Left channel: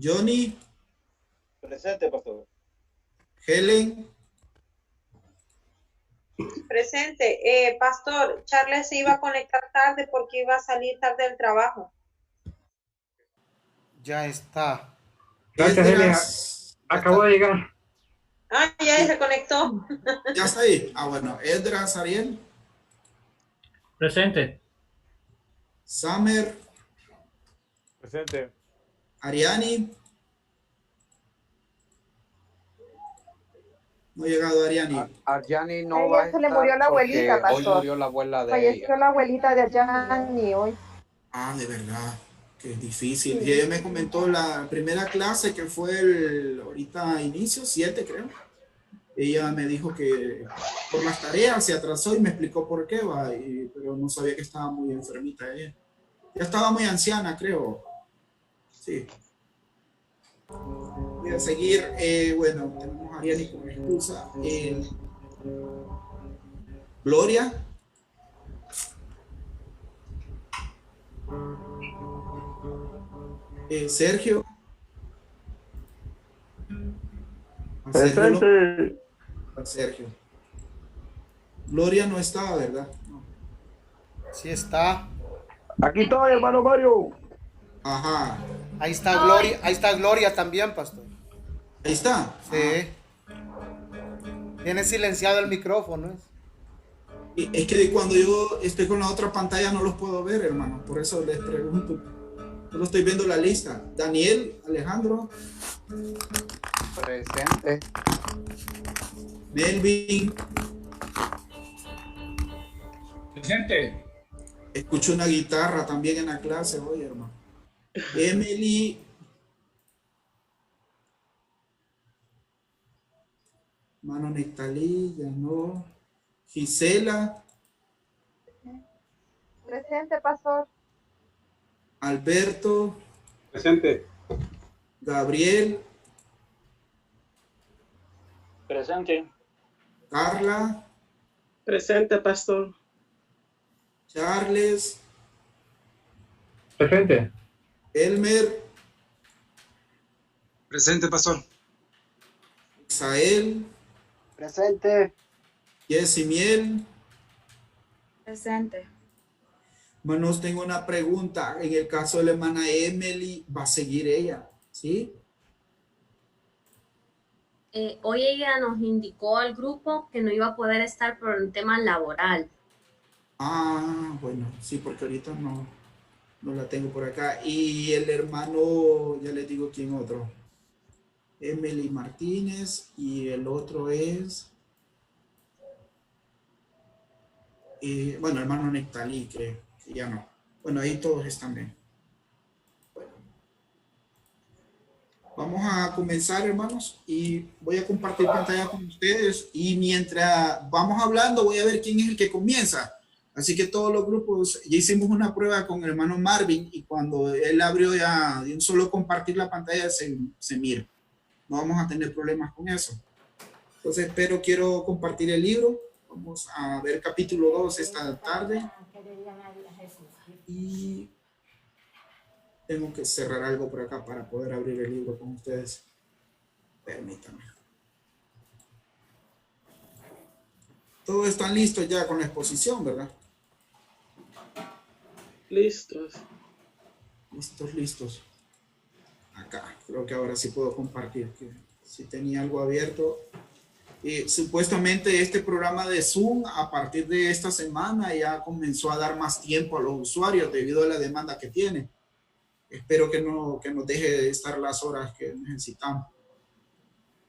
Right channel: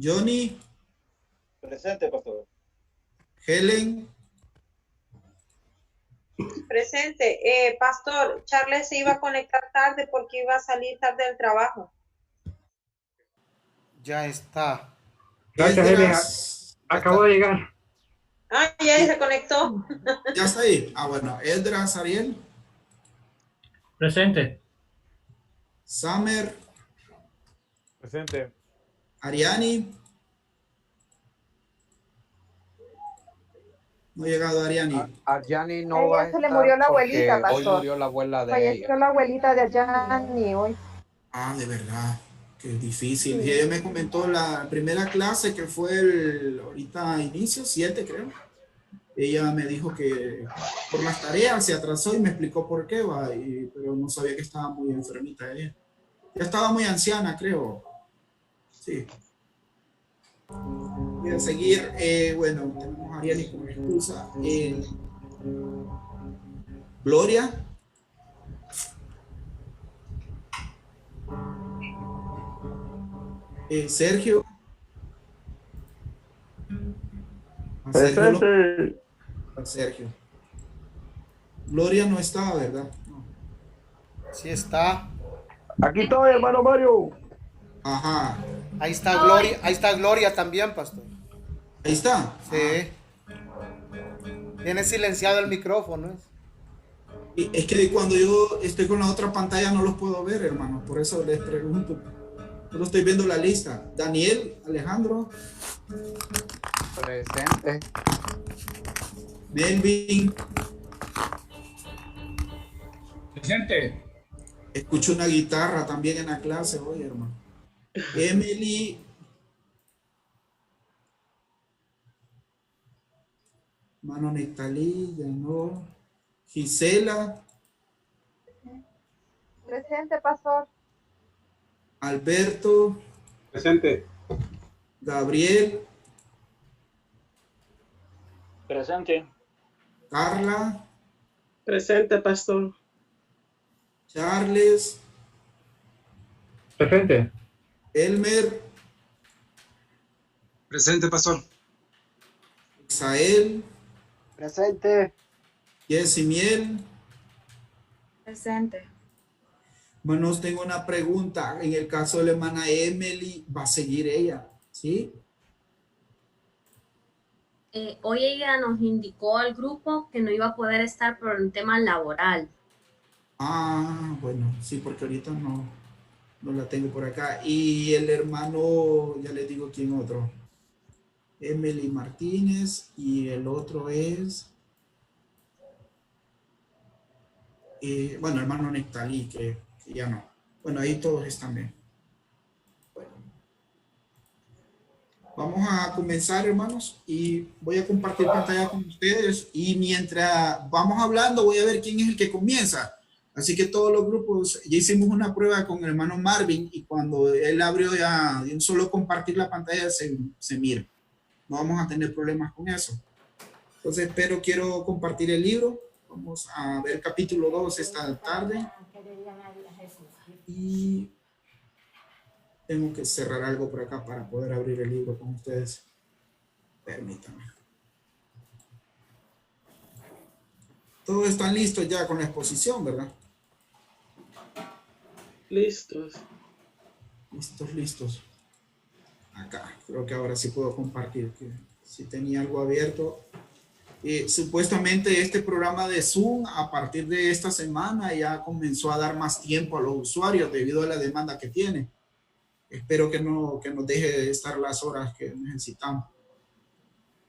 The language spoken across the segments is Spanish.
Johnny, Presente, pastor. Helen, Presente. Pastor, Charles se iba a conectar tarde porque iba a salir tarde del trabajo. Ya está. Gracias, Helen. Esdras, ya Acabo está, de llegar. Ah, ya se conectó. ya está ahí. Ah, bueno, Esdras, Ariel, Presente. Summer, Presente. Ariani, no ha llegado Ariani. Arjani no A va a ella se le estar murió la abuelita, porque hoy pastor. murió la abuela de Falleció ella. la abuelita de Arjani hoy. Ah, de verdad, qué difícil. Y Sí. ella me comentó la primera clase que fue ahorita inicio, 7 creo. Ella me dijo que por las tareas se atrasó y me explicó por qué, pero no sabía que estaba muy enfermita ella. Ya estaba muy anciana, creo. Sí. Voy a seguir. Bueno, tenemos a Ariani como excusa. Gloria. Sergio. A Presente. Sergio. Gloria no estaba, ¿verdad? No. Sí está. Aquí estoy, hermano Mario. Ajá. Ahí está Gloria. Ahí está Gloria también, pastor. Ahí está. Sí. Tiene silenciado el micrófono. Y es que cuando yo estoy con la otra pantalla no los puedo ver, hermano. Por eso les pregunto. Solo estoy viendo la lista. Daniel, Alejandro, Presente. Melvin. Presente. Escucho una guitarra también en la clase hoy, hermano. Emily. Mano Nectalí, ya no. Gisela. Presente, pastor. Alberto. Presente. Gabriel. Presente. Carla. Presente, pastor. Charles. Presente. Elmer. Presente, pastor. Isael. Presente. Yesimiel. Presente. Manos, tengo una pregunta. En el caso de la hermana Emily, ¿va a seguir ella? ¿Sí? Hoy ella nos indicó al grupo que no iba a poder estar por un tema laboral. Ah, bueno, sí, porque ahorita no la tengo por acá. Y el hermano, ya les digo quién otro. Emily Martínez y el otro es, bueno, hermano Nectalí, que ya no. Bueno, ahí todos están bien. Bueno, vamos a comenzar, hermanos, y voy a compartir pantalla con ustedes. Y mientras vamos hablando, voy a ver quién es el que comienza. Así que todos los grupos, ya hicimos una prueba con el hermano Marvin y cuando él abrió ya de un solo compartir la pantalla se mira. No vamos a tener problemas con eso. Entonces, pero quiero compartir el libro. Vamos a ver capítulo 2 esta tarde. Y tengo que cerrar algo por acá para poder abrir el libro con ustedes. Permítanme. Todos están listos ya con la exposición, ¿verdad? Listos. Listos. Acá, creo que ahora sí puedo compartir. Que si tenía algo abierto. Supuestamente este programa de Zoom a partir de esta semana ya comenzó a dar más tiempo a los usuarios debido a la demanda que tiene. Espero que nos deje de estar las horas que necesitamos.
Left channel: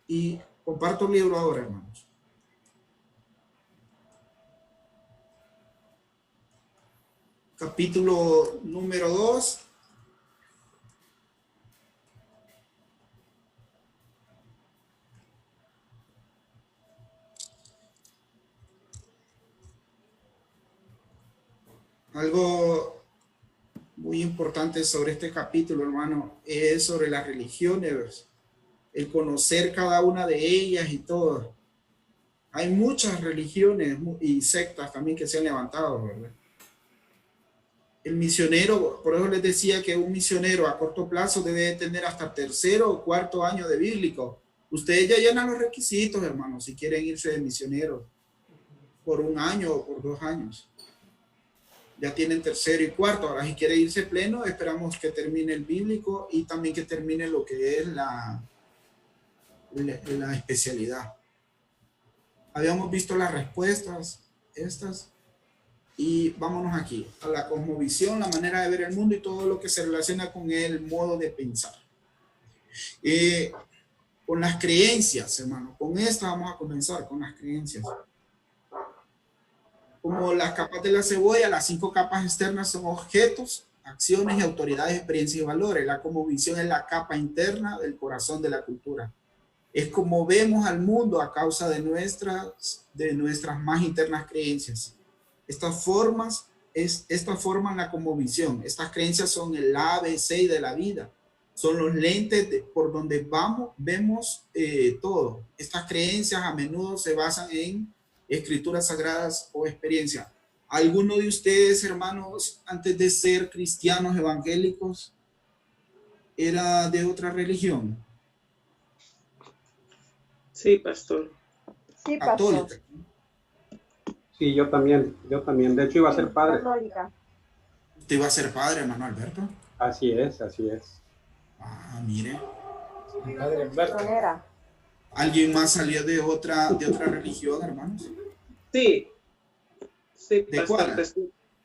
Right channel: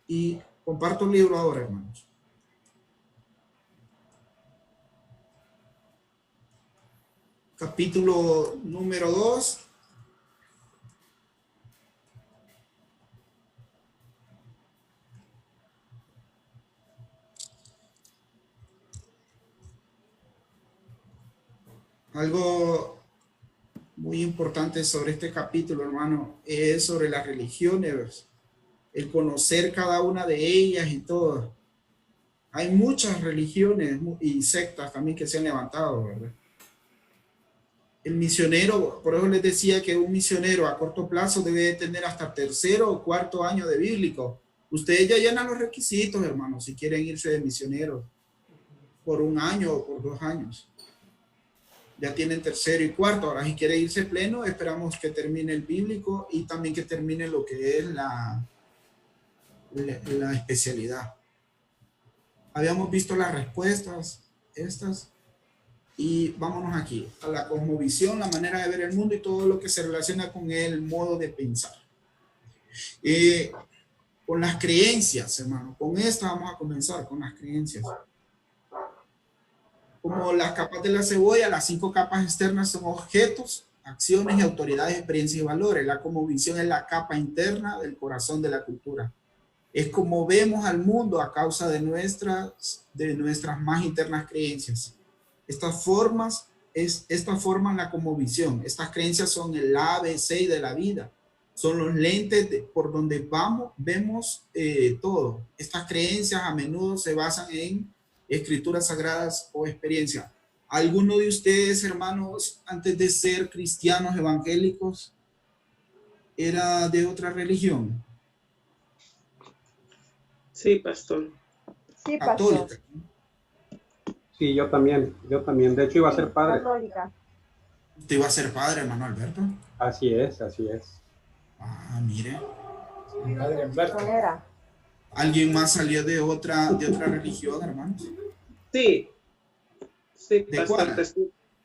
Y comparto el libro ahora, hermanos. Capítulo número 2. Algo muy importante sobre este capítulo, hermano, es sobre las religiones, el conocer cada una de ellas y todo. Hay muchas religiones y sectas también que se han levantado, ¿verdad? El misionero, por eso les decía que un misionero a corto plazo debe tener hasta tercero o cuarto año de bíblico. Ustedes ya llenan los requisitos, hermanos, si quieren irse de misionero por un año o por 2 años. Ya tienen tercero y cuarto. Ahora, si quiere irse pleno, esperamos que termine el bíblico y también que termine lo que es la especialidad. Habíamos visto las respuestas, estas. Y vámonos aquí, a la cosmovisión, la manera de ver el mundo y todo lo que se relaciona con el modo de pensar. Con las creencias, hermano. Con esta vamos a comenzar, con las creencias. Como las capas de la cebolla, las 5 capas externas son objetos, acciones y autoridades, experiencias y valores. La cosmovisión es la capa interna del corazón de la cultura. Es como vemos al mundo a causa de nuestras más internas creencias. Estas forman la cosmovisión. Estas creencias son el ABC de la vida. Son los lentes por donde vemos todo. Estas creencias a menudo se basan en escrituras sagradas o experiencia. ¿Alguno de ustedes, hermanos, antes de ser cristianos evangélicos, era de otra religión? Sí, pastor. Sí, pastor. Católica. Sí, yo también. De hecho, iba a ser padre. Católica. ¿Usted iba a ser padre, hermano Alberto? Así es, así es. Ah, mire. Padre Humberto. Era. ¿Alguien más salió de otra religión, hermanos? Sí. Sí, ¿De pastor. cuál?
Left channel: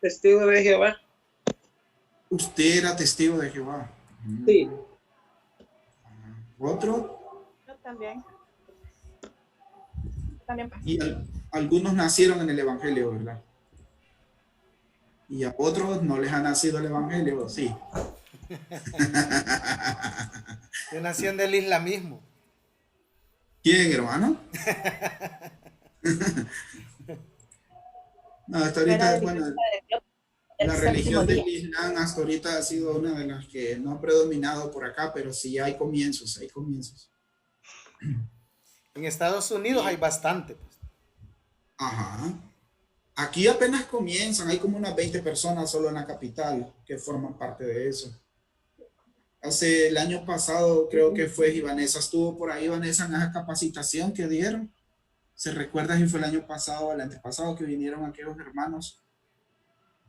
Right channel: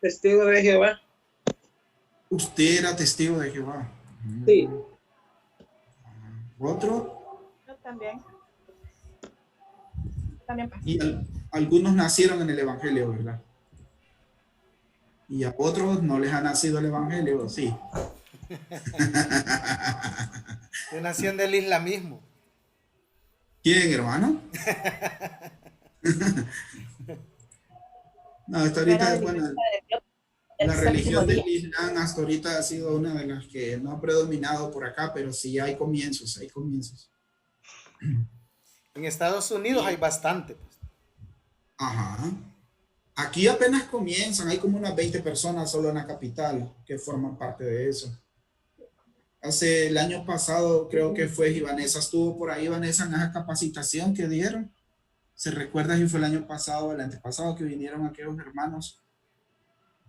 Testigo de Jehová. Usted era testigo de Jehová. Sí. ¿Otro? Yo también. Y algunos nacieron en el Evangelio, ¿verdad? Y a otros no les ha nacido el Evangelio, sí. Yo nací en el islamismo. ¿Quién, hermano? No, hasta ahorita, bueno, la religión del Islam hasta ahorita ha sido una de las que no ha predominado por acá, pero sí hay comienzos, hay comienzos. En Estados Unidos hay bastante. Pues. Ajá. Aquí apenas comienzan, hay como unas 20 personas solo en la capital que forman parte de eso. El año pasado creo que fue y Vanessa estuvo por ahí, Vanessa, en esa capacitación que dieron. ¿Se recuerda si fue el año pasado o el antepasado que vinieron aquellos hermanos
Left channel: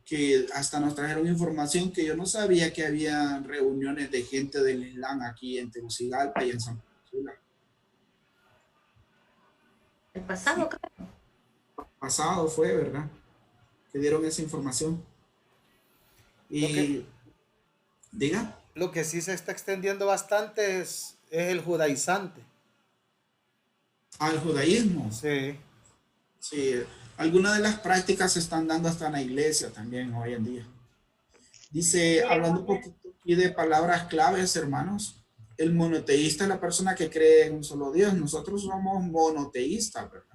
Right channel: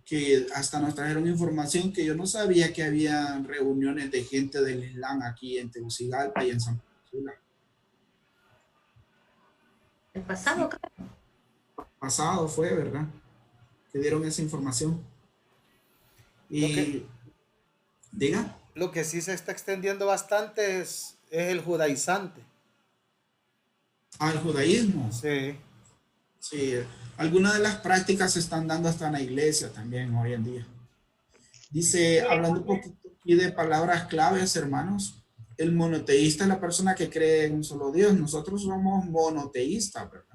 que hasta nos trajeron información que yo no sabía que había reuniones de gente del Islam aquí en Tegucigalpa y en San Pedro? El pasado, creo. Pasado fue, ¿verdad? Que dieron esa información. Y diga. Lo que sí se está extendiendo bastante es el judaizante. Ah, el judaísmo. Sí. Sí, algunas de las prácticas se están dando hasta en la iglesia también hoy en día. Dice, hablando un poquito aquí de palabras claves, hermanos, el monoteísta es la persona que cree en un solo Dios. Nosotros somos monoteístas, ¿verdad?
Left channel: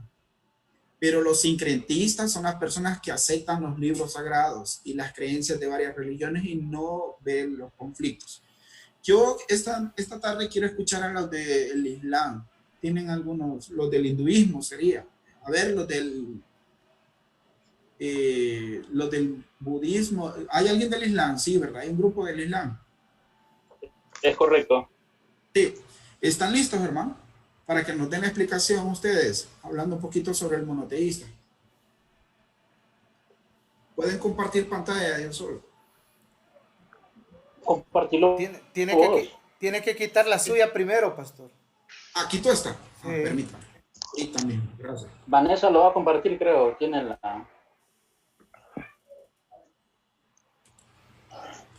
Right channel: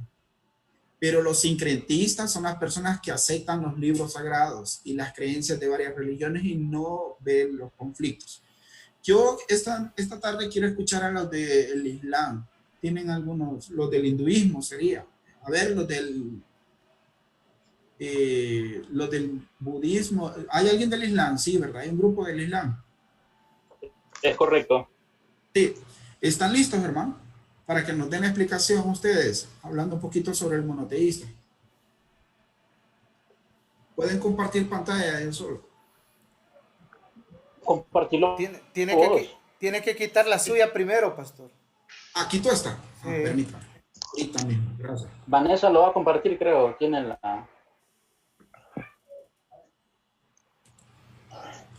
Pero los sincretistas son las personas que aceptan los libros sagrados y las creencias de varias religiones y no ven los conflictos. Yo esta tarde quiero escuchar a los del Islam. Tienen algunos, los del hinduismo sería. A ver, los del budismo. ¿Hay alguien del Islam? Sí, ¿verdad? Hay un grupo del Islam. Es correcto. Sí. ¿Están listos, hermano? Para que nos den la explicación ustedes, hablando un poquito sobre el monoteísta. Pueden compartir pantalla de un solo. Compartirlo. Tiene que quitar la suya primero, pastor. Aquí tú está. Sí. Permítame. Y también, gracias. Vanessa lo va a compartir, creo. Tiene la...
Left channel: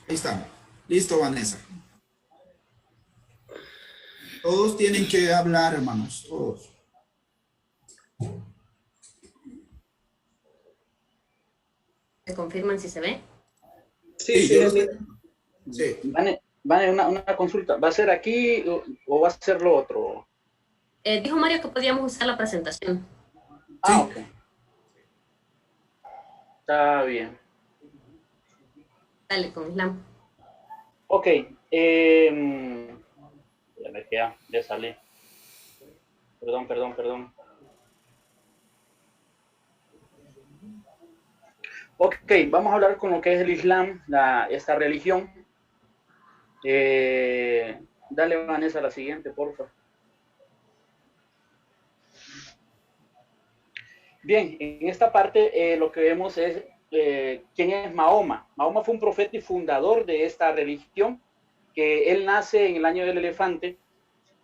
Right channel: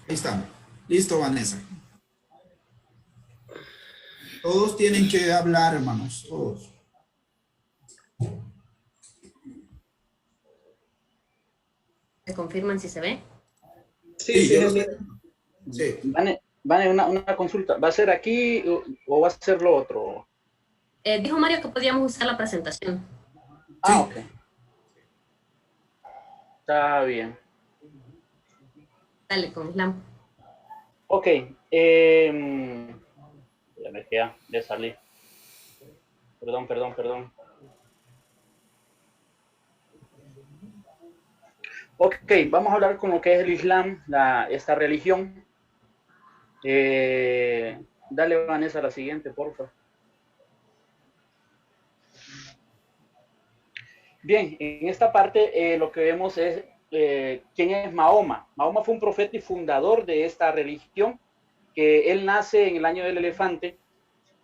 Ahí está. Listo, Vanessa. Todos tienen que hablar, hermanos. Todos. ¿Me confirman si se ve? Sí, yo lo sí. sé. Sí. Vane, una consulta. ¿Va a ser aquí o va a ser lo otro? Dijo Mario que podíamos usar la presentación. Ah, ok. Está bien. Dale, con Islam. Ok. Ya me queda, ya salí. Perdón. Ok, vamos a hablar con lo que es el Islam, esta religión. Dale, Vanessa, la siguiente, por favor. Bien, en esta parte lo que vemos es quién es Mahoma. Mahoma fue un profeta y fundador de esta religión, que él nace en el año del elefante,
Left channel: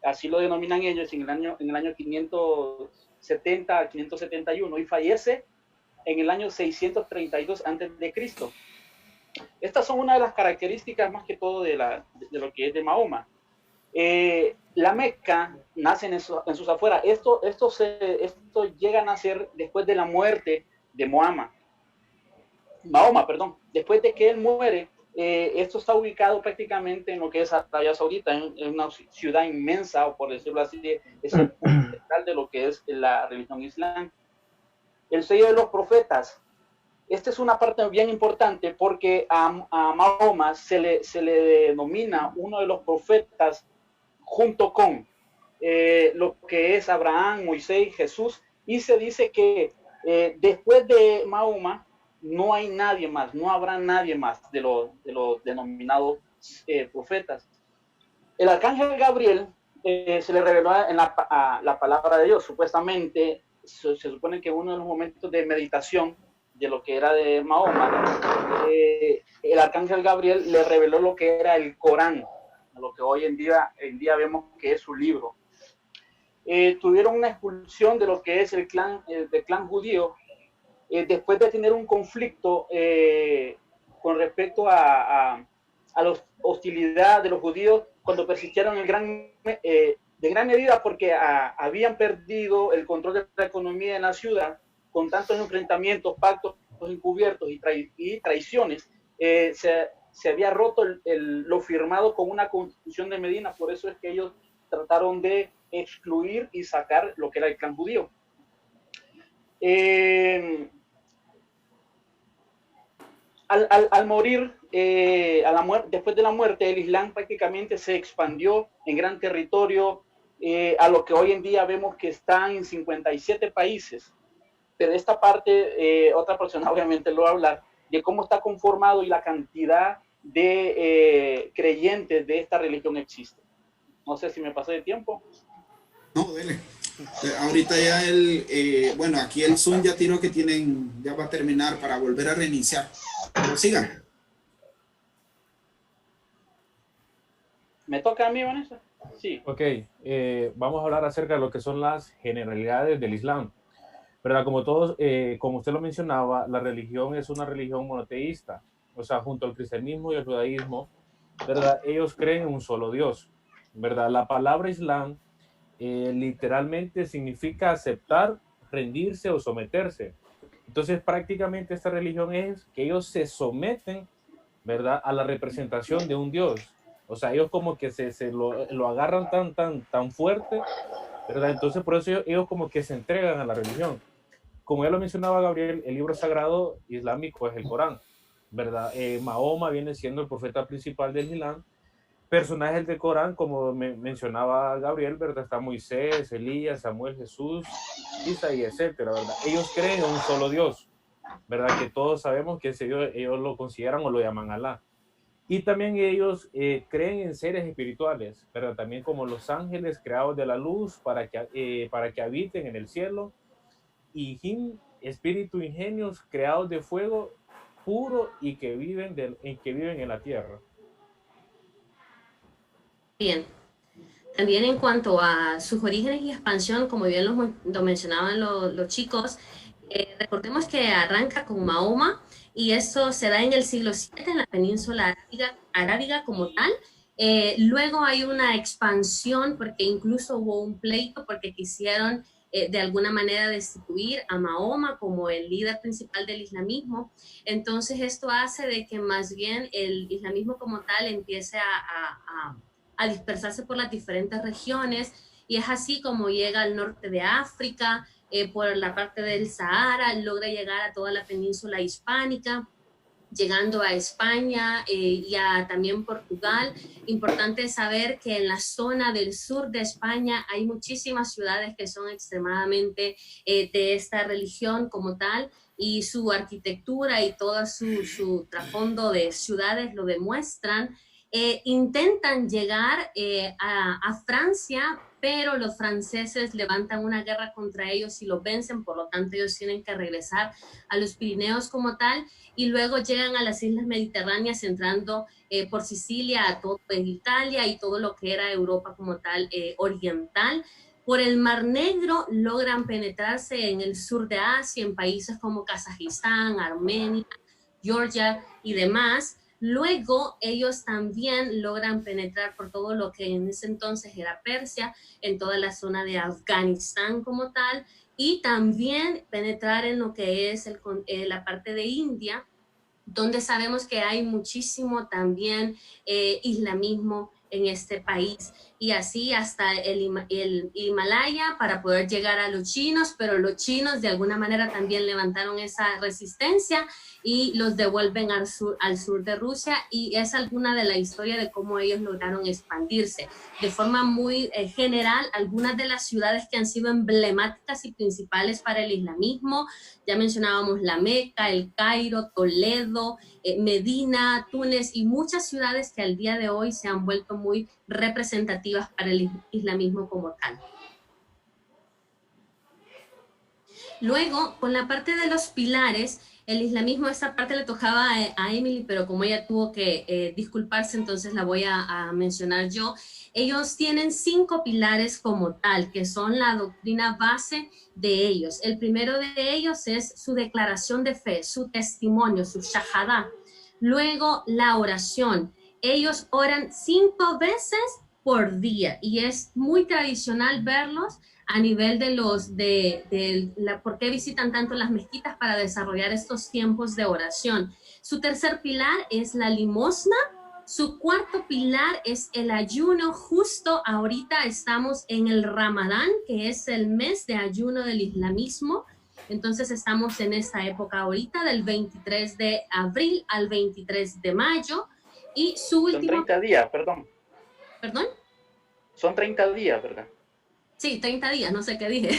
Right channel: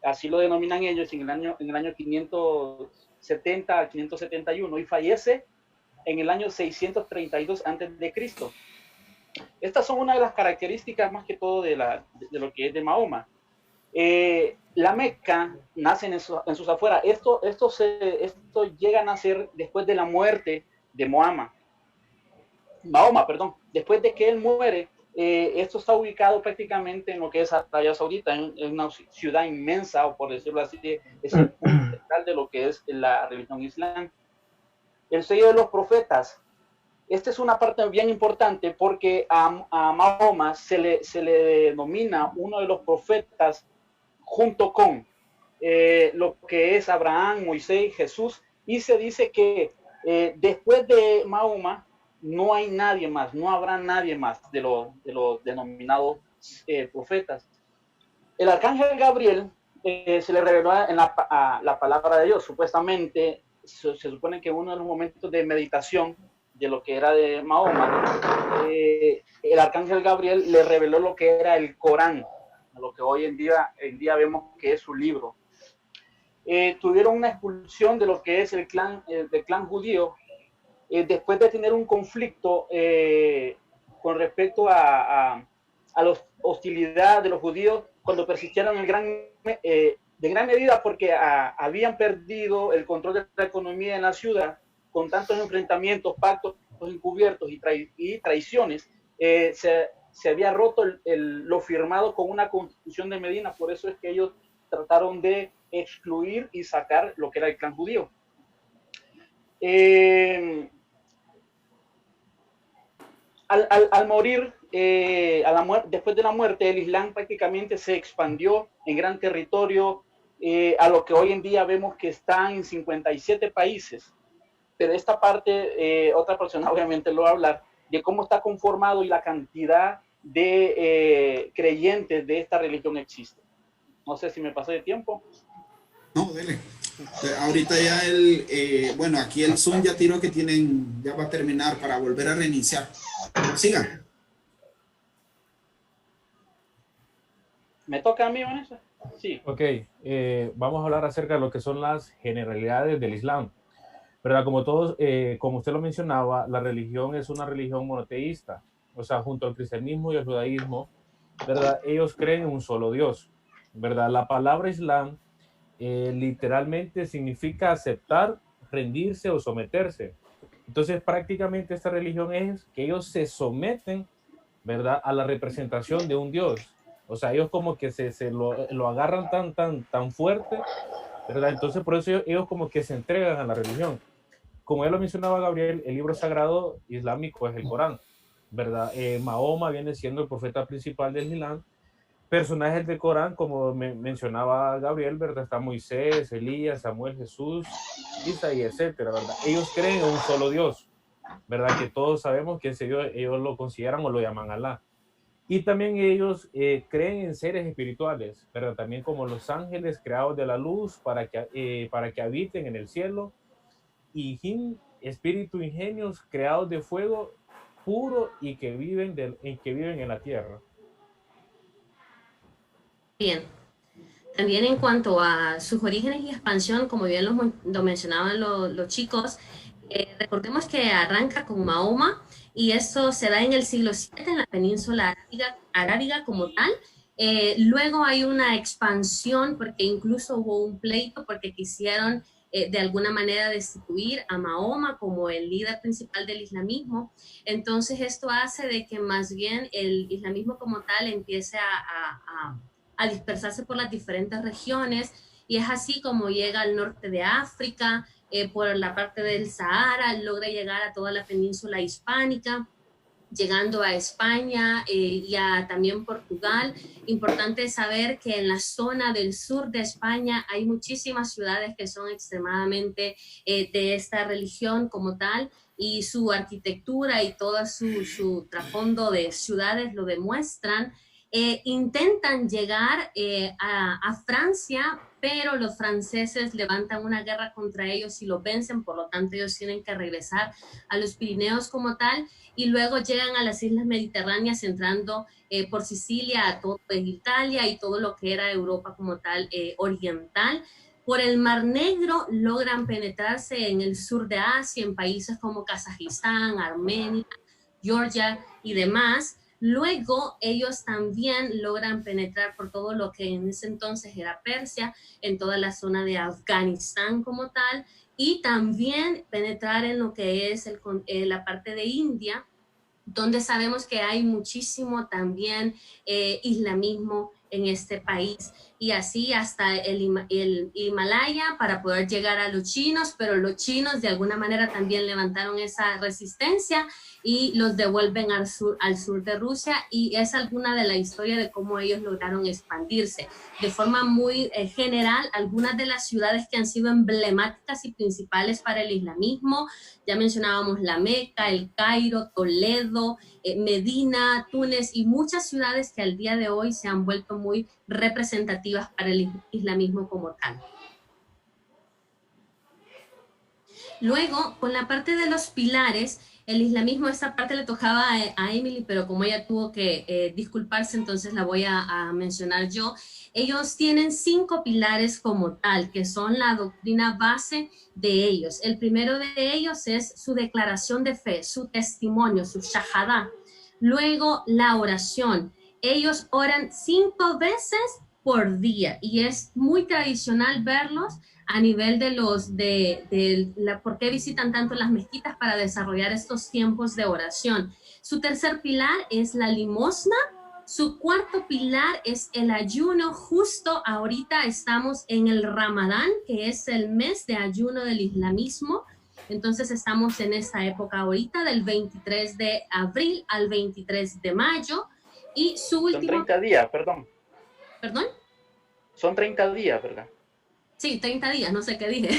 así lo denominan ellos, en el año 570 a 571, y fallece en el año 632 antes de Cristo. Estas son una de las características más que todo de lo que es de Mahoma. La Meca nace en sus afueras. Esto llega a nacer después de la muerte de Mahoma, perdón. Después de que él muere, esto está ubicado prácticamente en lo que es Arabia Saudita, en una ciudad inmensa, o por decirlo así, es el punto central de lo que es la religión islam. El sello de los profetas. Esta es una parte bien importante porque a Mahoma se le denomina uno de los profetas junto con lo que es Abraham, Moisés, Jesús, y se dice que después de Mahoma no hay nadie más, no habrá nadie más de los denominados profetas. El arcángel Gabriel se le reveló en la palabra de Dios. Supuestamente, se supone que uno de los momentos de meditación de lo que era de Mahoma, el arcángel Gabriel le reveló lo que era el Corán, lo que hoy en día vemos que es su libro. Tuvieron una expulsión de lo que es del clan judío, después de tener un conflicto con respecto a la hostilidad de los judíos cuando persistieron de gran medida porque habían perdido el control de la economía en la ciudad con tantos enfrentamientos, pactos encubiertos y traiciones. Se había roto lo firmado con una constitución de Medina, por eso es que ellos trataron de excluir y sacar lo que era el clan judío. Al morir, después de la muerte, el Islam prácticamente se expandió en gran territorio, a lo que hoy en día vemos que está en 57 países. Pero esta parte, otra persona obviamente lo va a hablar, de cómo está conformado y la cantidad de creyentes de esta religión existe. No sé si me pasé de tiempo. No, dele. Ahorita ya bueno, aquí el Zoom ya tiró que ya va a terminar para volver a reiniciar. Pero sigan. ¿Me toca a mí, Vanessa? Sí. Ok, vamos a hablar acerca de lo que son las generalidades del Islam. ¿Verdad? Como todos, como usted lo mencionaba, la religión es una religión monoteísta. O sea, junto al cristianismo y el judaísmo, ¿verdad? Ellos creen en un solo Dios, ¿verdad? La palabra Islam literalmente significa aceptar, rendirse o someterse. Entonces, prácticamente esta religión es que ellos se someten, ¿verdad?, a la representación de un Dios. O sea, ellos como que se lo agarran tan fuerte, ¿verdad? Entonces, por eso ellos como que se entregan a la religión. Como ya lo mencionaba Gabriel, el libro sagrado islámico es el Corán, ¿verdad? Mahoma viene siendo el profeta principal del Islam. Personajes del Corán, como mencionaba Gabriel, ¿verdad? Está Moisés, Elías, Samuel, Jesús, Isaías, etcétera, ¿verdad? Ellos creen en un solo Dios, ¿verdad? Que todos sabemos que ese Dios ellos lo consideran o lo llaman Alá. Y también ellos creen en seres espirituales, ¿verdad? También como los ángeles creados de la luz para que habiten en el cielo, y jin, espíritu ingenios creados de fuego puro y que viven en la tierra. Bien. También en cuanto a sus orígenes y expansión, como bien lo mencionaban los chicos, recordemos que arranca con Mahoma y esto se da en el siglo VII en la península arábiga como tal. Luego hay una expansión porque incluso hubo un pleito porque quisieron de alguna manera destituir a Mahoma como el líder principal del islamismo. Entonces esto hace de que más bien el islamismo como tal empiece a dispersarse por las diferentes regiones, y es así como llega al norte de África, por la parte del Sahara, logra llegar a toda la península hispánica, llegando a España y a también Portugal. Importante saber que en la zona del sur de España hay muchísimas ciudades que son extremadamente de esta religión como tal, y su arquitectura y todo su trasfondo de ciudades lo demuestran, intentan llegar a Francia, pero los franceses levantan una guerra contra ellos y los vencen, por lo tanto ellos tienen que regresar a los Pirineos como tal, y luego llegan a las islas mediterráneas entrando por Sicilia a todo Italia y todo lo que era Europa como tal oriental. Por el Mar Negro logran penetrarse en el sur de Asia, en países como Kazajistán, Armenia, Georgia y demás. Luego ellos también logran penetrar por todo lo que en ese entonces era Persia, en toda la zona de Afganistán como tal, y también penetrar en lo que es la parte de India, donde sabemos que hay muchísimo también islamismo en este país, y así hasta el Himalaya para poder llegar a los chinos, pero los chinos de alguna manera también levantaron esa resistencia y los devuelven al sur de Rusia, y es alguna de la historia de cómo ellos lograron expandirse. De forma muy general, algunas de las ciudades que han sido emblemáticas y principales para el islamismo, ya mencionábamos la Meca, el Cairo, Toledo, Medina, Túnez y muchas ciudades que al día de hoy se han vuelto muy representativas para el islamismo como tal. Luego, con la parte de los pilares, el islamismo, esta parte le tocaba a Emily, pero como ella tuvo que disculparse, entonces la voy a mencionar yo. Ellos tienen 5 pilares como tal, que son la doctrina base de ellos. El primero de ellos es su declaración de fe, su testimonio, su shahada. Luego, la oración. Ellos oran 5 veces por día y es muy tradicional verlos a nivel por qué visitan tanto las mezquitas para desarrollar estos tiempos de oración. Su tercer pilar es la limosna. Su cuarto pilar es el ayuno. Justo ahorita estamos en el Ramadán, que es el mes de ayuno del islamismo. Entonces estamos en esa época ahorita, del 23 de abril al 23 de mayo. Y su último... Son 30 días, perdón. ¿Perdón? Son 30 días, ¿verdad? Sí, 30 días, no sé qué dije.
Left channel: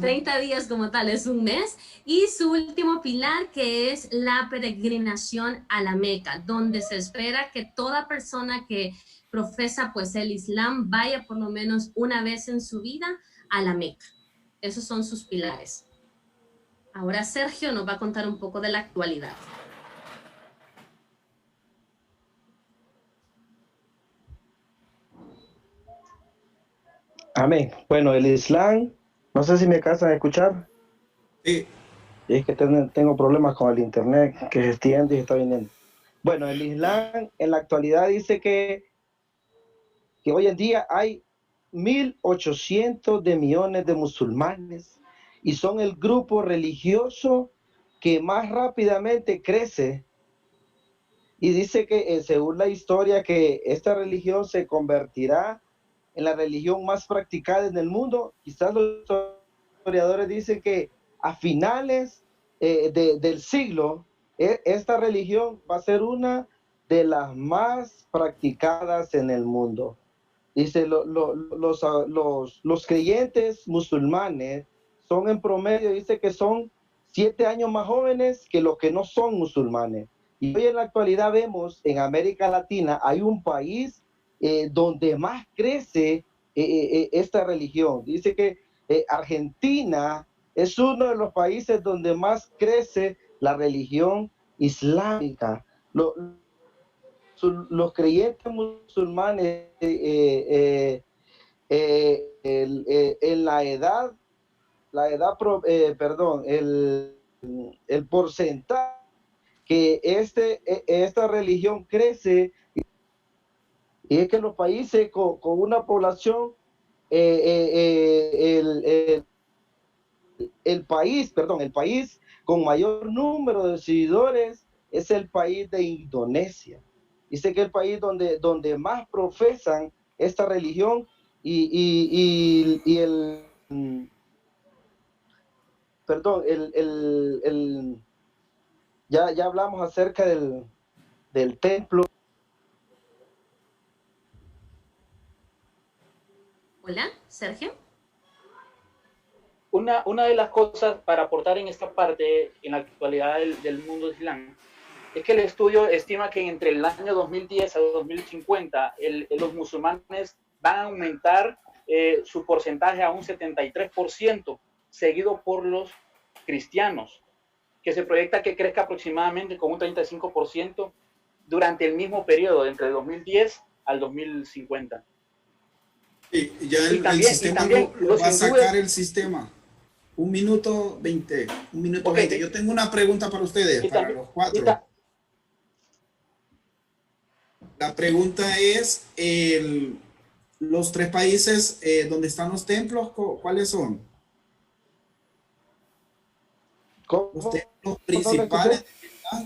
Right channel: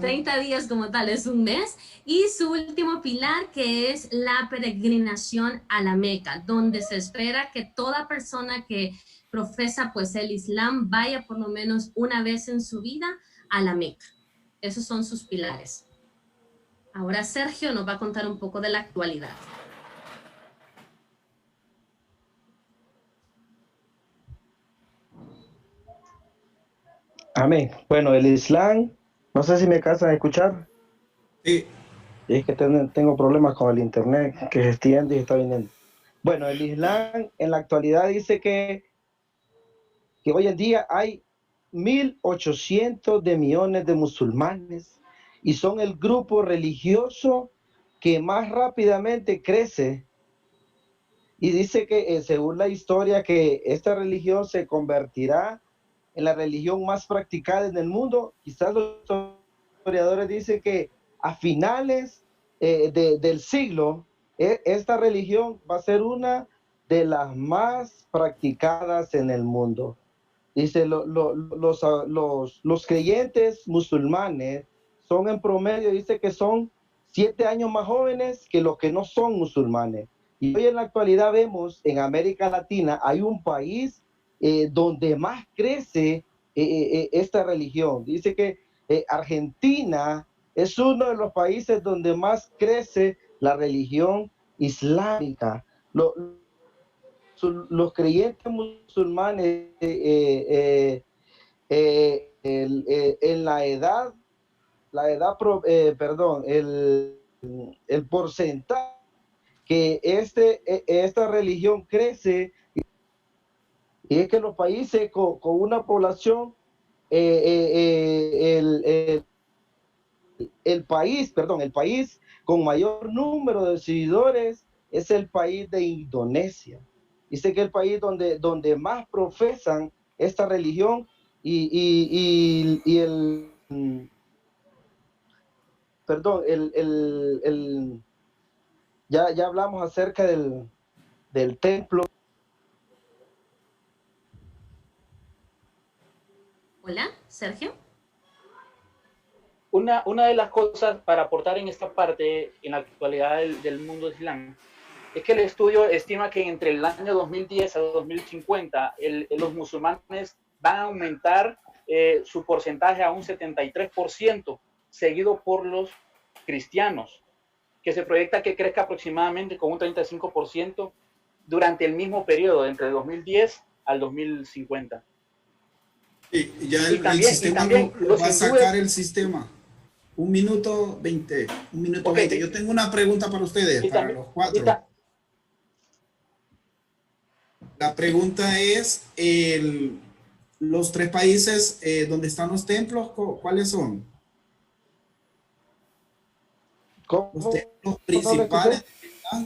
30 días como tal, es un mes. Y su último pilar, que es la peregrinación a la Meca, donde se espera que toda persona que profesa pues el Islam vaya por lo menos una vez en su vida a la Meca. Esos son sus pilares. Ahora Sergio nos va a contar un poco de la actualidad. Amén. Bueno, el Islam, no sé si me alcanzan a escuchar. Sí. Es que tengo problemas con el internet, que se extiende y está viniendo. Bueno, el Islam en la actualidad dice que hoy en día hay 1.800 de millones de musulmanes y son el grupo religioso que más rápidamente crece. Y dice que según la historia que esta religión se convertirá en la religión más practicada en el mundo. Quizás los historiadores dicen que a finales del siglo, esta religión va a ser una de las más practicadas en el mundo. Dice, los creyentes musulmanes son en promedio, dice que son 7 años más jóvenes que los que no son musulmanes. Y hoy en la actualidad vemos en América Latina hay un país donde más crece esta religión. Dice que Argentina es uno de los países donde más crece la religión islámica. Los creyentes musulmanes en el porcentaje que esta religión crece, y es que los países con una población, el país con mayor número de seguidores es el país de Indonesia. Dice que el país donde más profesan esta religión ya hablamos acerca del templo. Hola, Sergio. Una de las cosas para aportar en esta parte, en la actualidad del mundo islam, es que el estudio estima que entre el año 2010 a 2050 los musulmanes van a aumentar su porcentaje a un 73%, seguido por los cristianos, que se proyecta que crezca aproximadamente con un 35% durante el mismo periodo, entre el 2010 al 2050. Y ya el también, sistema lo va a sacar el sistema. 1 minuto 20. 1 minuto 20. Yo tengo una pregunta para ustedes, para los 4. La pregunta es, los 3 países donde están los templos, ¿cuáles son? Los templos principales,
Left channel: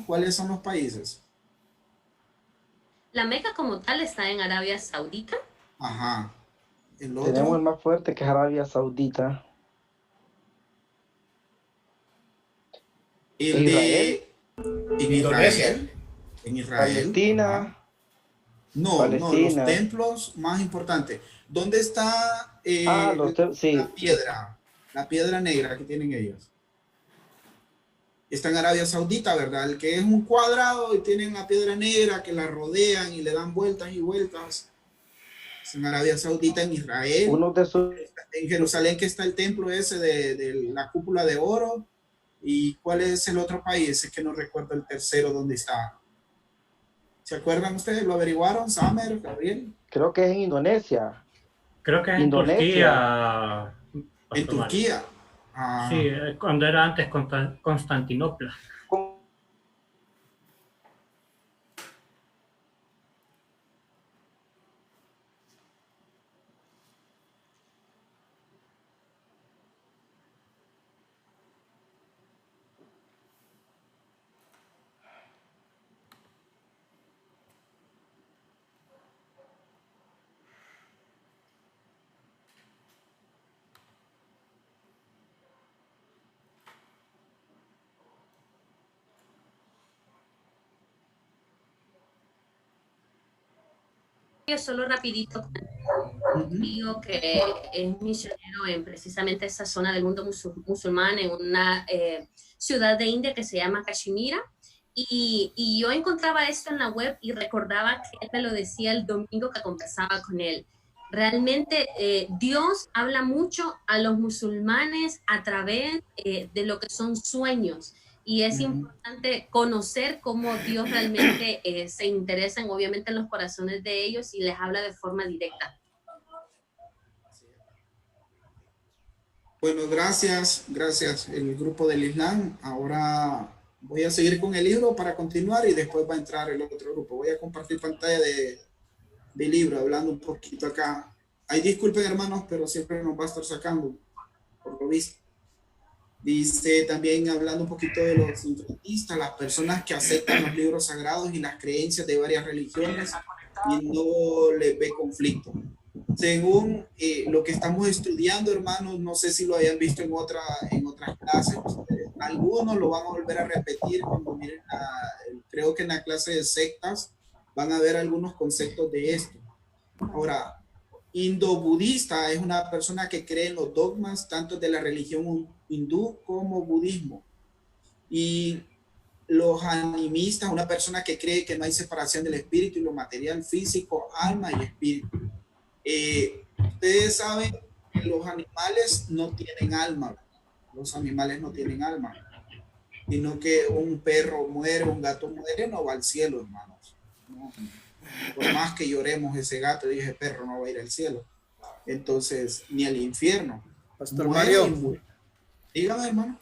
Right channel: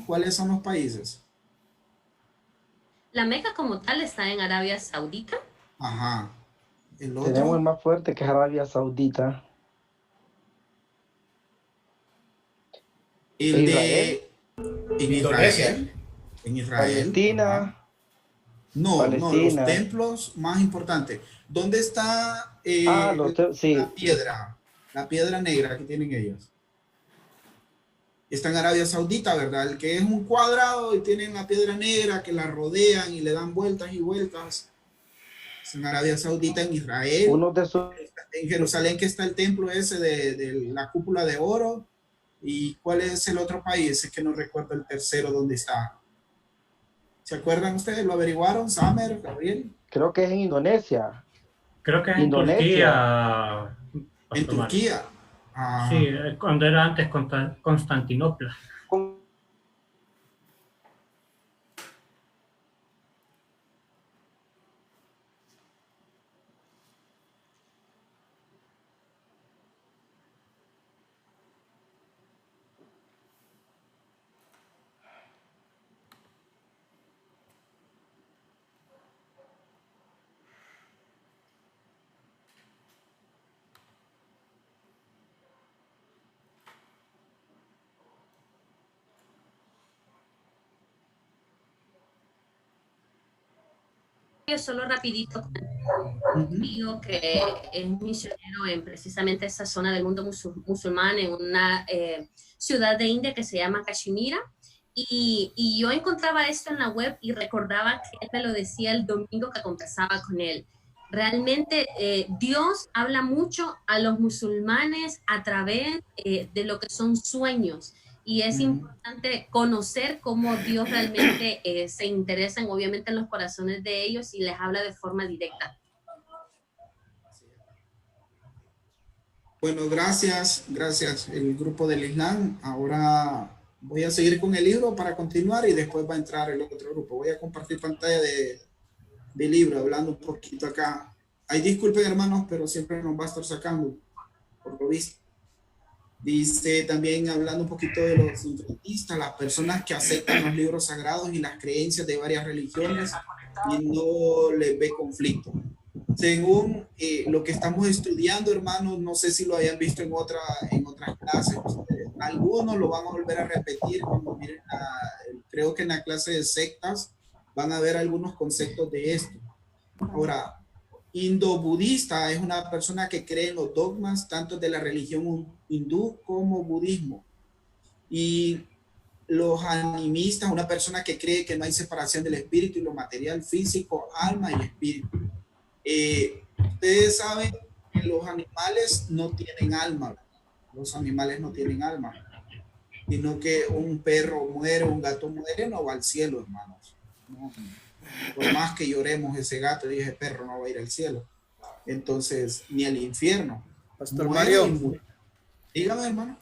¿cuáles son los países? La Meca como tal está en Arabia Saudita. Ajá. Tenemos el más fuerte, que es Arabia Saudita. El Israel. En Israel. En Israel. Palestina. No, Palestina. los templos más importantes. ¿Dónde está sí. la piedra negra que tienen ellos? Está en Arabia Saudita, ¿verdad? El que es un cuadrado y tienen la piedra negra que la rodean y le dan vueltas y vueltas. Es en Arabia Saudita, en Israel. En Jerusalén, que está el templo ese de la cúpula de oro. ¿Y cuál es el otro país? Es que no recuerdo el tercero dónde está. ¿Se acuerdan ustedes? ¿Lo averiguaron, Samer, Gabriel? Creo que es en Indonesia. Creo que es en Indonesia. Turquía. En Turquía. Sí, cuando era antes Constantinopla. Solo rapidito, digo que es misionero en precisamente esa zona del mundo musulmán, en una ciudad de India que se llama Kashmira, y yo encontraba esto en la web y recordaba que él me lo decía el domingo que conversaba con él. Realmente Dios habla mucho a los musulmanes a través de lo que son sueños. Y es importante conocer cómo Dios realmente se interesa obviamente en los corazones de ellos y les habla de forma directa. Bueno, gracias el grupo del Islam. Ahora voy a seguir con el libro para continuar y después va a entrar el otro grupo. Voy a compartir pantalla del libro, hablando un poquito acá. Ay, disculpen hermanos, pero siempre nos va a estar sacando, por lo visto. Dice también, hablando un poquito de los sincretistas, las personas que aceptan los libros sagrados y las creencias de varias religiones y no les ve conflicto. Según lo que estamos estudiando, hermanos, no sé si lo hayan visto en otras clases. Algunos lo van a volver a repetir cuando miren, creo que en la clase de sectas van a ver algunos conceptos de esto. Ahora, indo-budista es una persona que cree en los dogmas tanto de la religión hindú como budismo. Y los animistas, una persona que cree que no hay separación del espíritu y lo material, físico, alma y espíritu. Ustedes saben que los animales no tienen alma. Los animales no tienen alma. Sino que un perro muere, un gato muere, no va al cielo, hermanos. No. Por más que lloremos, ese gato y ese perro no va a ir al cielo. Entonces, ni al infierno. Pastor Mario, dígame, hermano.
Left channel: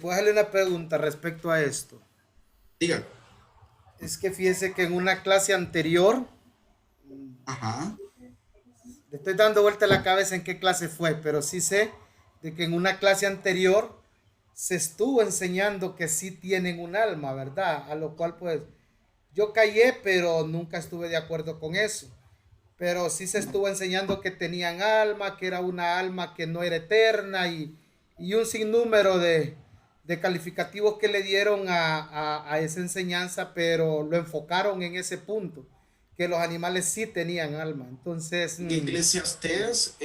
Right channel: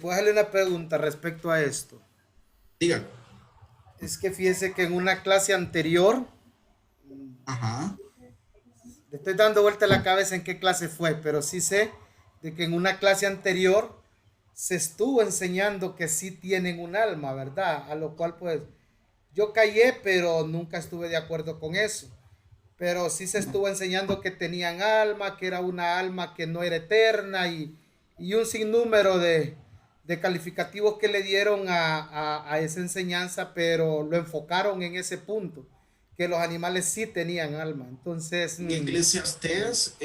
¿puedo hacerle una pregunta respecto a esto? Dígame. Es que fíjese que en una clase anterior, le estoy dando vuelta a la cabeza en qué clase fue, pero sí sé de que en una clase anterior se estuvo enseñando que sí tienen un alma, ¿verdad? A lo cual pues yo callé, pero nunca estuve de acuerdo con eso. Pero sí se estuvo enseñando que tenían alma, que era una alma que no era eterna y un sinnúmero de calificativos que le dieron a esa enseñanza, pero lo enfocaron en ese punto. que los animales sí tenían alma. Entonces, en Eclesiastés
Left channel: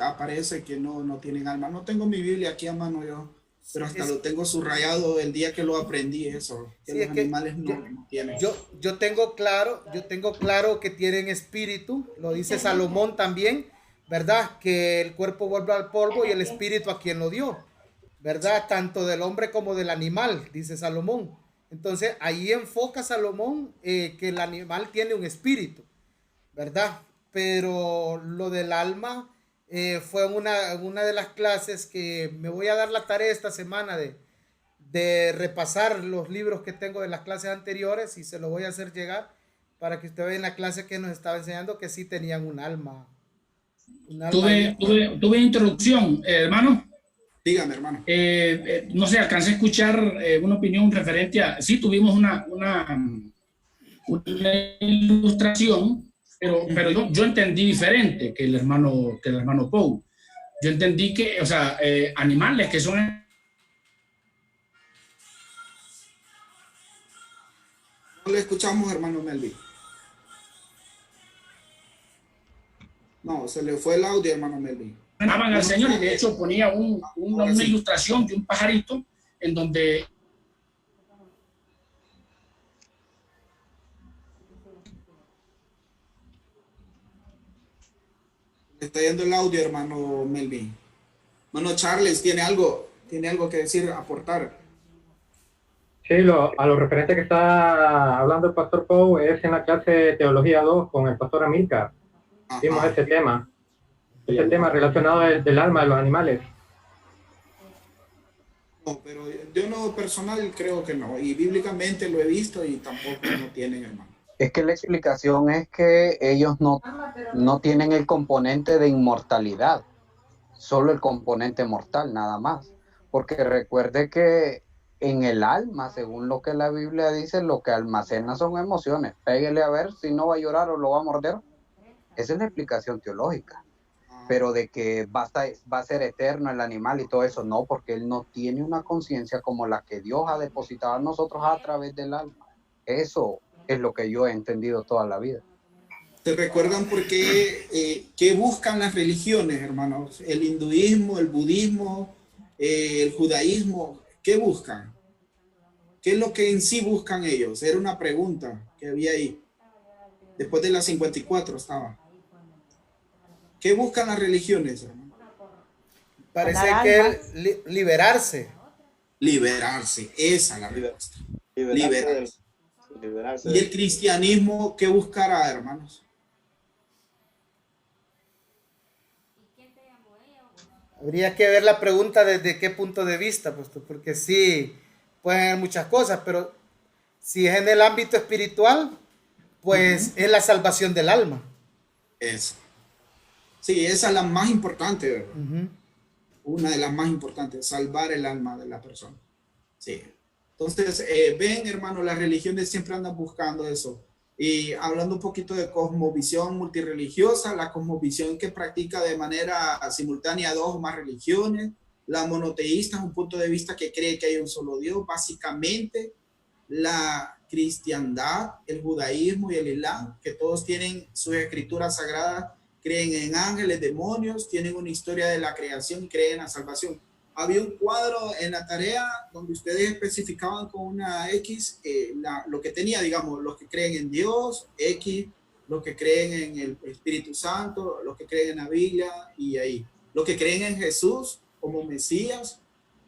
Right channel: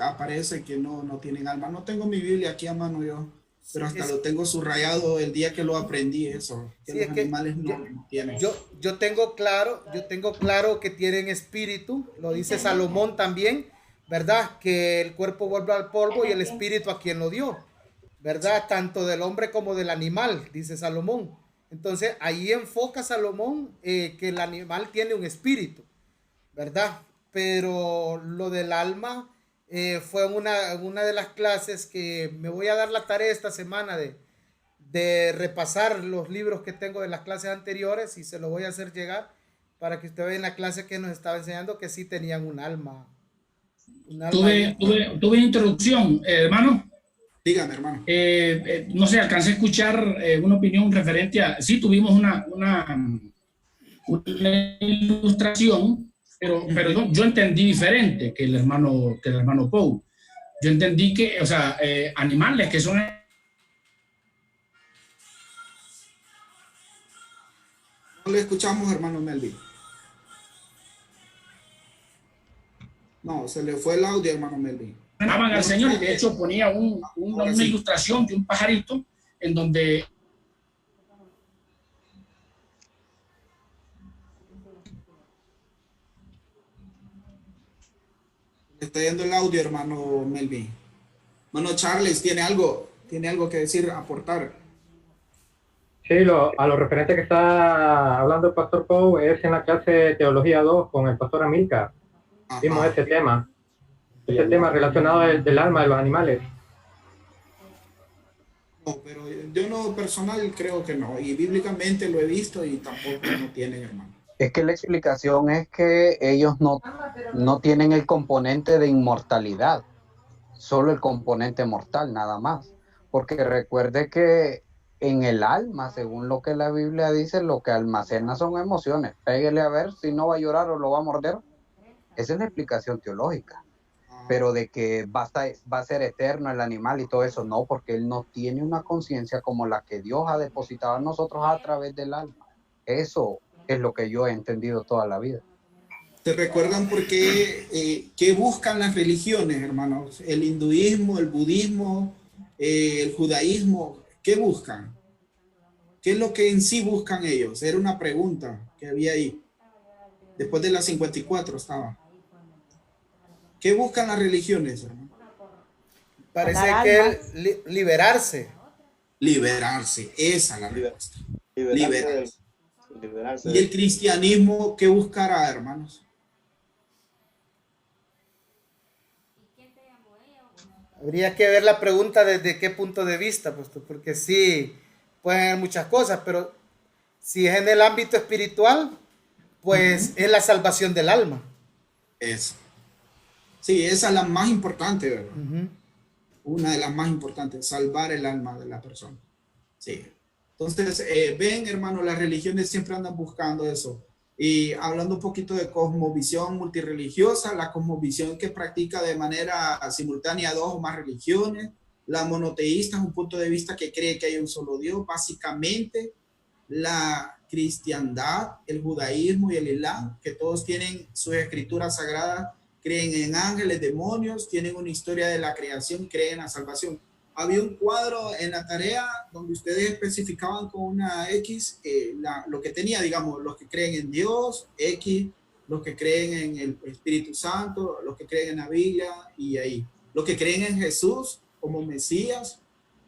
aparece que no tienen alma. No tengo mi Biblia aquí a mano yo, pero hasta lo tengo subrayado el día que lo aprendí eso, que los animales no tienen. Yo tengo claro que tienen espíritu, lo dice Salomón también, ¿verdad? Que el cuerpo vuelve al polvo y el espíritu a quien lo dio, ¿verdad? Tanto del hombre como del animal, dice Salomón. Entonces, ahí enfoca Salomón que el animal tiene un espíritu, ¿verdad? Pero lo del alma fue una de las clases que me voy a dar la tarea esta semana de repasar los libros que tengo de las clases anteriores y se lo voy a hacer llegar para que usted vea en la clase que nos estaba enseñando que sí tenían un alma. Tuve introducción, hermano. Dígame, hermano. No sé, alcancé a escuchar una opinión referente a... Sí, tuvimos una ilustración, pero yo entendí diferente que el hermano Pou. Yo entendí que, o sea, animales que son... No le escuchamos, hermano Melvin. No, se le fue el audio, hermano Melvin. Amaban al Señor y de hecho ponía una ilustración de un pajarito en donde está yendo el audio, hermano Melvin. Hermano Charles, ¿tiene algo que decir, aportar? Sí, a lo referente que está hablando el pastor Pou es en la clase de Teología 2 con el pastor Amílcar. Vimos ese tema relacionado del alma de los animales. No, pero yo no personal creo que no, y bíblicamente lo he visto y tampoco no tienen, hermano. Es que la explicación es que ellos no tienen el componente de inmortalidad, solo el componente mortal, nada más. Porque recuerde que en el alma, según lo que la Biblia dice, lo que almacena son emociones. Péguele a ver si no va a llorar o lo va a morder. Esa es la explicación teológica. Pero de que va a ser eterno el animal y todo eso, no, porque él no tiene una conciencia como la que Dios ha depositado en nosotros a través del alma. Eso es lo que yo he entendido toda la vida. ¿Te recuerdan por qué buscan las religiones, hermanos? El hinduismo, el budismo, el judaísmo, ¿qué buscan? ¿Qué es lo que en sí buscan ellos? Era una pregunta que había ahí. Después de las 54 estaba. ¿Qué buscan las religiones, hermano? Parece que liberarse. Liberarse, esa es la respuesta. Liberarse. ¿Y el cristianismo qué buscará, hermanos? Habría que ver la pregunta desde qué punto de vista, pues, porque sí, pueden haber muchas cosas, pero si es en el ámbito espiritual, pues es la salvación del alma. Eso. Sí, esa es la más importante, ¿verdad? Una de las más importantes, salvar el alma de la persona. Sí. Entonces, ven, hermano, las religiones siempre andan buscando eso. Y hablando un poquito de cosmovisión multirreligiosa, la cosmovisión que practica de manera simultánea dos o más religiones, la monoteísta es un punto de vista que cree que hay un solo Dios. Básicamente, la cristiandad, el judaísmo y el islam, que todos tienen sus escrituras sagradas, creen en ángeles, demonios, tienen una historia de la creación, creen en la salvación. Había un cuadro en la tarea donde ustedes especificaban con una X lo que tenía, digamos, los que creen en Dios, X, los que creen en el Espíritu Santo, los que creen en la Biblia y ahí. Los que creen en Jesús como Mesías,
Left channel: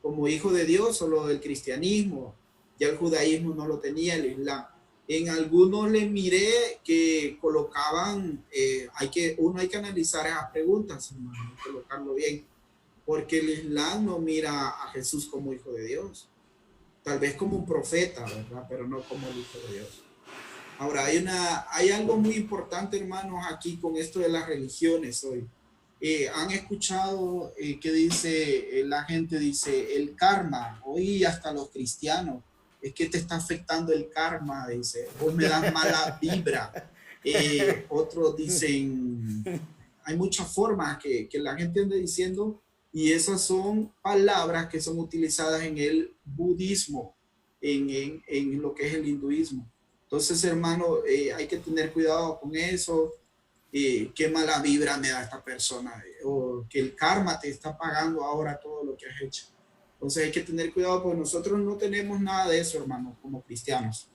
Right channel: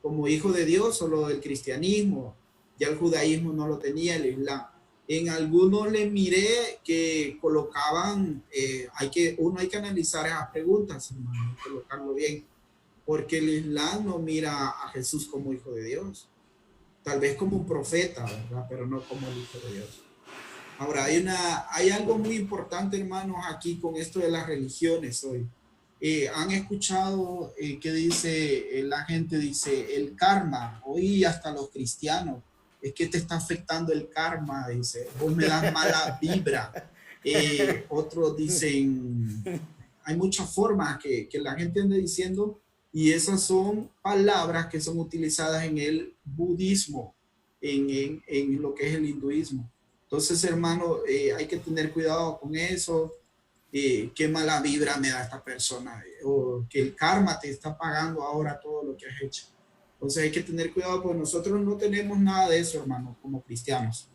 como Hijo de Dios, solo el cristianismo, ya el judaísmo no lo tenía, el islam. En algunos les miré que colocaban, hay que analizar esas preguntas, hermano, colocarlo bien, porque el Islam no mira a Jesús como Hijo de Dios, tal vez como un profeta, ¿verdad? Pero no como el Hijo de Dios. Ahora, hay algo muy importante, hermanos, aquí con esto de las religiones hoy. Han escuchado que dice, la gente dice, el karma, hoy hasta los cristianos, es que te está afectando el karma, dice, vos me das mala vibra. Otros dicen, hay muchas formas que la gente anda diciendo, y esas son palabras que son utilizadas en el budismo, en lo que es el hinduismo. Entonces, hermano, hay que tener cuidado con eso. Qué mala vibra me da esta persona, o que el karma te está pagando ahora todo lo que has hecho. Entonces hay que tener cuidado, porque nosotros no tenemos nada de eso, hermano, como cristianos.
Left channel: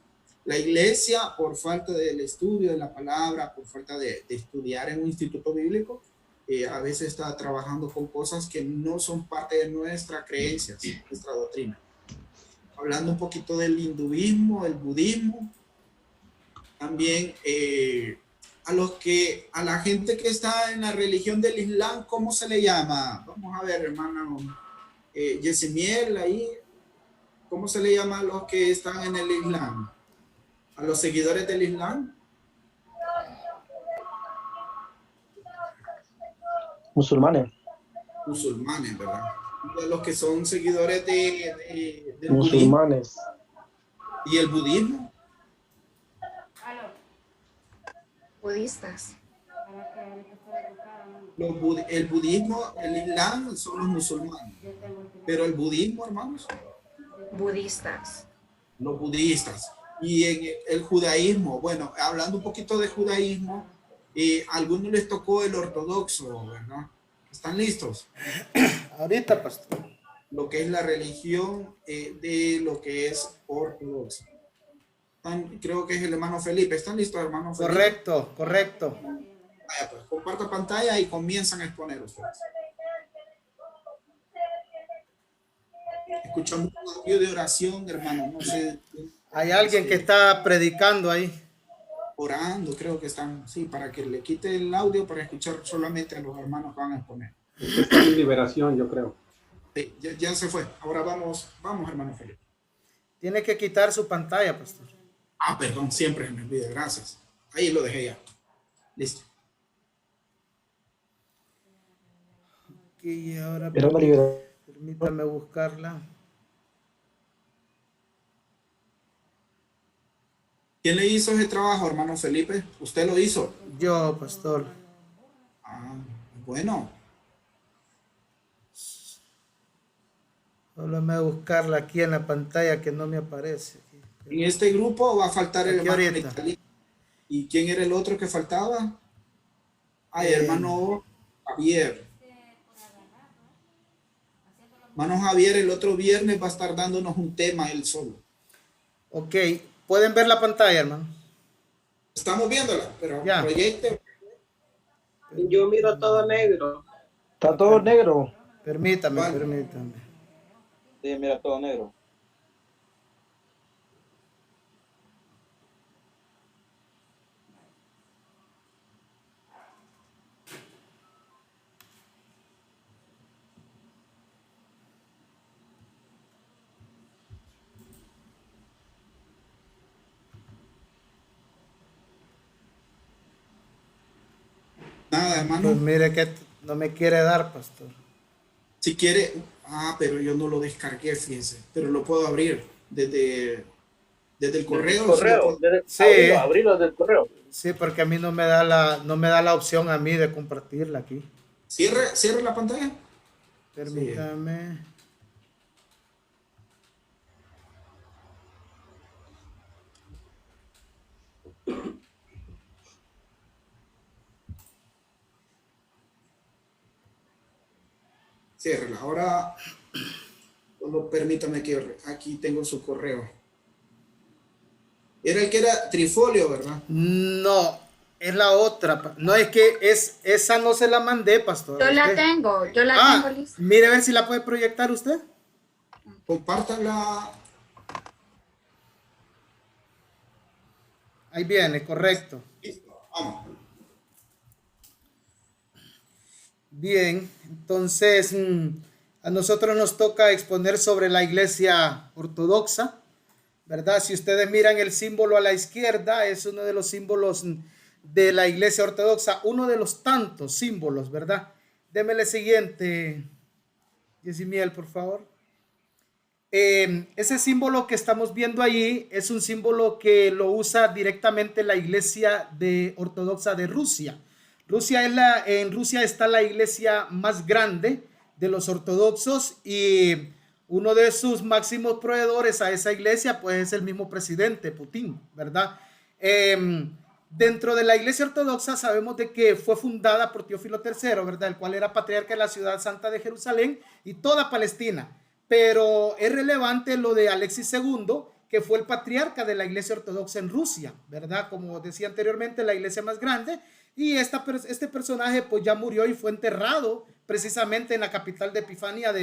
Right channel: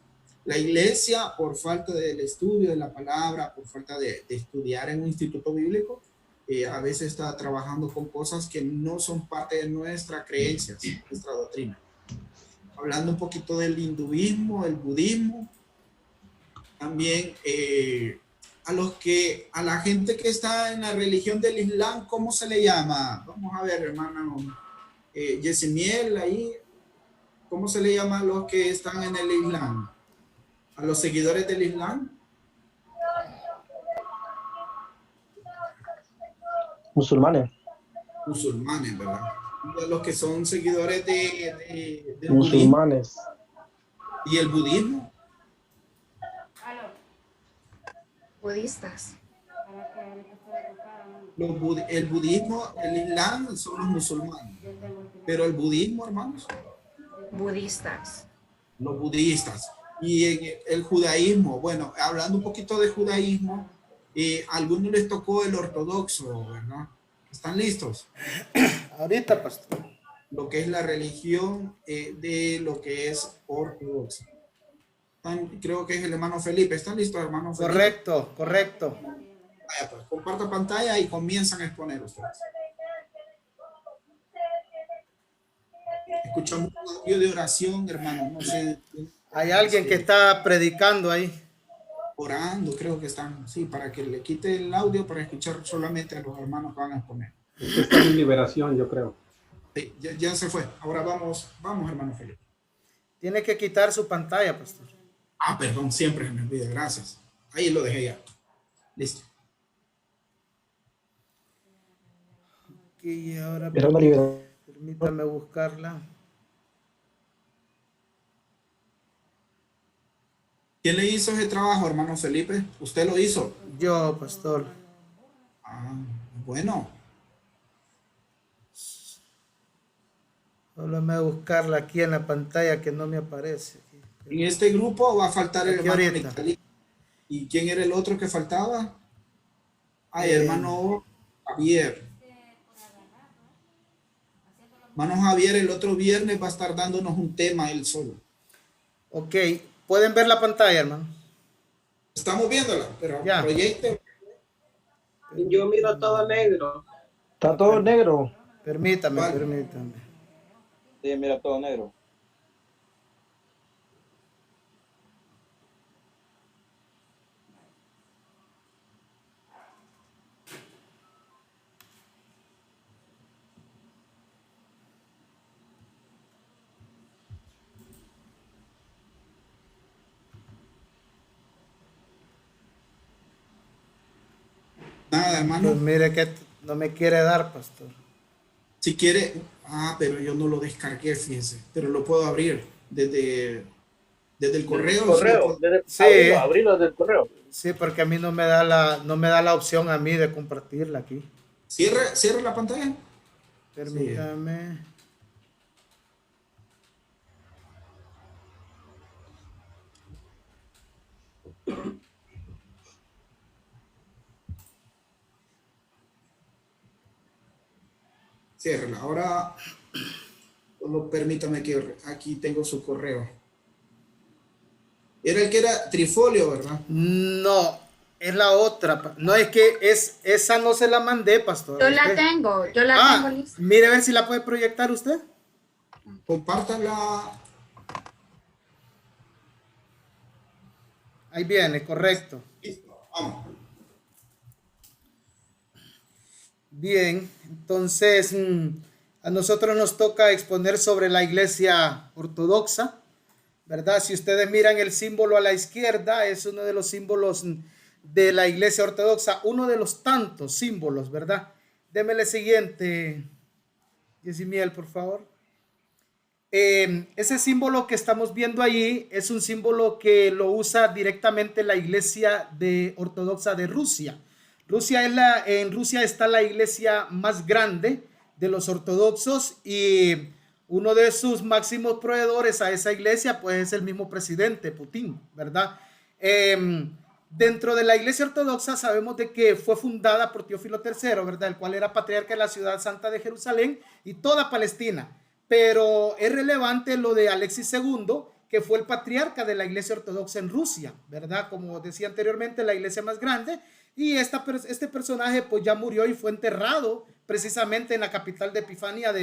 La iglesia, por falta del estudio de la palabra, por falta de estudiar en un instituto bíblico, a veces está trabajando con cosas que no son parte de nuestra creencia, nuestra doctrina. Hablando un poquito del hinduismo, el budismo, también a la gente que está en la religión del Islam, ¿cómo se le llama? Vamos a ver, hermano Yesimiel, ahí, ¿cómo se le llama a los que están en el Islam? ¿A los seguidores del Islam? Musulmanes. Musulmanes, ¿verdad? A los que son seguidores del Musulmanes. budismo. ¿Y el budismo? Budistas. El budismo, el Islam son los musulmanes. Pero el budismo, hermanos. Budistas. Los budistas. Y en el judaísmo, bueno, hablando un poquito de judaísmo, a algunos les tocó el ortodoxo, ¿verdad? ¿Están listos? Ahorita, pastor. Lo que es la religión de lo que es ortodoxo. Creo que es el hermano Felipe. ¿Están listos, hermano Felipe? Correcto, correcto. Vaya, pues, comparta pantalla y comienzan a exponer ustedes. Escuchamos un audio de oración, hermano. No sé. Hay alguien que está predicando ahí. Orando, creo que están, sí, para que le quite el audio para escuchar solamente a los hermanos que van a exponer. Está en liberación, yo creo. Sí, ya se fue. Ahora vamos, hermano Felipe. Tiene que quitar su pantalla, pastor. Ah, perdón, siempre me olvide, gracias. Ahí lo dejé ya. Listo. Y ahora permítame buscarla. ¿Quién le hizo ese trabajo, hermano Felipe? ¿Usted lo hizo? Yo, pastor. Ah, bueno. Solo me voy a buscarla aquí en la pantalla que no me aparece. En este grupo va a faltar el aquí hermano ahorita. Metalí. ¿Y quién era el otro que faltaba? Ay, hermano Javier. Hermano Javier, el otro viernes va a estar dándonos un tema él solo. Ok, ¿pueden ver la pantalla, hermano? Estamos viéndola, pero ya. Proyecte. Yo miro todo negro. Está todo negro. Permítame. Sí, mira, todo negro. Nada, hermano. Pues mire que no me quiere dar, pastor. Si quiere, pero yo no lo descargué, fíjense, pero lo puedo abrir desde el correo. Sí. Abrirlo desde el correo. Sí, porque a mí no me da la opción a mí de compartirla aquí. Cierre la pantalla. Permítame. Ciérrela. Ahora, solo permítame que aquí tengo su correo. Era el que era Trifolio, ¿verdad? No, es la otra. No, es que esa no se la mandé, pastor. Yo la tengo lista. Mire a ver si la puede proyectar usted. Compártanla. Ahí viene, correcto. Vamos. Bien, entonces a nosotros nos toca exponer sobre la iglesia ortodoxa, ¿verdad? Si ustedes miran el símbolo a la izquierda, es uno de los símbolos de la iglesia ortodoxa, uno de los tantos símbolos, ¿verdad? Démele el siguiente, Yesimiel, por favor. Ese símbolo que estamos viendo allí es un símbolo que lo usa directamente la iglesia ortodoxa de Rusia. En Rusia está la iglesia más grande de los ortodoxos y uno de sus máximos proveedores a esa iglesia pues es el mismo presidente Putin, ¿verdad? Dentro de la Iglesia Ortodoxa sabemos de que fue fundada por Teófilo III, ¿verdad? El cual era patriarca de la ciudad santa de Jerusalén y toda Palestina. Pero es relevante lo de Alexis II, que fue el patriarca de la Iglesia Ortodoxa en Rusia, ¿verdad? Como decía anteriormente, la iglesia más grande. Y este personaje pues ya murió y fue enterrado precisamente en la capital de Epifania,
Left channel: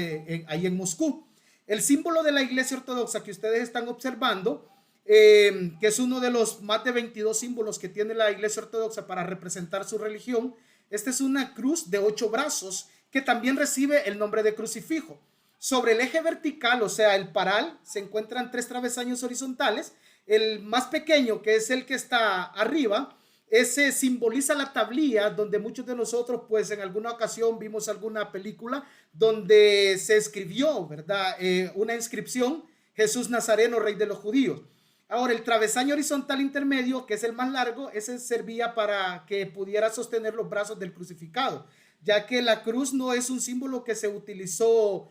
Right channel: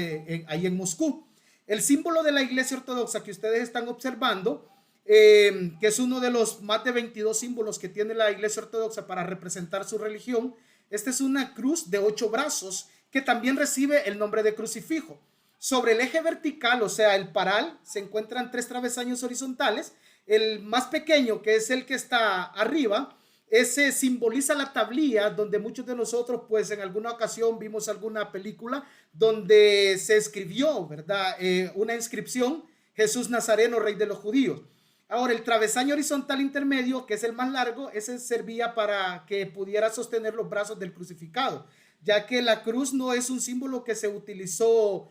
ahí en Moscú. El símbolo de la Iglesia Ortodoxa que ustedes están observando, que es uno de los más de 22 símbolos que tiene la Iglesia Ortodoxa para representar su religión, esta es una cruz de 8 brazos que también recibe el nombre de crucifijo. Sobre el eje vertical, o sea, el paral, se encuentran 3 travesaños horizontales. El más pequeño, que es el que está arriba, ese simboliza la tablilla donde muchos de nosotros pues en alguna ocasión vimos alguna película donde se escribió, ¿verdad? Una inscripción: Jesús Nazareno, Rey de los Judíos. Ahora, el travesaño horizontal intermedio, que es el más largo, ese servía para que pudiera sostener los brazos del crucificado, ya que la cruz no es un símbolo que se utilizó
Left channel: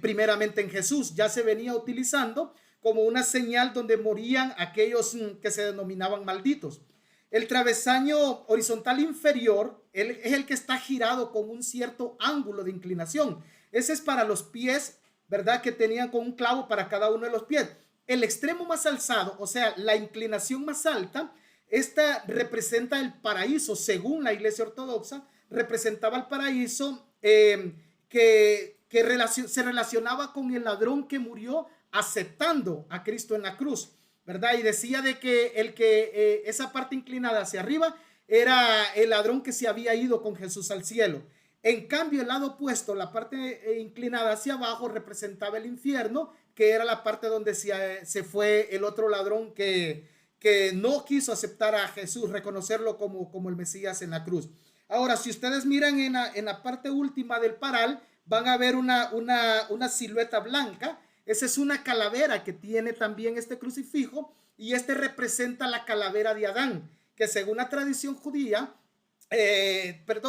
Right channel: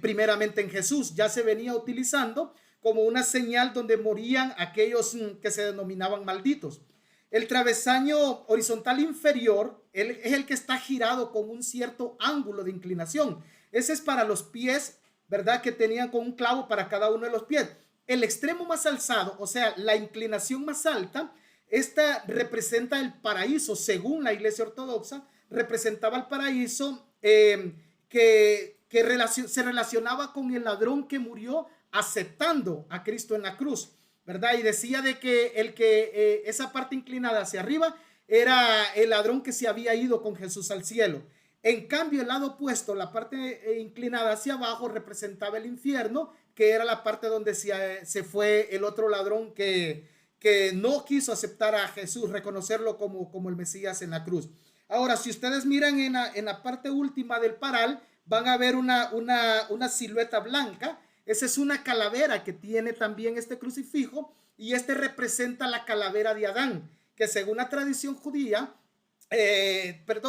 primeramente en Jesús, ya se venía utilizando como una señal donde morían aquellos que se denominaban malditos. El travesaño horizontal inferior es el que está girado con un cierto ángulo de inclinación. Ese es para los pies, ¿verdad? Que tenían con un clavo para cada uno de los pies. El extremo más alzado, o sea, la inclinación más alta, esta representa el paraíso. Según la Iglesia Ortodoxa, representaba el paraíso que se relacionaba con el ladrón que murió aceptando a Cristo en la cruz, ¿verdad? Y decía de que esa parte inclinada hacia arriba era el ladrón que se había ido con Jesús al cielo. En cambio, el lado opuesto, la parte inclinada hacia abajo, representaba el infierno, que era la parte donde se fue el otro ladrón que no quiso aceptar a Jesús, reconocerlo como el Mesías en la cruz. Ahora, si ustedes miran en la parte última del paral, van a ver una silueta blanca. Esa es una calavera que tiene también este crucifijo, y este representa la calavera de Adán, que según la tradición judía,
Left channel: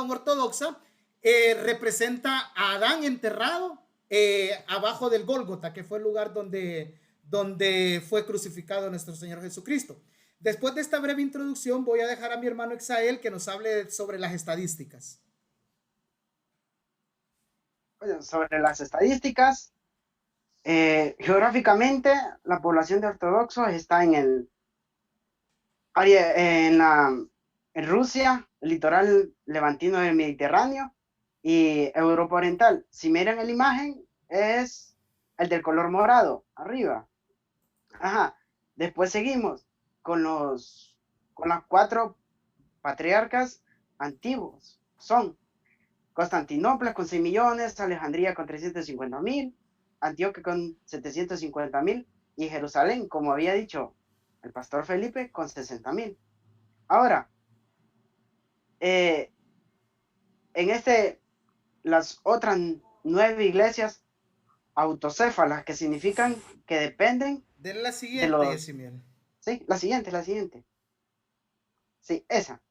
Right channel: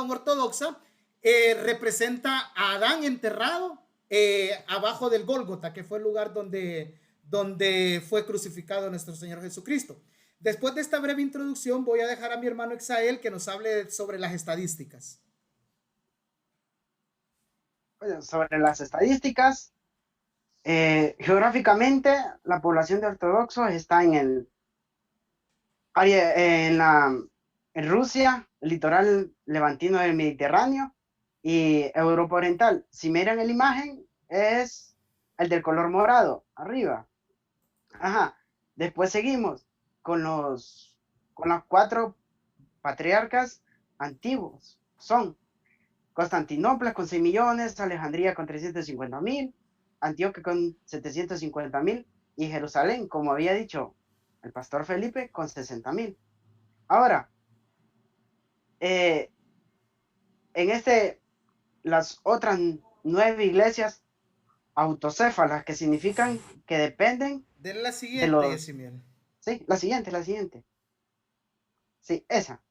ortodoxa, representa a Adán enterrado abajo del Gólgota, que fue el lugar donde fue crucificado nuestro Señor Jesucristo. Después de esta breve introducción, voy a dejar a mi hermano Exael que nos hable sobre las estadísticas. Sobre las estadísticas, geográficamente la población de ortodoxos está en el área, en Rusia, el litoral levantino del Mediterráneo y Europa Oriental. Si miran la imagen, es el del color morado arriba. Ajá. Después seguimos con las 4 patriarcas antiguos. Son Constantinopla con 6 millones, Alejandría con 350,000, Antioquia con 750,000 y Jerusalén, como había dicho el pastor Felipe, con 60,000. Ahora, las otras 9 iglesias autocéfalas, que significan que dependen de la siguiente, Sí, la siguiente. Sí, esa.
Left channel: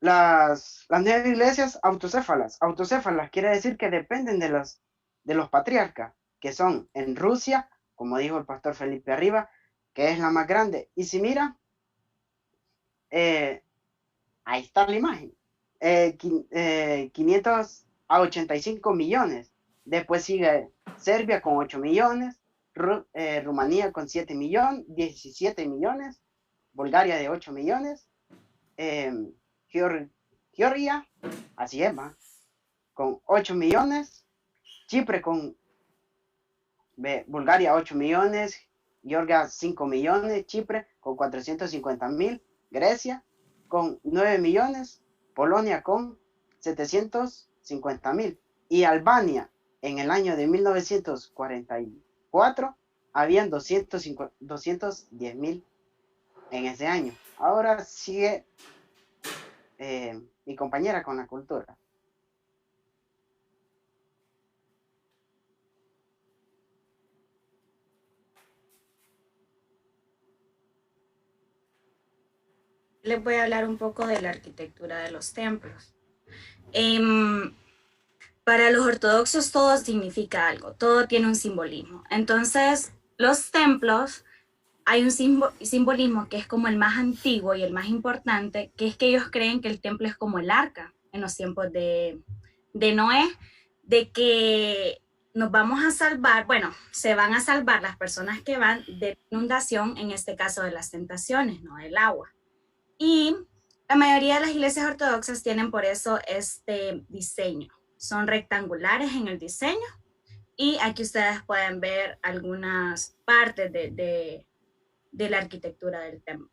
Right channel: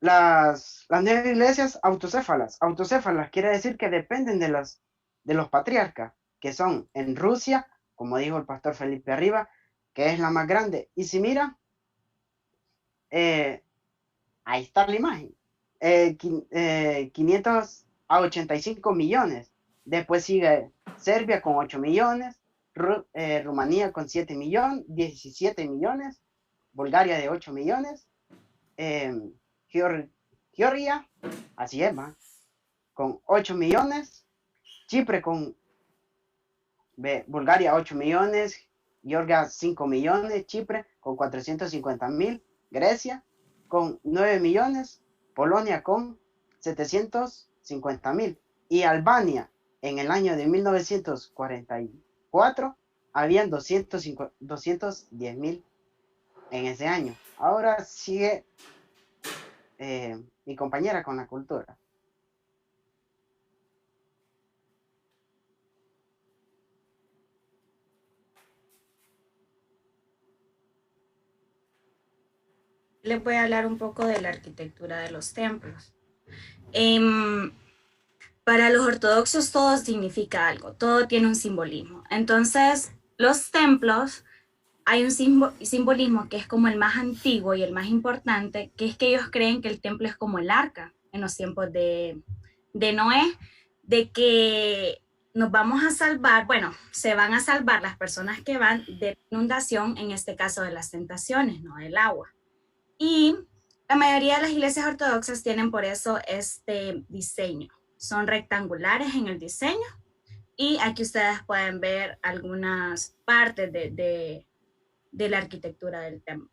Las 9 iglesias autocéfalas. Autocéfalas quiere decir que dependen de los patriarcas, que son en Rusia, como dijo el pastor Felipe arriba, que es la más grande. Y si mira, ahí está la imagen. 585 millones. Después sigue Serbia con 8 millones, Rumanía con 17 millones, Bulgaria de 8 millones, Georgia, así es, con 8 millones, Chipre con Bulgaria 8 millones, Georgia 5 millones, Chipre con 450,000, Grecia con 9 millones, Polonia con 750,000 y Albania en el año de 1944 habían 210,000 en ese año. Ahora sigue mi compañera con la cultura. Les voy a hablar un poco de la arquitectura de los templos. Para los ortodoxos todo significa algo, todo tiene un simbolismo. Entonces, los templos hay un simbolismo que es como el más antiguo y el más importante, que es que ellos creen que el templo es como el arca en los tiempos de Noé, de que nos vamos a salvar, bueno, se van a salvar las personas que van de inundación, en este caso de las tentaciones, no del agua. Y la mayoría de las iglesias ortodoxas tienen por eso este diseño. Son rectangulares en el diseño y aquí ustedes pueden ver algunas partes de la arquitectura del templo.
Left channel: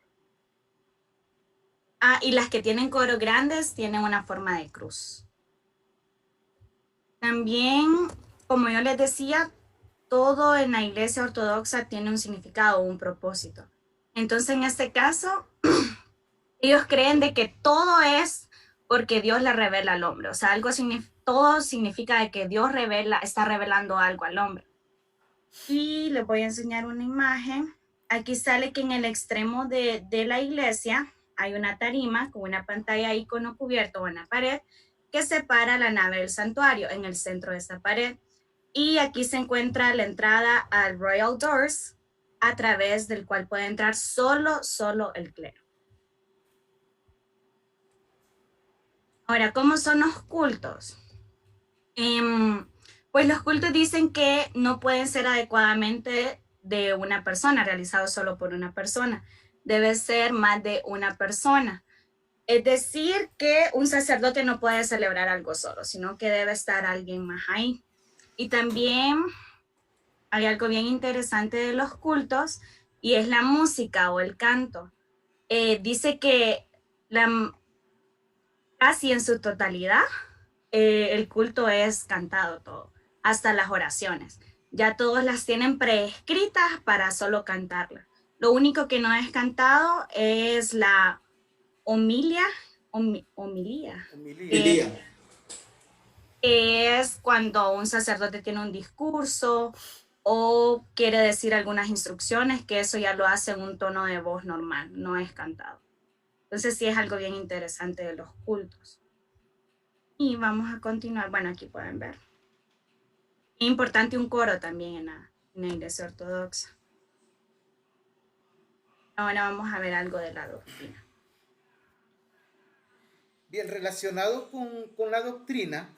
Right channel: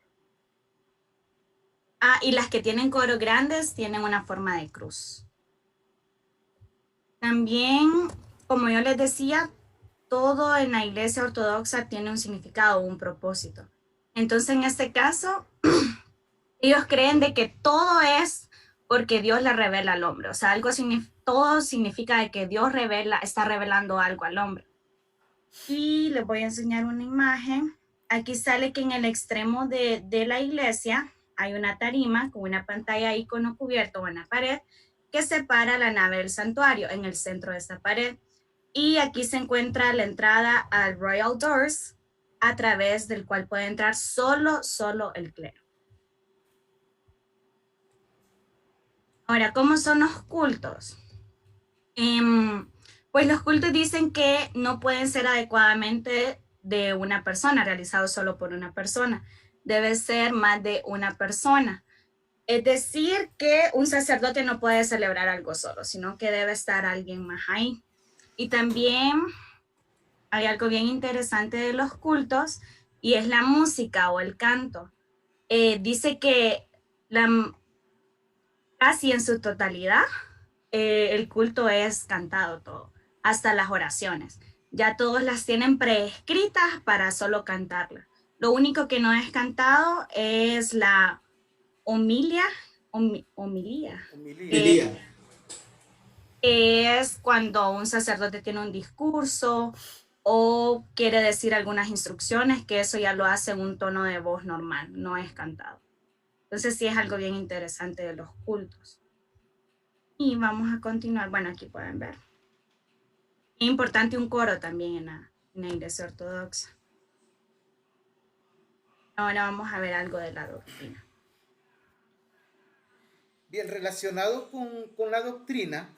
Y las que tienen coros grandes tienen una forma de cruz. También, como yo les decía, todo en la iglesia ortodoxa tiene un significado o un propósito. Entonces, en este caso, ellos creen de que todo es porque Dios le revela al hombre. O sea, todo significa de que Dios está revelando algo al hombre. Y les voy a enseñar una imagen. Aquí sale que en el extremo de la iglesia hay una tarima con una pantalla icono cubierto en la pared que separa la nave del santuario en el centro de esta pared. Y aquí se encuentra la entrada al Royal Doors, a través del cual puede entrar solo el clero. Ahora, ¿cómo son los cultos? Pues los cultos dicen que no pueden ser adecuadamente de una persona, realizados solo por una persona. Debe ser más de una persona. Es decir, que un sacerdote no puede celebrar algo solo, sino que debe estar alguien más ahí. Y también hay algo bien interesante de los cultos, y es la música o el canto. Dice que casi en su totalidad, el culto es cantado todo, hasta las oraciones. Ya todos las tienen preescritas para solo cantarlas. Lo único que no es cantado es la homilía. Es cuando un sacerdote tiene un discurso o quiere decir algunas instrucciones, que eso ya lo hace en un tono de voz normal, no es cantado. Entonces sí es algo bien interesante de los cultos. Y vamos a continuar. Bueno, aquí pueden ver. Es importante un coro también en la iglesia ortodoxa. Ahora vamos a ver algo de la doctrina. Bien, relacionado con la doctrina,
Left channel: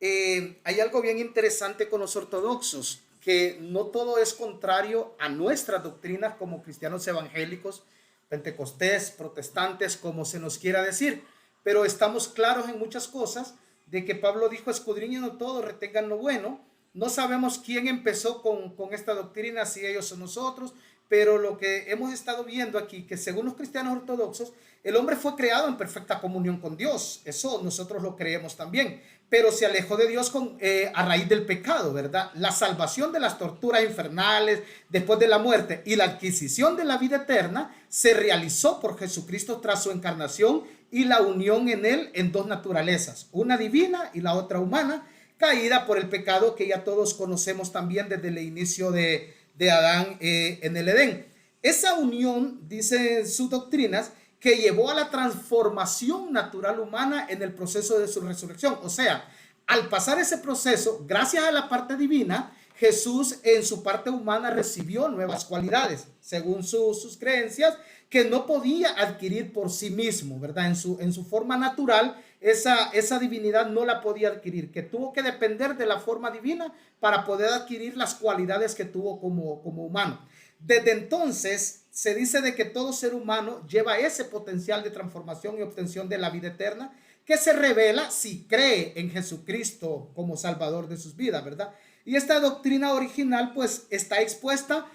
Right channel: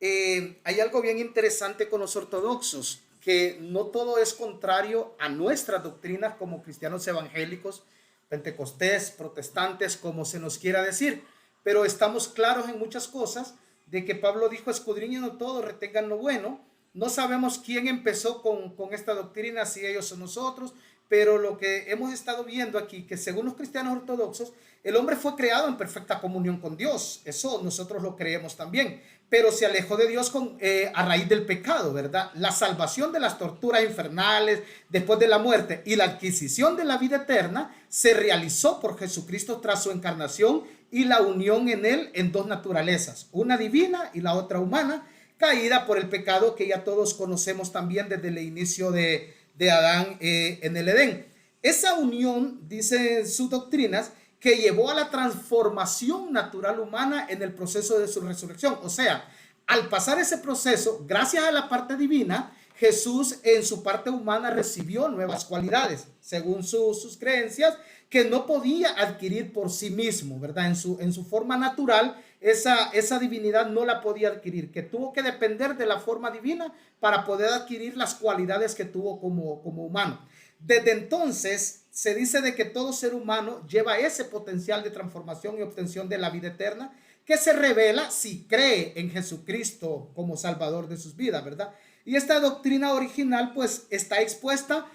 hay algo bien interesante con los ortodoxos, que no todo es contrario a nuestras doctrinas como cristianos evangélicos, pentecostés, protestantes, como se nos quiera decir, pero estamos claros en muchas cosas de que Pablo dijo: escudriñen todo, retengan lo bueno. No sabemos quién empezó con esta doctrina, si ellos o nosotros, pero lo que hemos estado viendo aquí, que según los cristianos ortodoxos, el hombre fue creado en perfecta comunión con Dios. Eso nosotros lo creemos también, pero se alejó de Dios a raíz del pecado, ¿verdad? La salvación de las torturas infernales después de la muerte y la adquisición de la vida eterna se realizó por Jesucristo tras su encarnación y la unión en él en dos naturalezas, una divina y la otra humana, caída por el pecado que ya todos conocemos también desde el inicio de Adán en el Edén. Esa unión, dice sus doctrinas, que llevó a la transformación natural humana en el proceso de su resurrección. O sea, al pasar ese proceso, gracias a la parte divina, Jesús en su parte humana recibió nuevas cualidades, según sus creencias, que no podía adquirir por sí mismo, ¿verdad? En su forma natural, esa divinidad no la podía adquirir, que tuvo que depender de la forma divina para poder adquirir las cualidades que tuvo como humano. Desde entonces se dice de que todo ser humano lleva ese potencial de transformación y obtención de la vida eterna, que se revela si cree en Jesucristo como Salvador de sus vidas, ¿verdad? Y esta doctrina original pues está expuesta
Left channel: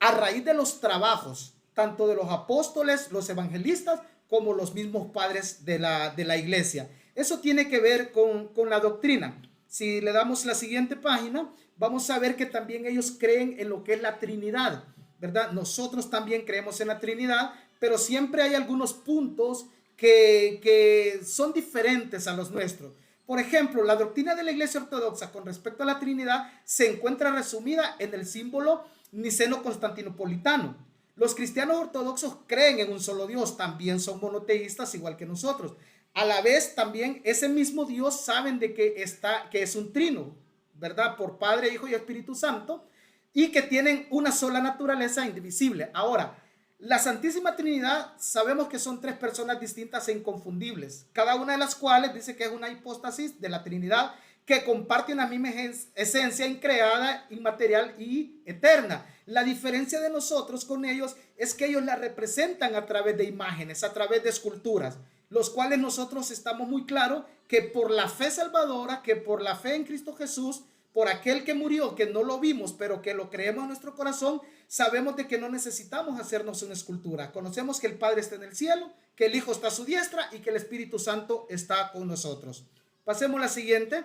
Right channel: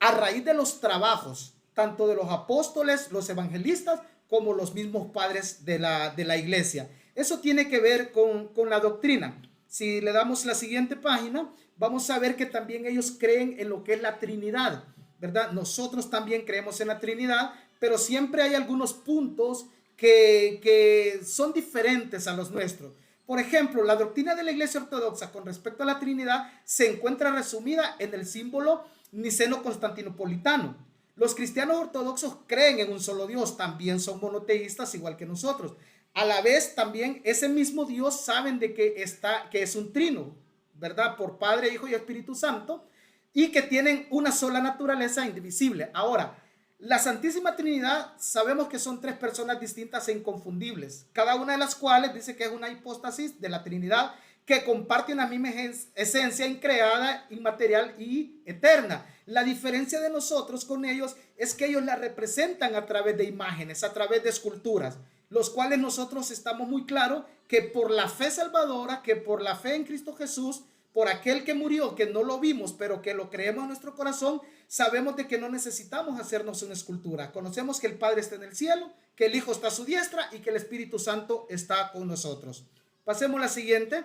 a raíz de los trabajos tanto de los apóstoles, los evangelistas, como los mismos padres de la iglesia. Eso tiene que ver con la doctrina. Si le damos la siguiente página, vamos a ver que también ellos creen en lo que es la Trinidad, ¿verdad? Nosotros también creemos en la Trinidad, pero siempre hay algunos puntos que son diferentes a los nuestros. Por ejemplo, la doctrina de la Iglesia Ortodoxa con respecto a la Trinidad se encuentra resumida en el símbolo niceno-constantinopolitano. Los cristianos ortodoxos creen en un solo Dios, también son monoteístas igual que nosotros. A la vez también ese mismo Dios saben de que es un trino, ¿verdad? Por Padre, Hijo y Espíritu Santo. y que tienen una sola naturaleza indivisible. Ahora, la Santísima Trinidad sabemos que son tres personas distintas e inconfundibles, cada una de las cuales dice que es una hipóstasis de la Trinidad que comparte una misma esencia increada, inmaterial y eterna. La diferencia de nosotros con ellos es que ellos la representan a través de imágenes, a través de esculturas, los cuales nosotros estamos muy claros que por la fe salvadora, que por la fe en Cristo Jesús, por aquel que murió, que no lo vimos, pero que lo creemos en nuestro corazón, sabemos de que no necesitamos hacernos una escultura. Conocemos que el Padre está en el cielo, que el Hijo está a su diestra y que el Espíritu Santo está con nosotros. Pasemos a la siguiente.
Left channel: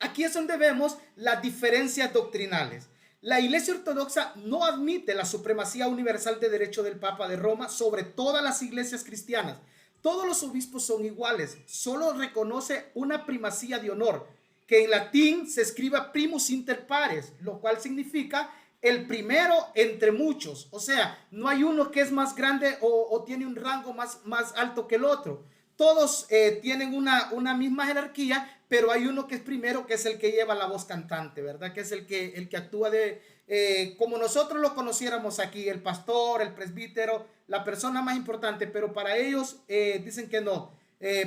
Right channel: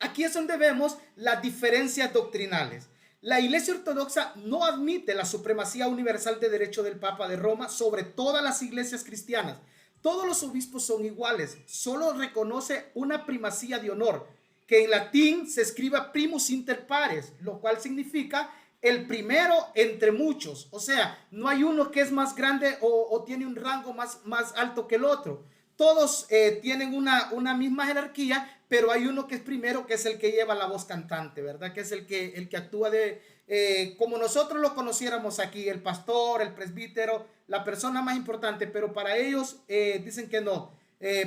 Aquí es donde vemos las diferencias doctrinales. La Iglesia Ortodoxa no admite la supremacía universal de derecho del Papa de Roma sobre todas las iglesias cristianas. Todos los obispos son iguales, solo reconoce una primacía de honor, que en latín se escriba primus inter pares, lo cual significa el primero entre muchos. O sea, no hay uno que es más grande o tiene un rango más alto que el otro. Todos tienen una misma jerarquía, pero hay uno que es primero, que es el que lleva la voz cantante, ¿verdad? Que es el que actúa como nosotros lo conociéramos aquí, el pastor, el presbítero, la persona más importante, pero para ellos dicen que no.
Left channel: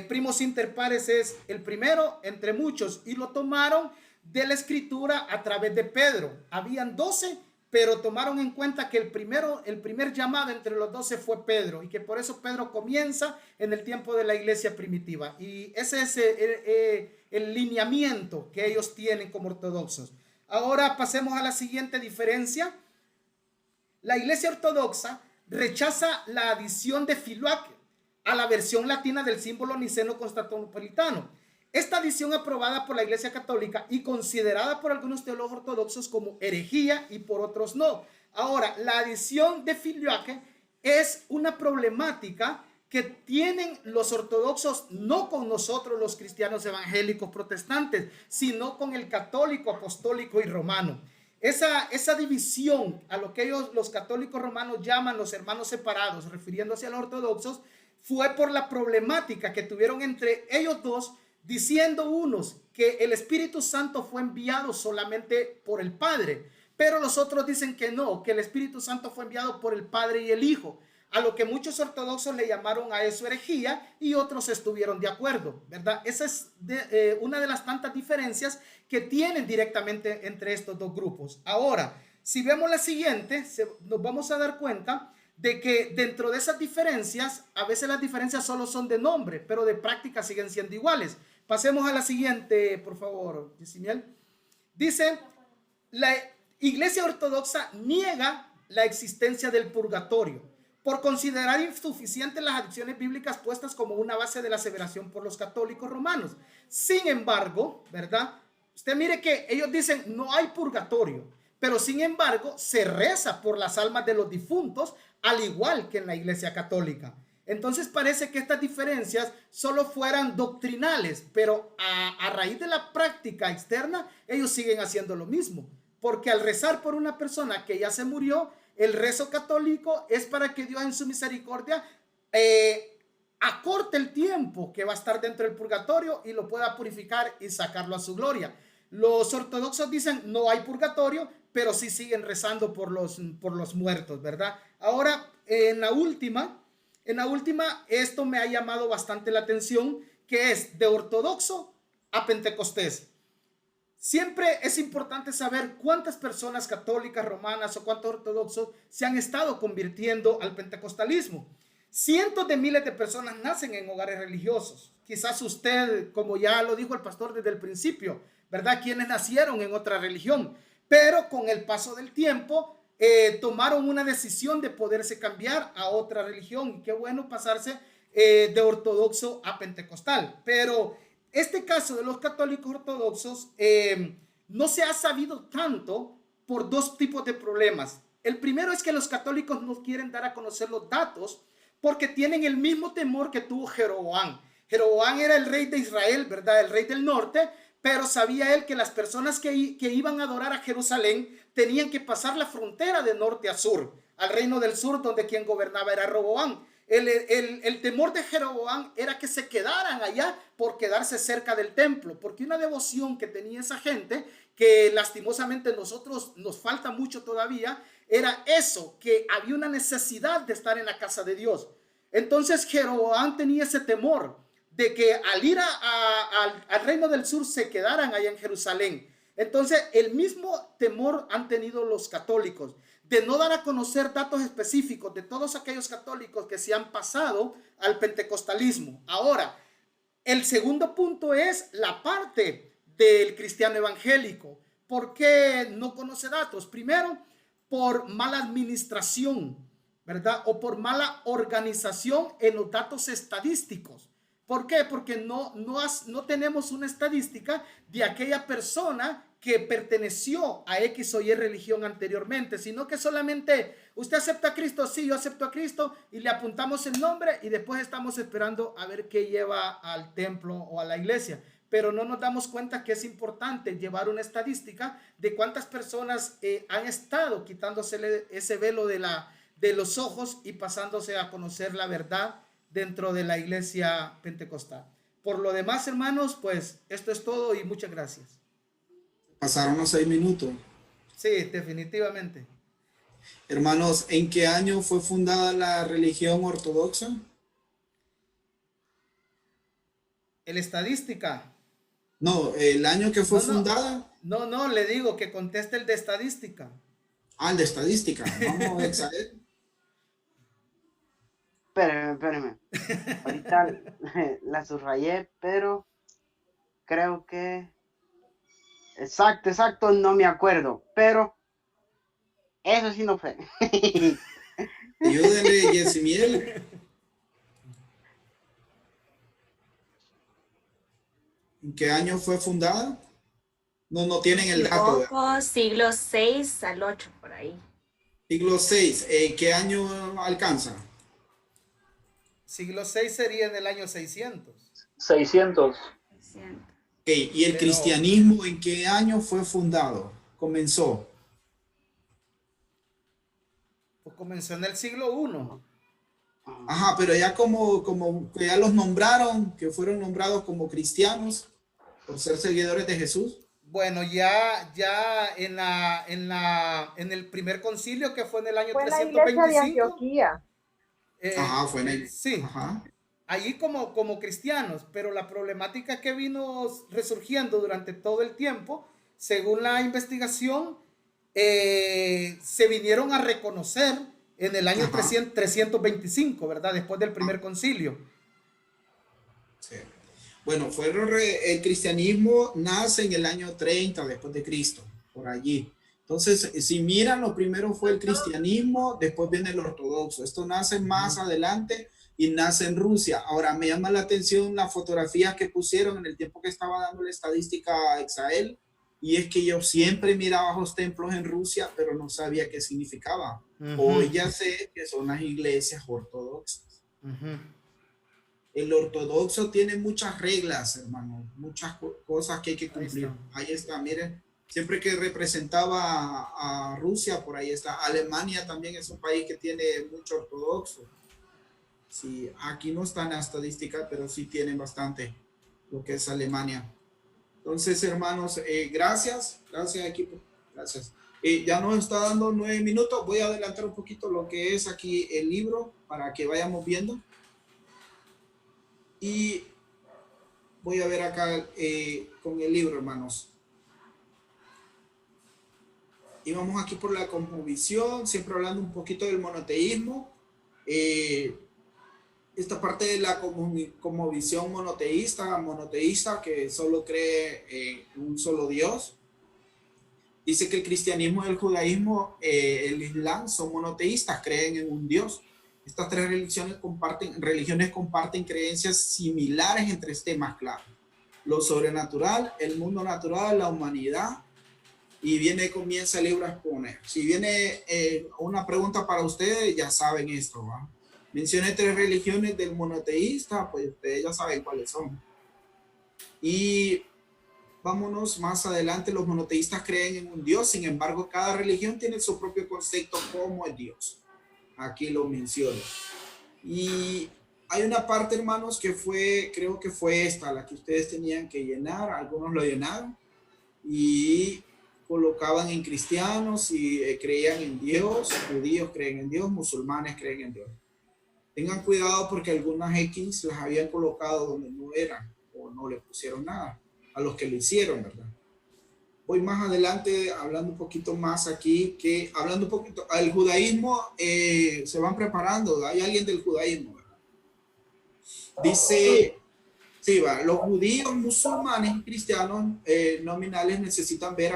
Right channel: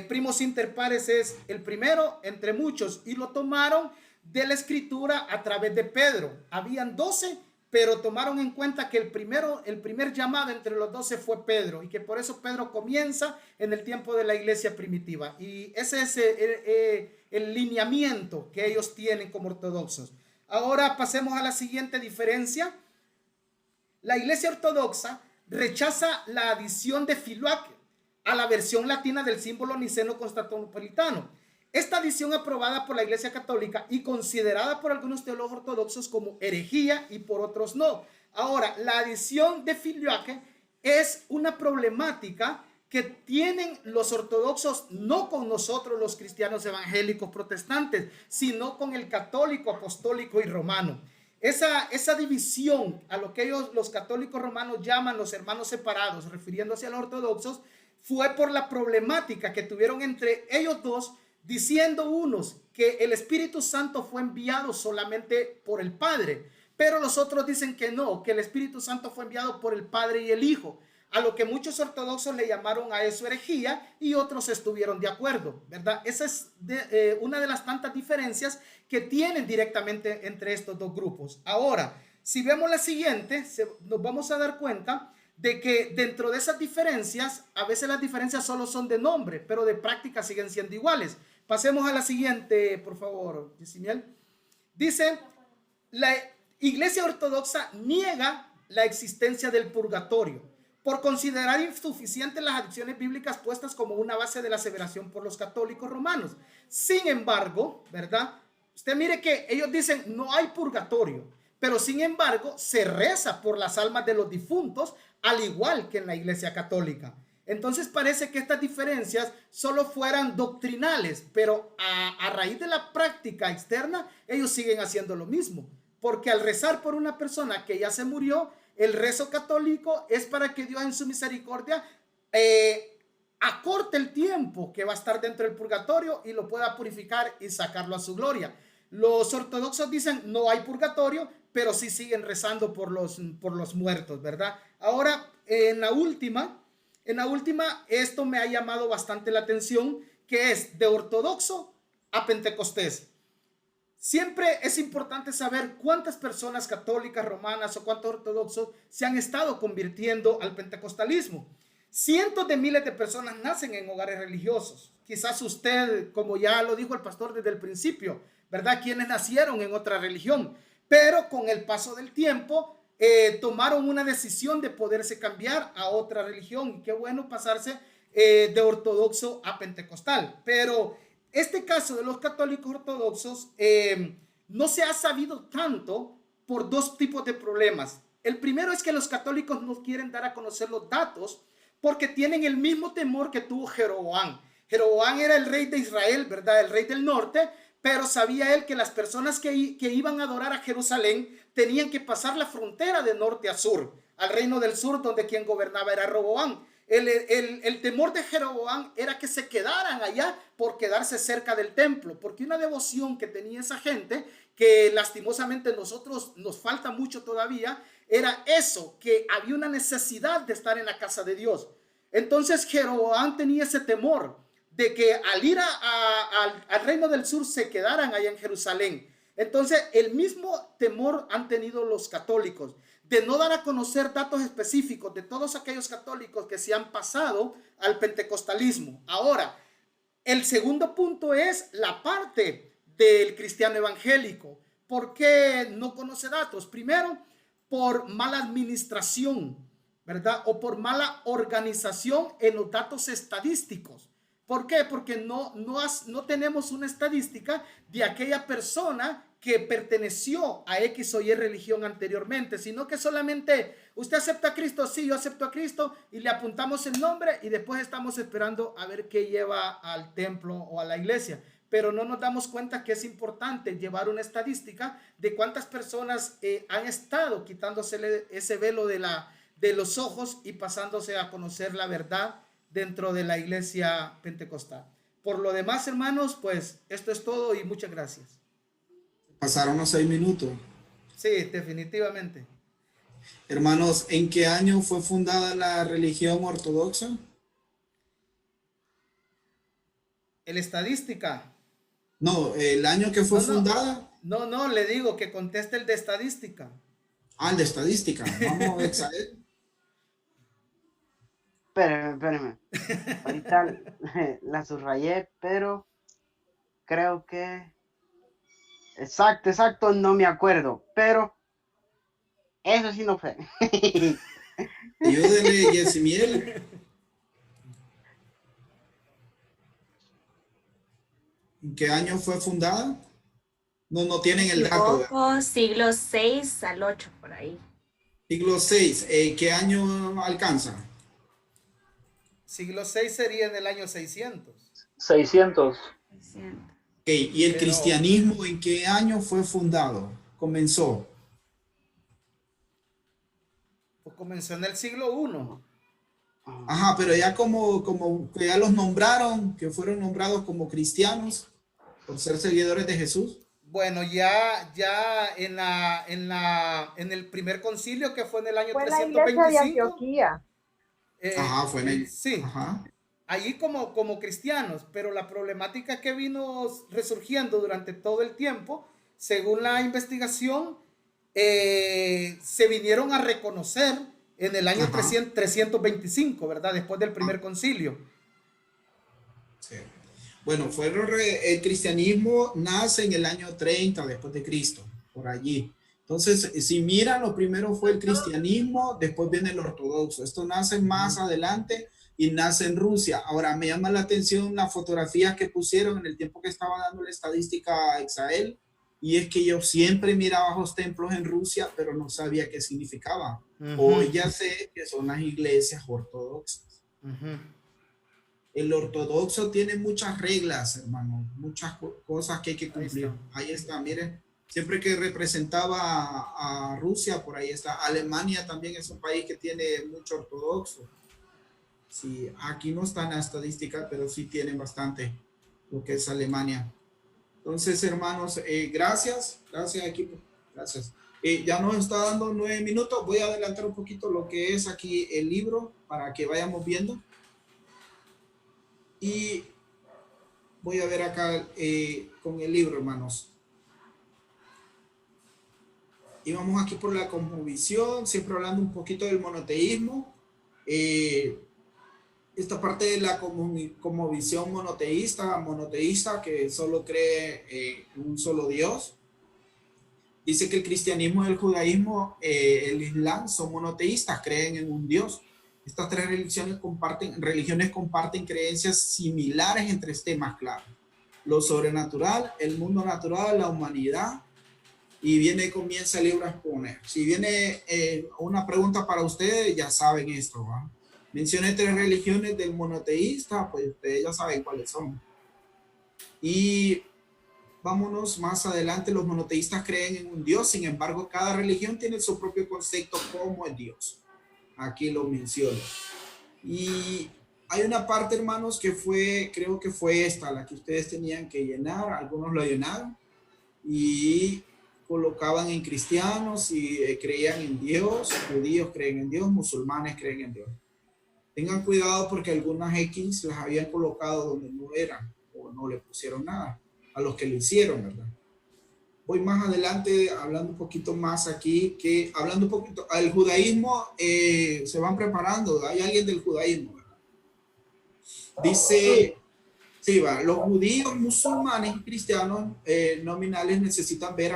Primus inter pares es el primero entre muchos, y lo tomaron de la escritura a través de Pedro. Habían 12, pero tomaron en cuenta que el primer llamado entre los 12 fue Pedro, y que por eso Pedro comienza en el tiempo de la iglesia primitiva. Y ese es el lineamiento que ellos tienen como ortodoxos. Ahora pasemos a la siguiente diferencia. La iglesia ortodoxa rechaza la adición de Filoque a la versión latina del símbolo niceno-constantinopolitano. Esta adición aprobada por la Iglesia Católica y considerada por algunos teólogos ortodoxos como herejía y por otros no. Ahora, la adición de Filoque es una problemática que tienen los ortodoxos no con nosotros los cristianos evangélicos protestantes, sino con el católico, apostólico y romano. Esa división a lo que ellos, los católicos romanos, llaman los hermanos separados, refiriéndose a los ortodoxos, fue por la problemática que tuvieron entre ellos dos, diciendo unos que el Espíritu Santo fue enviado solamente por el Padre, pero los otros dicen que no, que el Espíritu Santo fue enviado por el Padre y el Hijo, a lo que muchos ortodoxos le llamaron a eso herejía y otros estuvieron de acuerdo, ¿verdad? Esa es una de las tantas diferencias que tienen directamente entre estos dos grupos. Ahora, si vemos la siguiente, nos vamos a dar cuenta de que dentro de esas diferencias, a veces las diferencias solo son de nombre, pero de práctica siguen siendo iguales. Pasemos a la siguiente, por favor, Yesimiel. Dice, la Iglesia Ortodoxa niega la existencia del purgatorio por considerar insuficientes las adiciones bíblicas puestas como una base de la aseveración por los católicos romanos. Sin embargo, ¿verdad? Usted mire que ellos dicen no hay purgatorio, pero sin embargo se reza por las almas de los difuntos, al igual que en la Iglesia Católica. Entonces parece que estas diferencias solo fueran doctrinales, pero a raíz de la práctica externa, ellos siguen haciendo lo mismo. Porque al rezar por una persona que ya se murió, el rezo católico es para que Dios en su misericordia acorte el tiempo que va a estar dentro del purgatorio y lo pueda purificar y sacarlo a su gloria. Los ortodoxos dicen no hay purgatorio, pero sí siguen rezando por los muertos, ¿verdad? Ahora, en la última, esto me ha llamado bastante la atención, que es de ortodoxo a pentecostés. Siempre es importante saber cuántas personas católicas, romanas o cuántos ortodoxos se han estado convirtiendo al pentecostalismo. Cientos de miles de personas nacen en hogares religiosos. Quizás usted, como ya lo dijo el pastor desde el principio, ¿verdad? Quienes nacieron en otra religión, pero con el paso del tiempo tomaron una decisión de poderse cambiar a otra religión. Y qué bueno pasarse de ortodoxo a pentecostal. Pero este caso de los católicos ortodoxos no se ha sabido tanto por dos tipos de problemas. El primero es que los católicos no quieren dar a conocer los datos porque tienen el mismo temor que tuvo Jeroboam. Jeroboam era el rey de Israel, ¿verdad? El rey del norte, pero sabía él que las personas que iban a adorar a Jerusalén tenían que pasar la frontera de norte a sur, al reino del sur, donde quien gobernaba era Roboam. El temor de Jeroboam era que se quedaran allá por quedarse cerca del templo, porque una devoción que tenía esa gente, que lastimosamente nosotros nos falta mucho todavía, era eso, que había una necesidad de estar en la casa de Dios. Entonces Jeroboam tenía ese temor de que al ir al reino del sur se quedaran allá en Jerusalén. Entonces el mismo temor han tenido los católicos, de no dar a conocer datos específicos de todos aquellos católicos que se han pasado al pentecostalismo. Ahora, el segundo punto es la parte del cristiano evangélico. ¿Por qué no conoce datos? Primero, por mala administración, ¿verdad? O por mala organización en los datos estadísticos. ¿Por qué? Porque no tenemos una estadística de aquella persona que perteneció a X o Y religión anteriormente, sino que solamente usted acepta a Cristo, sí, yo acepto a Cristo, y le apuntamos el nombre y después estamos esperando a ver qué lleva al templo o a la iglesia. Pero no nos damos cuenta que es importante llevar una estadística de cuántas personas han estado quitándose ese velo de los ojos y pasándose a conocer la verdad dentro de la iglesia pentecostal. Por lo demás, hermanos, pues esto es todo y muchas gracias. Pasaron los 6 minutos. Sí, definitivamente. Hermanos, ¿en qué año fue fundada la religión ortodoxa? ¿El estadística? No, el año que fue fundada. No, le digo que conteste el de estadística. Ah, el de estadística. Vamos a saber. Espérame. Ahorita la subrayé, pero creo que exacto, no me acuerdo, pero eso sí no fue. Ayúdele, Yesimiel. ¿En qué año fue fundada? No tienen el dato. Siglo 6 al 8, por ahí. Siglo 6. ¿Qué año alcanza? Siglo 6 sería en el año 600. 600. Okay. ¿Y el cristianismo en qué año fue fundado? Comenzó. Pues comenzó en el siglo 1. Ajá, pero ya como que ya los nombraron, que fueron nombrados como cristianos por ser seguidores de Jesús. Bueno, ya en el primer concilio, que fue en el año 325. La iglesia de Antioquía. Ajá, fue en el... Sí. Ajá. Allí como cristianos, pero la problemática que vino resurgiendo durante todo el tiempo, según la investigación, se vinieron a reconocer en el año 325, ¿verdad? Después del primer concilio. Sí. Bueno, el cristianismo nace en el año 30 después de Cristo, por allí. Entonces, si miran, lo primero fue el cristianismo, después viene el ortodoxo. Esto nace más adelante y nace en Rusia. Ahora, me llama la atención las fotografías que pusieron en el tiempo que estaba dando la estadística a Exael, y es que yo siempre miraba los templos en Rusia, pero no sabía qué significaba. Hoy ya sé que son las iglesias ortodoxas. El ortodoxo tiene muchas reglas, hermano, muchas cosas que hay que cumplir. Ahí está, miren. Siempre que representaba a Rusia, por ahí está. Alemania también es un país que tiene mucho ortodoxo. Sí, aquí no está en la estadística, pero sí tienen bastante lo que es Alemania. Entonces, hermanos, gracias equipo, gracias. Ya nos está dando 9 minutos. Voy a adelantar un poquito lo que es aquí el libro para que vayamos viendo. Y voy a ver acá con el libro, hermanos. Y vamos aquí por la cosmovisión, siempre hablando un poquito del monoteísmo. Esta parte de la cosmovisión monoteísta, que solo cree en un solo Dios. Dice que el cristianismo y el judaísmo, el islam, son monoteístas, creen en un Dios. Estas tres religiones comparten creencias similares en tres temas claros: lo sobrenatural, el mundo natural, la humanidad. Y comienza el libro a exponer. Si viene una pregunta para ustedes, ya saben esto, ¿va? Mencioné 3 religiones del monoteísta, pues ustedes ya saben cuáles son. Y vámonos más adelante. Los monoteístas creen en un Dios, sin embargo, cada religión tiene su propio concepto como el Dios. Aquí lo menciono. Y hay una parte, hermanos, que fue, creo que fue esta, la que ustedes tenían que llenar, algunos lo llenaron y colocaban en cristianos y creían en Dios, judíos creen en Dios, musulmanes creen en Dios. Tengan cuidado porque algunas X las habían colocado donde no eran o no le pusieron nada a los que lo hicieron, ¿verdad? Voy más adelante hablando un poquito más aquí, que hablando un poquito, al judaísmo se van preparando, hay alguien del judaísmo, ¿verdad? Dice, sí, va, los judíos, musulmanes y cristianos nominales necesitan ver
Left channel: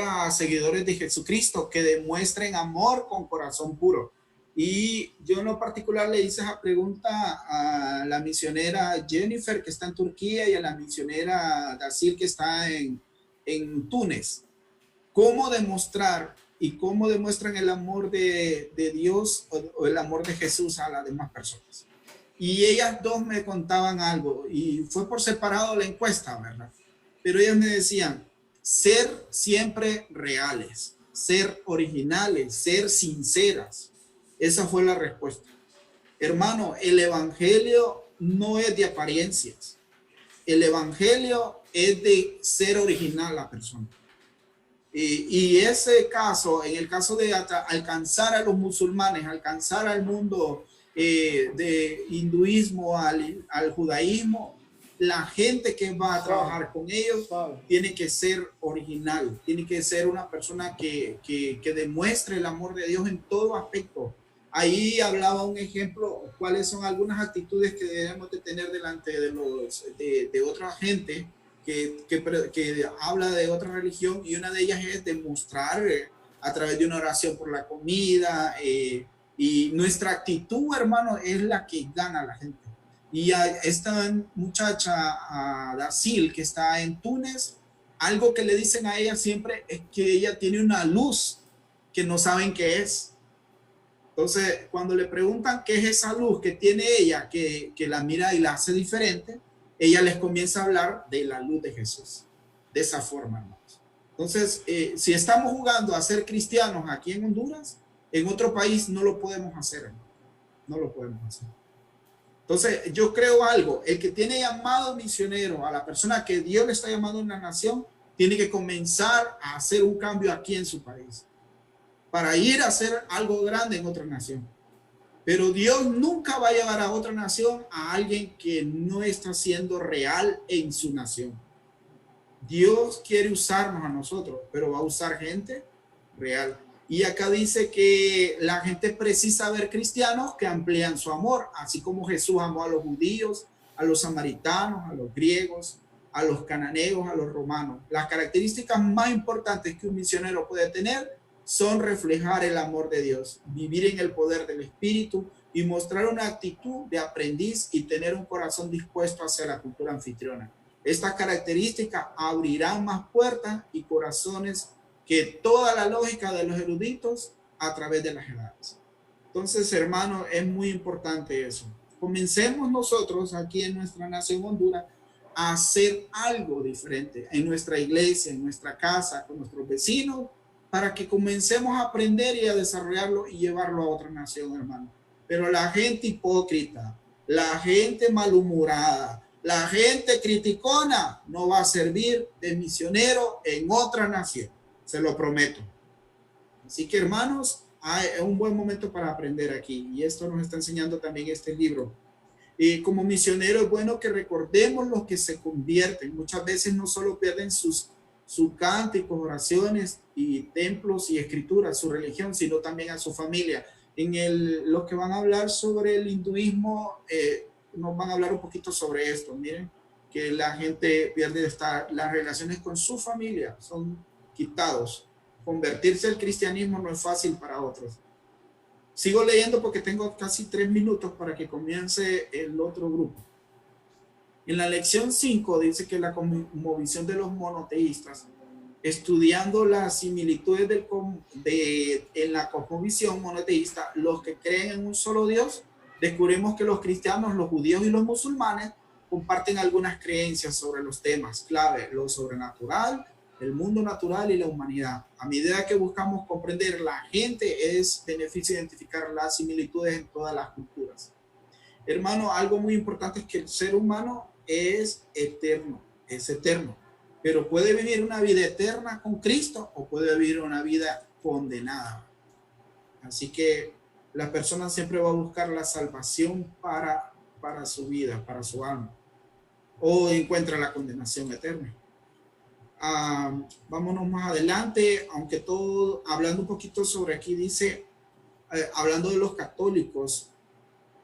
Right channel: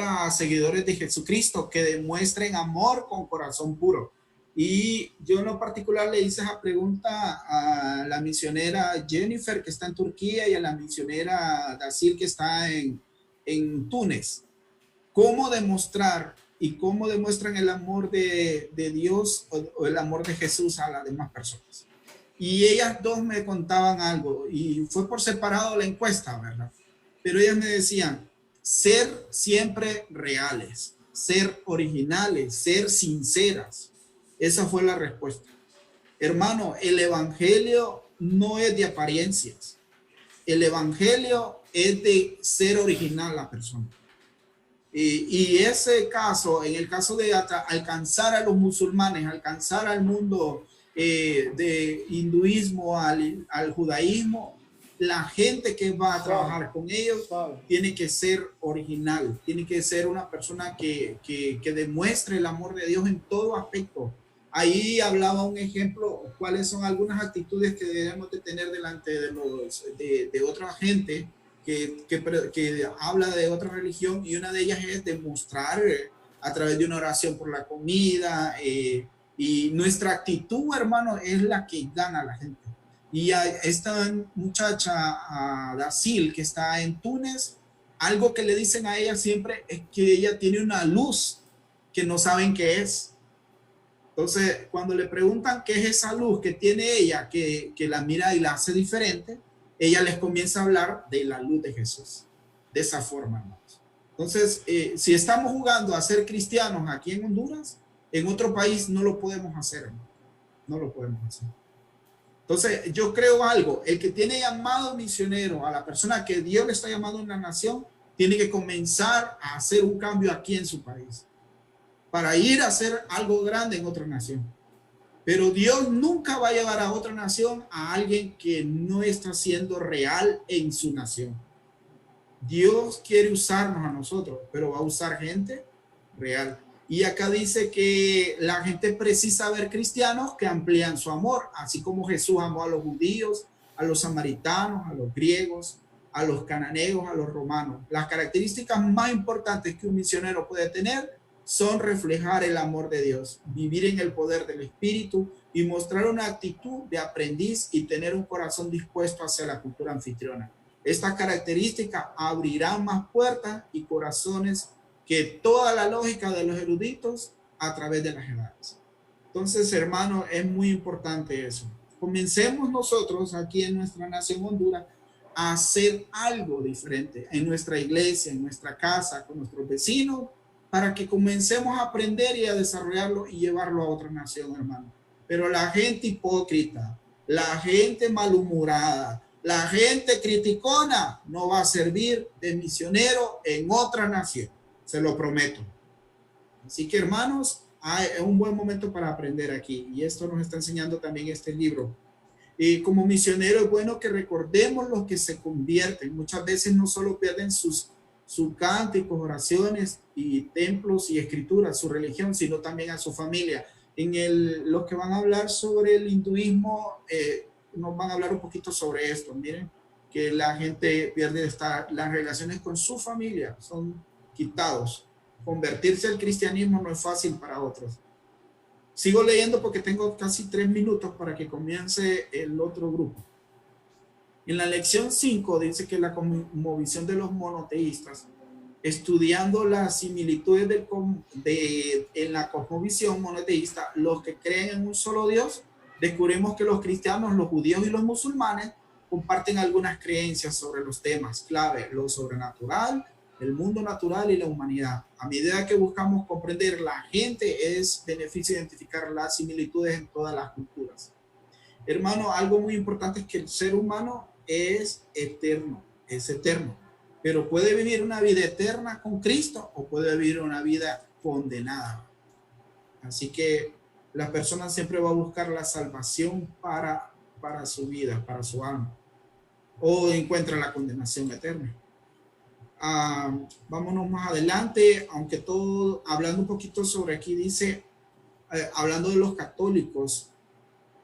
a seguidores de Jesucristo que demuestren amor con corazón puro. Y yo en lo particular le hice esa pregunta a la misionera Jennifer, que está en Turquía, y a la misionera Dacil, que está en Túnez. ¿Cómo demostrar y cómo demuestran el amor de Dios o el amor de Jesús a las demás personas? Y ellas dos me contaban algo, y fue por separado la encuesta, ¿verdad? Pero ellas me decían, ser siempre reales, ser originales, ser sinceras. Esa fue la respuesta. Hermano, el evangelio no es de apariencias. El evangelio es de ser original la persona. Y ese caso, en el caso de alcanzar a los musulmanes, alcanzar al mundo de hinduismo, al judaísmo, la gente que va a trabajar con ellos tiene que ser original, tiene que ser una persona que demuestre el amor de Dios en todo aspecto. Ahí hablaba un ejemplo, cuáles son algunas actitudes que debemos de tener delante de otra gente que habla de otra religión, y una de ellas es demostrar a través de una oración por la comida, y nuestra actitud, hermano, es la que gana a la gente. Y a esta muchacha, a Dacil, que está en Túnez, algo que le dicen a ella siempre es que ella tiene una luz que no saben qué es. Entonces, cuando le preguntan qué es esa luz que tiene ella, que la mira y la hace diferente, ella les comienza a hablar de la luz de Jesús. De esa forma, hermanos. Entonces, si estamos jugando a ser cristianos aquí en Honduras, en otro país no lo podemos hacer, hermano. No lo podemos hacer. Entonces, yo creo algo, el que tiene llamado misionero a la persona que Dios le está llamando en la nación, tiene que comenzar a hacer un cambio aquí en su país, para ir a hacer algo grande en otra nación. Pero Dios nunca va a llevar a otra nación a alguien que no está siendo real en su nación. Dios quiere usarnos a nosotros, pero va a usar gente real. Y acá dice que la gente precisa ver cristianos que amplían su amor, así como Jesús amó a los judíos, a los samaritanos, a los griegos, a los cananeos, a los romanos. Las características más importantes que un misionero puede tener son reflejar el amor de Dios, vivir en el poder del Espíritu y mostrar una actitud de aprendiz y tener un corazón dispuesto hacia la cultura anfitriona. Estas características abrirán más puertas y corazones que toda la lógica de los eruditos a través de las edades. Entonces, hermano, es muy importante eso. Comencemos nosotros aquí en nuestra nación Honduras a hacer algo diferente en nuestra iglesia, en nuestra casa, con nuestros vecinos, para que comencemos a aprender y a desarrollarlo y llevarlo a otra nación, hermano. Pero la gente hipócrita, la gente malhumorada, la gente criticona no va a servir de misionero en otra nación. Se lo prometo. Así que, hermanos, es un buen momento para aprender aquí. Y esto nos está enseñando también este libro. Y como misionero es bueno que recordemos los que se convierten. Muchas veces no solo pierden sus cánticos, oraciones y templos y escrituras, su religión, sino también a su familia. Los que van a hablar sobre el hinduismo, nos van a hablar un poquito sobre esto. Miren, que la gente pierde las relaciones con su familia, son quitados. Convertirse al cristianismo no es fácil para otros. Sigo leyendo porque tengo casi 3 minutos para que comience el otro grupo. En la lección 5 dice que la cosmovisión de los monoteístas, estudiando las similitudes en la cosmovisión monoteísta, los que creen en un solo Dios, descubrimos que los cristianos, los judíos y los musulmanes comparten algunas creencias sobre los temas clave, lo sobrenatural, el mundo natural y la humanidad. A medida que buscamos comprender la gente, es beneficio identificar las similitudes en todas las culturas. Hermano, algo muy importante es que el ser humano es eterno, pero puede vivir una vida eterna con Cristo o puede vivir una vida condenada. Así que la persona siempre va a buscar la salvación para su vida, para su alma, o encuentra la condenación eterna. Vámonos más adelante, aunque todo, hablando un poquito sobre aquí, dice, hablando de los católicos,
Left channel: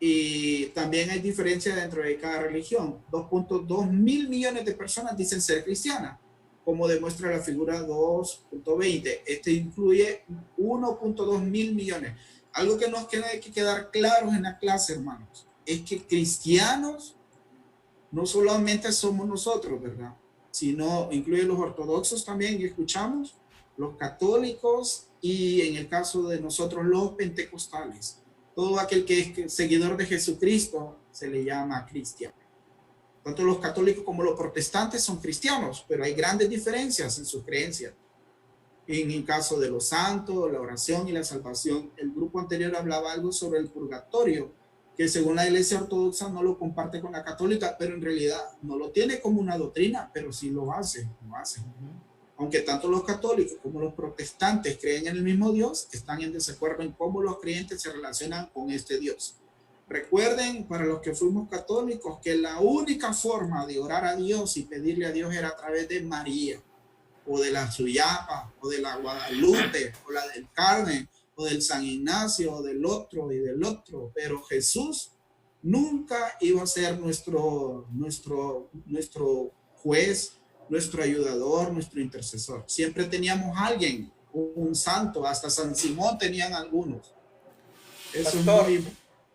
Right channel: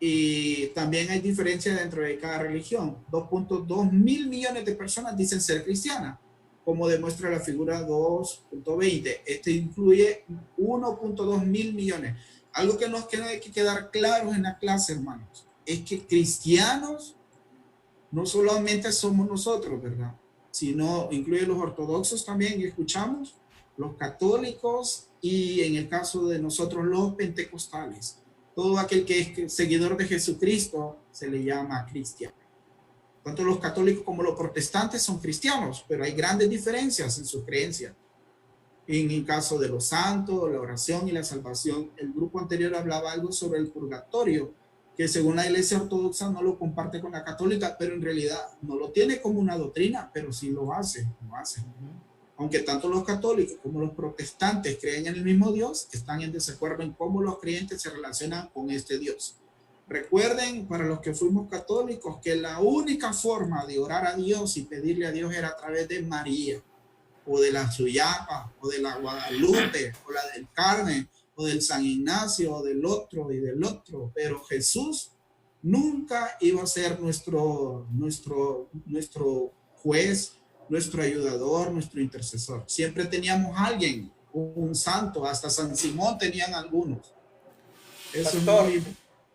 y también hay diferencia dentro de cada religión. 2.2 mil millones de personas dicen ser cristianas, como demuestra la figura 2.20. Este incluye 1.2 mil millones. Algo que nos tiene que quedar claro en la clase, hermanos, es que cristianos no solamente somos nosotros, ¿verdad? Sino incluye los ortodoxos también, y escuchamos, los católicos y en el caso de nosotros los pentecostales. Todo aquel que es seguidor de Jesucristo se le llama cristiano. Tanto los católicos como los protestantes son cristianos, pero hay grandes diferencias en sus creencias. En el caso de los santos, la oración y la salvación, el grupo anterior hablaba algo sobre el purgatorio, que según la iglesia ortodoxa no lo comparte con la católica, pero en realidad no lo tiene como una doctrina, pero sí lo hace. Aunque tanto los católicos como los protestantes creen en el mismo Dios, están en desacuerdo en cómo los creyentes se relacionan con este Dios. Recuerden, para los que fuimos católicos, que la única forma de orar a Dios y pedirle a Dios era a través de María, o de la Suyapa, o de la Guadalupe, o la del Carmen, o del San Ignacio, o del otro y del otro. Pero Jesús nunca iba a ser nuestro juez, nuestro ayudador, nuestro intercesor. Siempre teníamos a alguien, un santo, hasta San Simón tenían algunos. Eso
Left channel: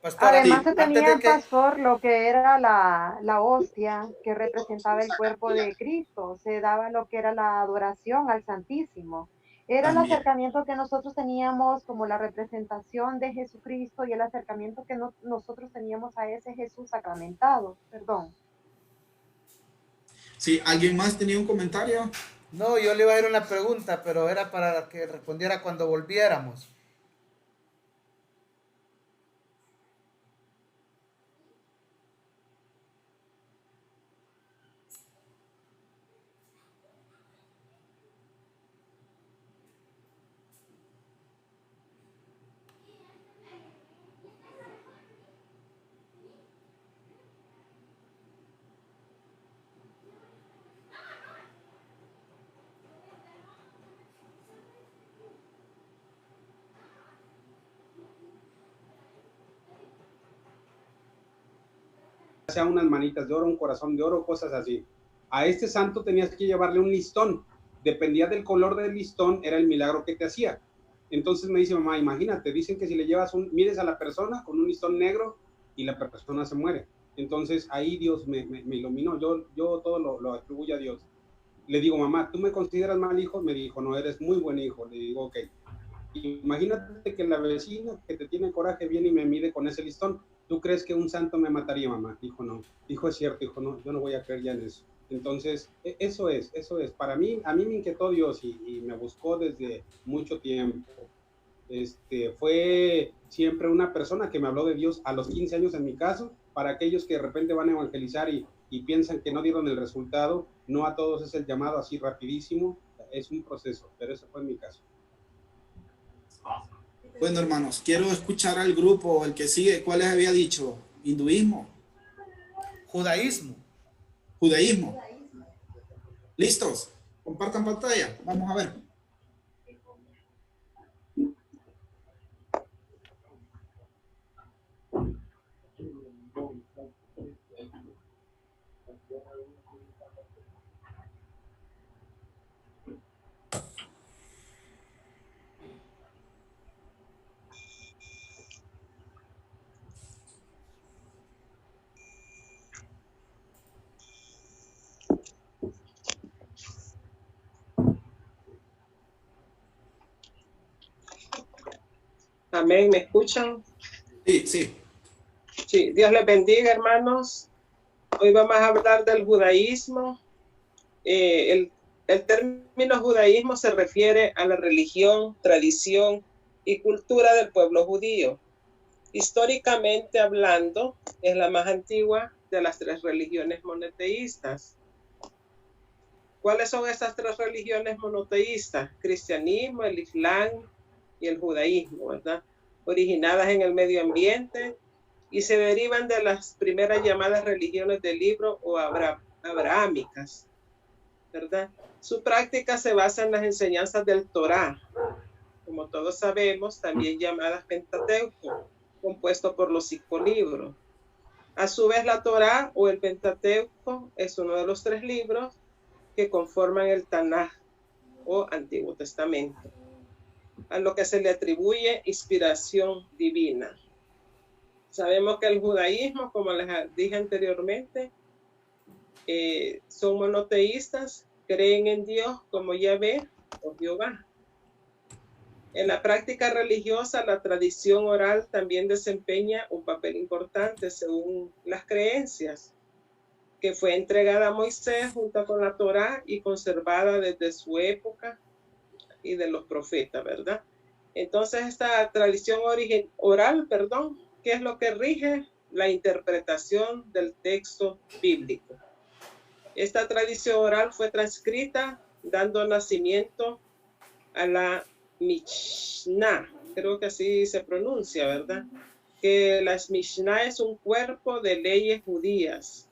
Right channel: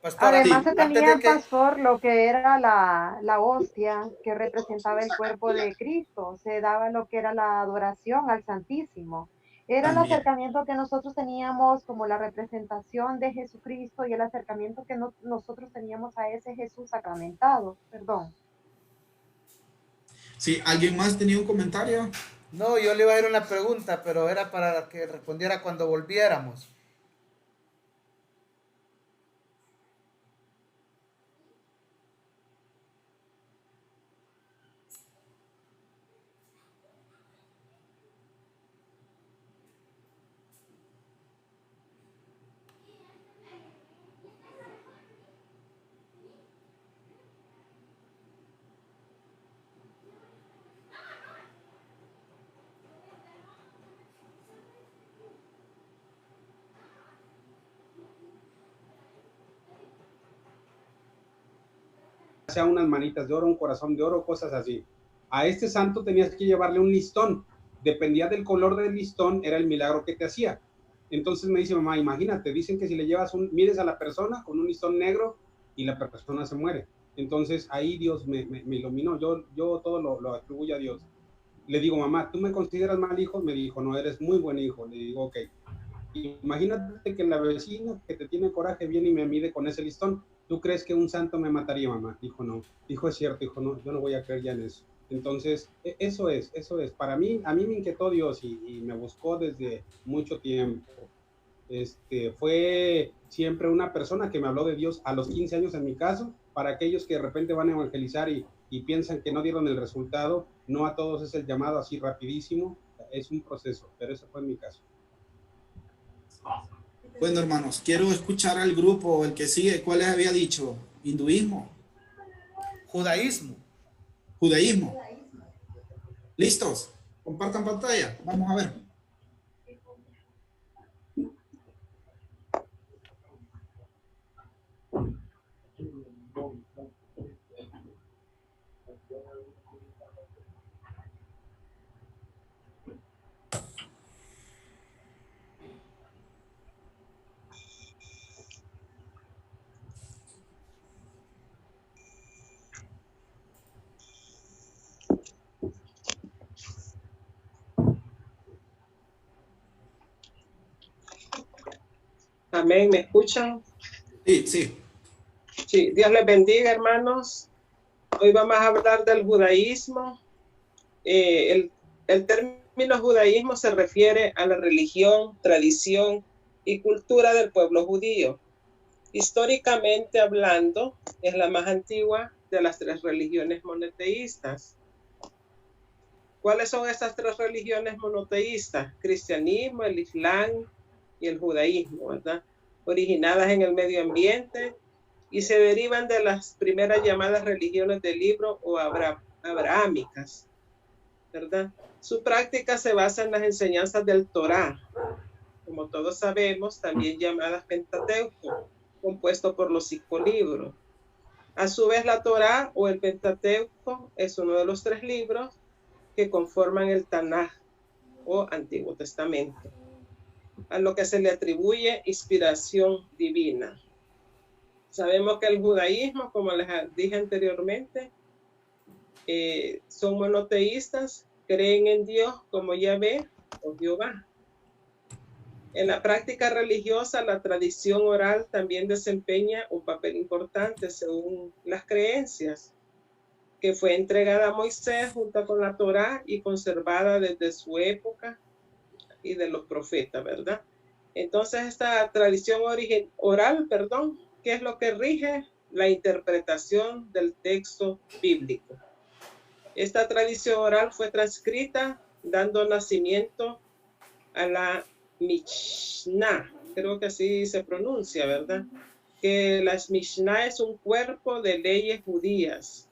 Pastor, además se tenía, pastor, lo que era la hostia que representaba el cuerpo de Cristo. Se daba lo que era la adoración al Santísimo. Era también el acercamiento que nosotros teníamos como la representación de Jesucristo y el acercamiento que nosotros teníamos a ese Jesús sacramentado. Perdón. Sí, ¿alguien más tenía un comentario? No, yo le iba a hacer una pregunta, pero era para que respondiera cuando volviéramos. Sea unas manitas de oro, un corazón de oro, cosas así. A este santo tenías que llevarle un listón. Dependía del color del listón, era el milagro que te hacía. Entonces me dice, mamá, imagínate, dicen que si le llevas mires a la persona con un listón negro y la persona se muere. Entonces ahí Dios me iluminó. Yo todo lo atribuyo a Dios. Le digo, mamá, ¿tú me consideras mal hijo? Me dijo, no, eres muy buen hijo. Le digo, ok. Imagínate que la vecina que te tiene coraje viene y me mide con ese listón. ¿Tú crees que un santo me mataría, mamá? Dijo, no. Dijo, es cierto. Dijo, no, yo no voy a creer ya en eso. Entonces, eso es. Para mí, a mí me inquietó Dios y me buscó desde mucho tiempo. Fue siempre una persona que me habló de Dios a los 15 años en mi caso. Para aquellos que de repente van a evangelizar y piensan que no dieron el resultado, no a todos es el llamado así rapidísimo. Es un proceso, pero eso fue en mi caso. Bueno, hermanos, quiero escuchar al grupo, el que sigue. ¿Cuál les había dicho? ¿Hinduismo? Judaísmo. Judaísmo. ¿Listos? Compartan pantalla. Vamos a ver. Amén, ¿me escuchan? Sí, sí. Sí, Dios les bendiga, hermanos. Hoy vamos a hablar del judaísmo. El término término judaísmo se refiere a la religión, tradición y cultura del pueblo judío. Históricamente hablando, es la más antigua de las tres religiones monoteístas. ¿Cuáles son estas tres religiones monoteístas? Cristianismo, el Islam y el judaísmo, ¿verdad? Originadas en el medio ambiente y se derivan de las primeras llamadas religiones del libro o abrahámicas, ¿verdad? Su práctica se basa en las enseñanzas del Torá, como todos sabemos, también llamadas Pentateuco, compuesto por los 5 libros. A su vez, la Torá o el Pentateuco es uno de los 3 libros que conforman el Tanaj o Antiguo Testamento, a lo que se le atribuye inspiración divina. Sabemos que el judaísmo, como les dije anteriormente, son monoteístas, creen en Dios como Yahvé o Jehová. En la práctica religiosa, la tradición oral también desempeña un papel importante según las creencias, que fue entregada a Moisés junto con la Torá y conservada desde su época y de los profetas, ¿verdad? Entonces, esta tradición oral, ¿qué es lo que rige? La interpretación del texto bíblico. Esta tradición oral fue transcrita dando nacimiento a la Mishnah, creo que así se pronuncia, ¿verdad? Que la Mishnah es un cuerpo de leyes judías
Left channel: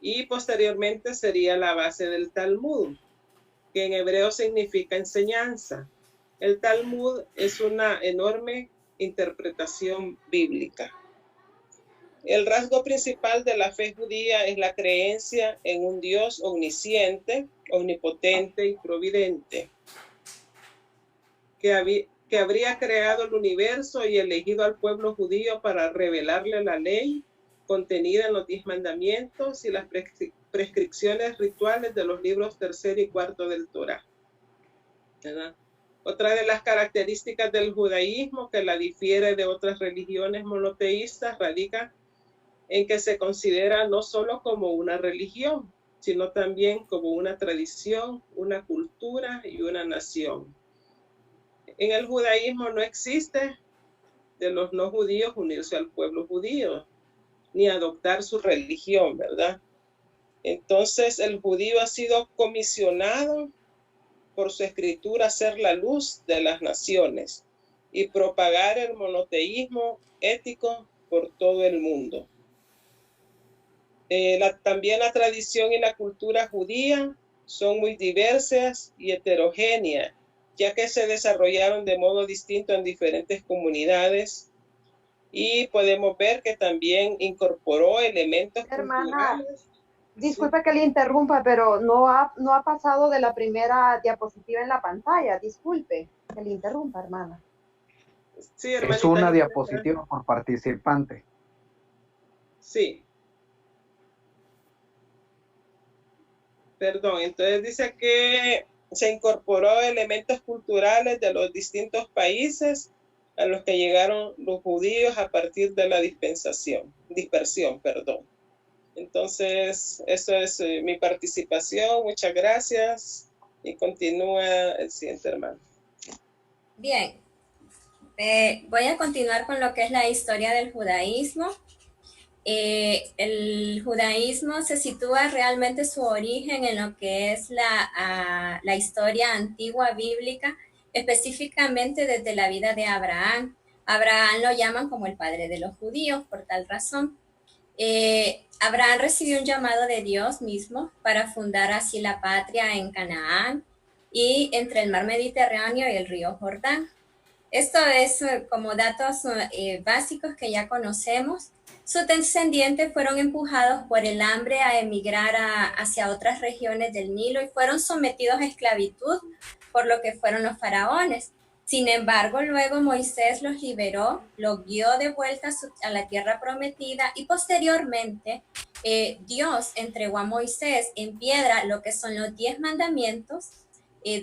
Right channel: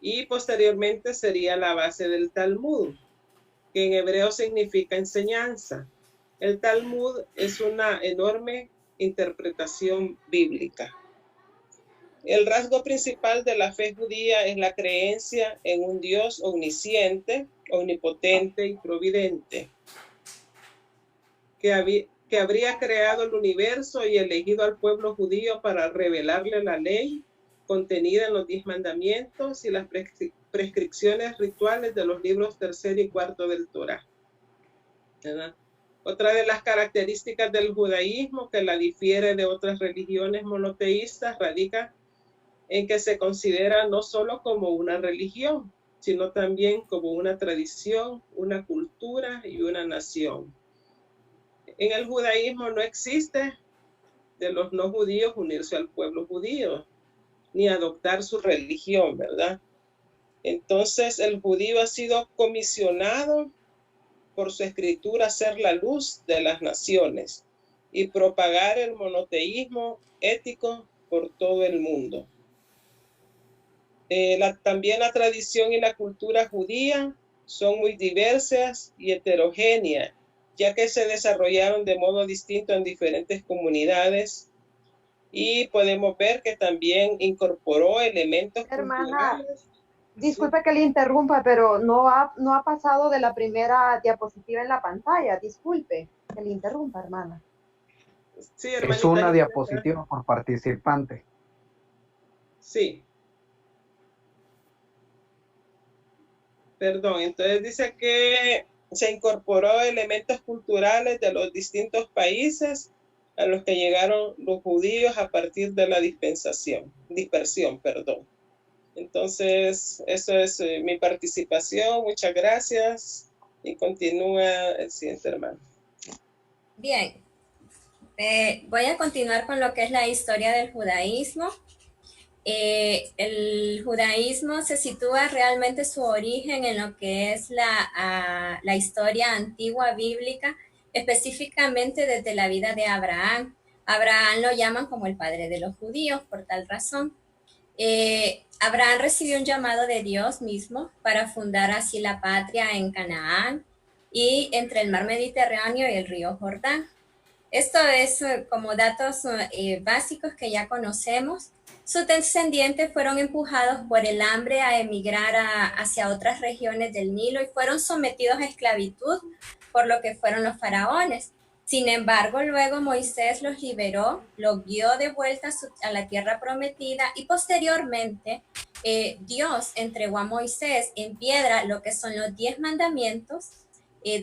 y posteriormente sería la base del Talmud, que en hebreo significa enseñanza. El Talmud es una enorme interpretación bíblica. El rasgo principal de la fe judía es la creencia en un Dios omnisciente, omnipotente y providente, que habría creado el universo y elegido al pueblo judío para revelarle la ley contenida en los 10 mandamientos y las prescripciones rituales de los libros 3 y 4 del Torá, ¿verdad? Otra de las características del judaísmo que la difiere de otras religiones monoteístas radica en que se considera no solo como una religión, sino también como una tradición, una cultura y una nación. En el judaísmo no existe de los no judíos unirse al pueblo judío, ni adoptar su religión, ¿verdad? Entonces el judío ha sido comisionado por su escritura a ser la luz de las naciones y propagar el monoteísmo ético por todo el mundo. También la tradición y la cultura judía son muy diversas y heterogéneas, ya que se desarrollaron de modo distinto en diferentes comunidades y podemos ver que también incorporó elementos culturales. Disculpe que le interrumpa, pero no ha pasado de la primera diapositiva en la pantalla. Disculpe que le interrumpa, hermana. Sí, es una diapositiva por participante. Sí. Perdón, entonces dice que se incorporó elementos culturales de los distintos países a los que llegaron los judíos a partir de la dispersión. Entonces, eso es mi participación. Muchas gracias. Y continúa el siguiente hermano. Bien. Voy a continuar con lo que es la historia del judaísmo. El judaísmo se sitúa realmente su origen en lo que es la historia antigua bíblica, específicamente desde la vida de Abraham. Abraham lo llaman como el padre de los judíos por tal razón. Abraham recibió un llamado de Dios mismo para fundar así la patria en Canaán y entre el mar Mediterráneo y el río Jordán. Esto es como datos básicos que ya conocemos. Sus descendientes fueron empujados por el hambre a emigrar hacia otras regiones del Nilo y fueron sometidos a esclavitud por lo que fueron los faraones. Sin embargo, luego Moisés los liberó, los guió de vuelta a la tierra prometida y posteriormente Dios entregó a Moisés en piedra lo que son los 10 mandamientos,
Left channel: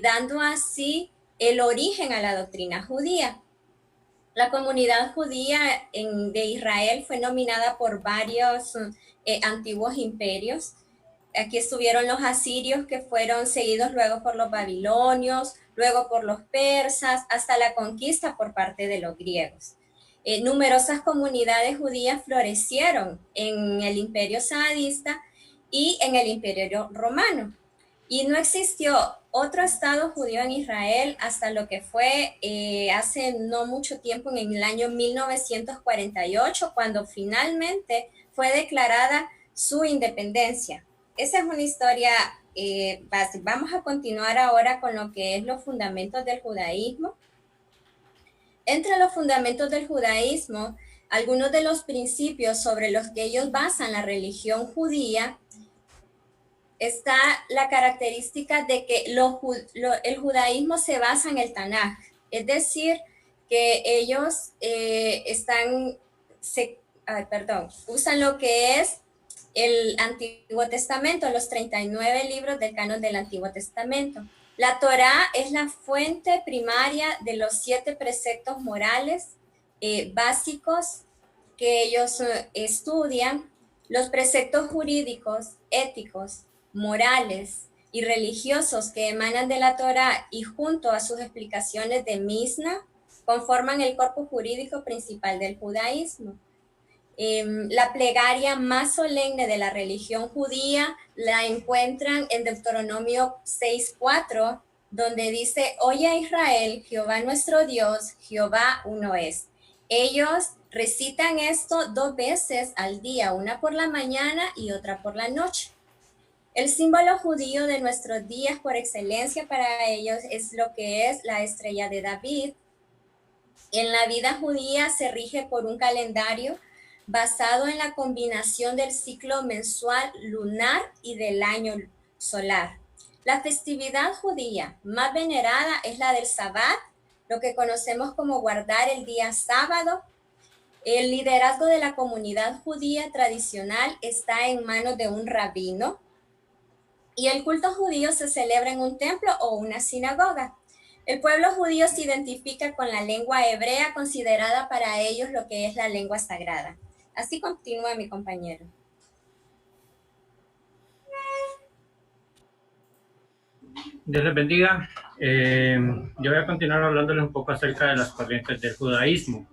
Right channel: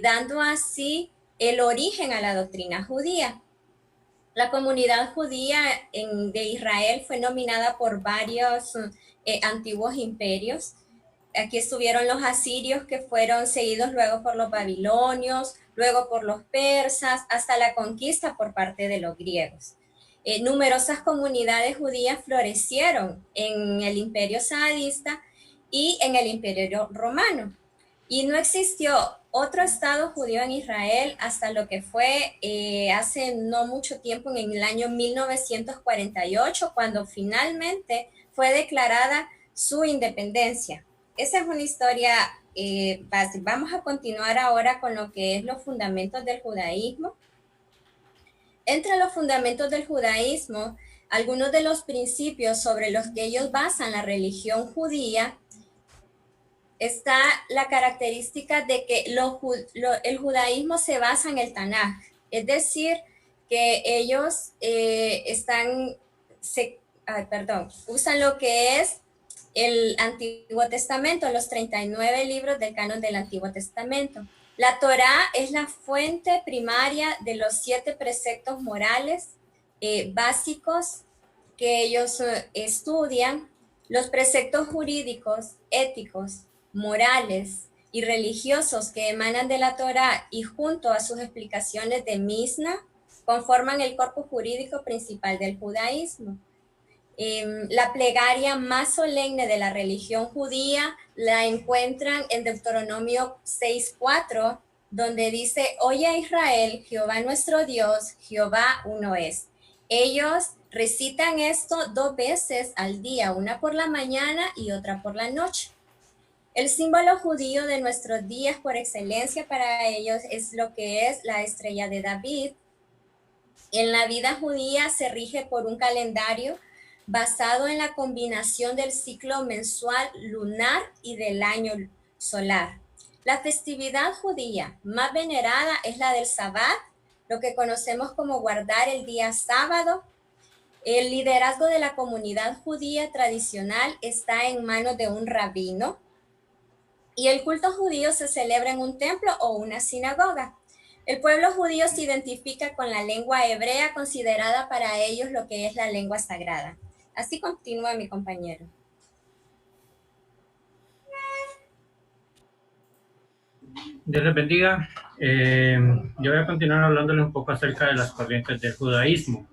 dando así el origen a la doctrina judía. La comunidad judía de Israel fue nominada por varios antiguos imperios aquí estuvieron los asirios, que fueron seguidos luego por los babilonios, luego por los persas, hasta la conquista por parte de los griegos. Numerosas comunidades judías florecieron en el imperio saladista y en el imperio romano. Y no existió otro estado judío en Israel hasta lo que fue hace no mucho tiempo, en el año 1948, cuando finalmente fue declarada su independencia. Esa es una historia básica. Vamos a continuar ahora con lo que es los fundamentos del judaísmo. Entre los fundamentos del judaísmo, algunos de los principios sobre los que ellos basan la religión judía, está la característica de que el judaísmo se basa en el Tanaj, es decir, que ellos usan lo que es el Antiguo Testamento, los 39 libros del canon del Antiguo Testamento. La Torá es la fuente primaria de los 7 preceptos morales básicos que ellos estudian. Los preceptos jurídicos, éticos, morales y religiosos que emanan de la Torá y junto a sus explicaciones de Mishnah conforman el corpus jurídico principal del judaísmo. La plegaria más solemne de la religión judía la encuentran en Deuteronomio 6:4, donde dice: Oye Israel, Jehová nuestro Dios, Jehová uno es. Ellos recitan esto 2 veces al día, una por la mañana y otra por la noche. El símbolo judío de nuestros días por excelencia para ellos es lo que es la estrella de David. En la vida judía se rige por un calendario basado en la combinación del ciclo mensual lunar y del año solar. La festividad judía más venerada es la del Sabbat, lo que conocemos como guardar el día sábado. El liderazgo de la comunidad judía tradicional está en manos de un rabino y el culto judío se celebra en un templo o una sinagoga. El pueblo judío se identifica con la lengua hebrea, considerada para ellos lo que es la lengua sagrada. Así continúa mi compañero. Dios les bendiga. Yo voy a continuar hablándoles un poco acerca de las corrientes del judaísmo.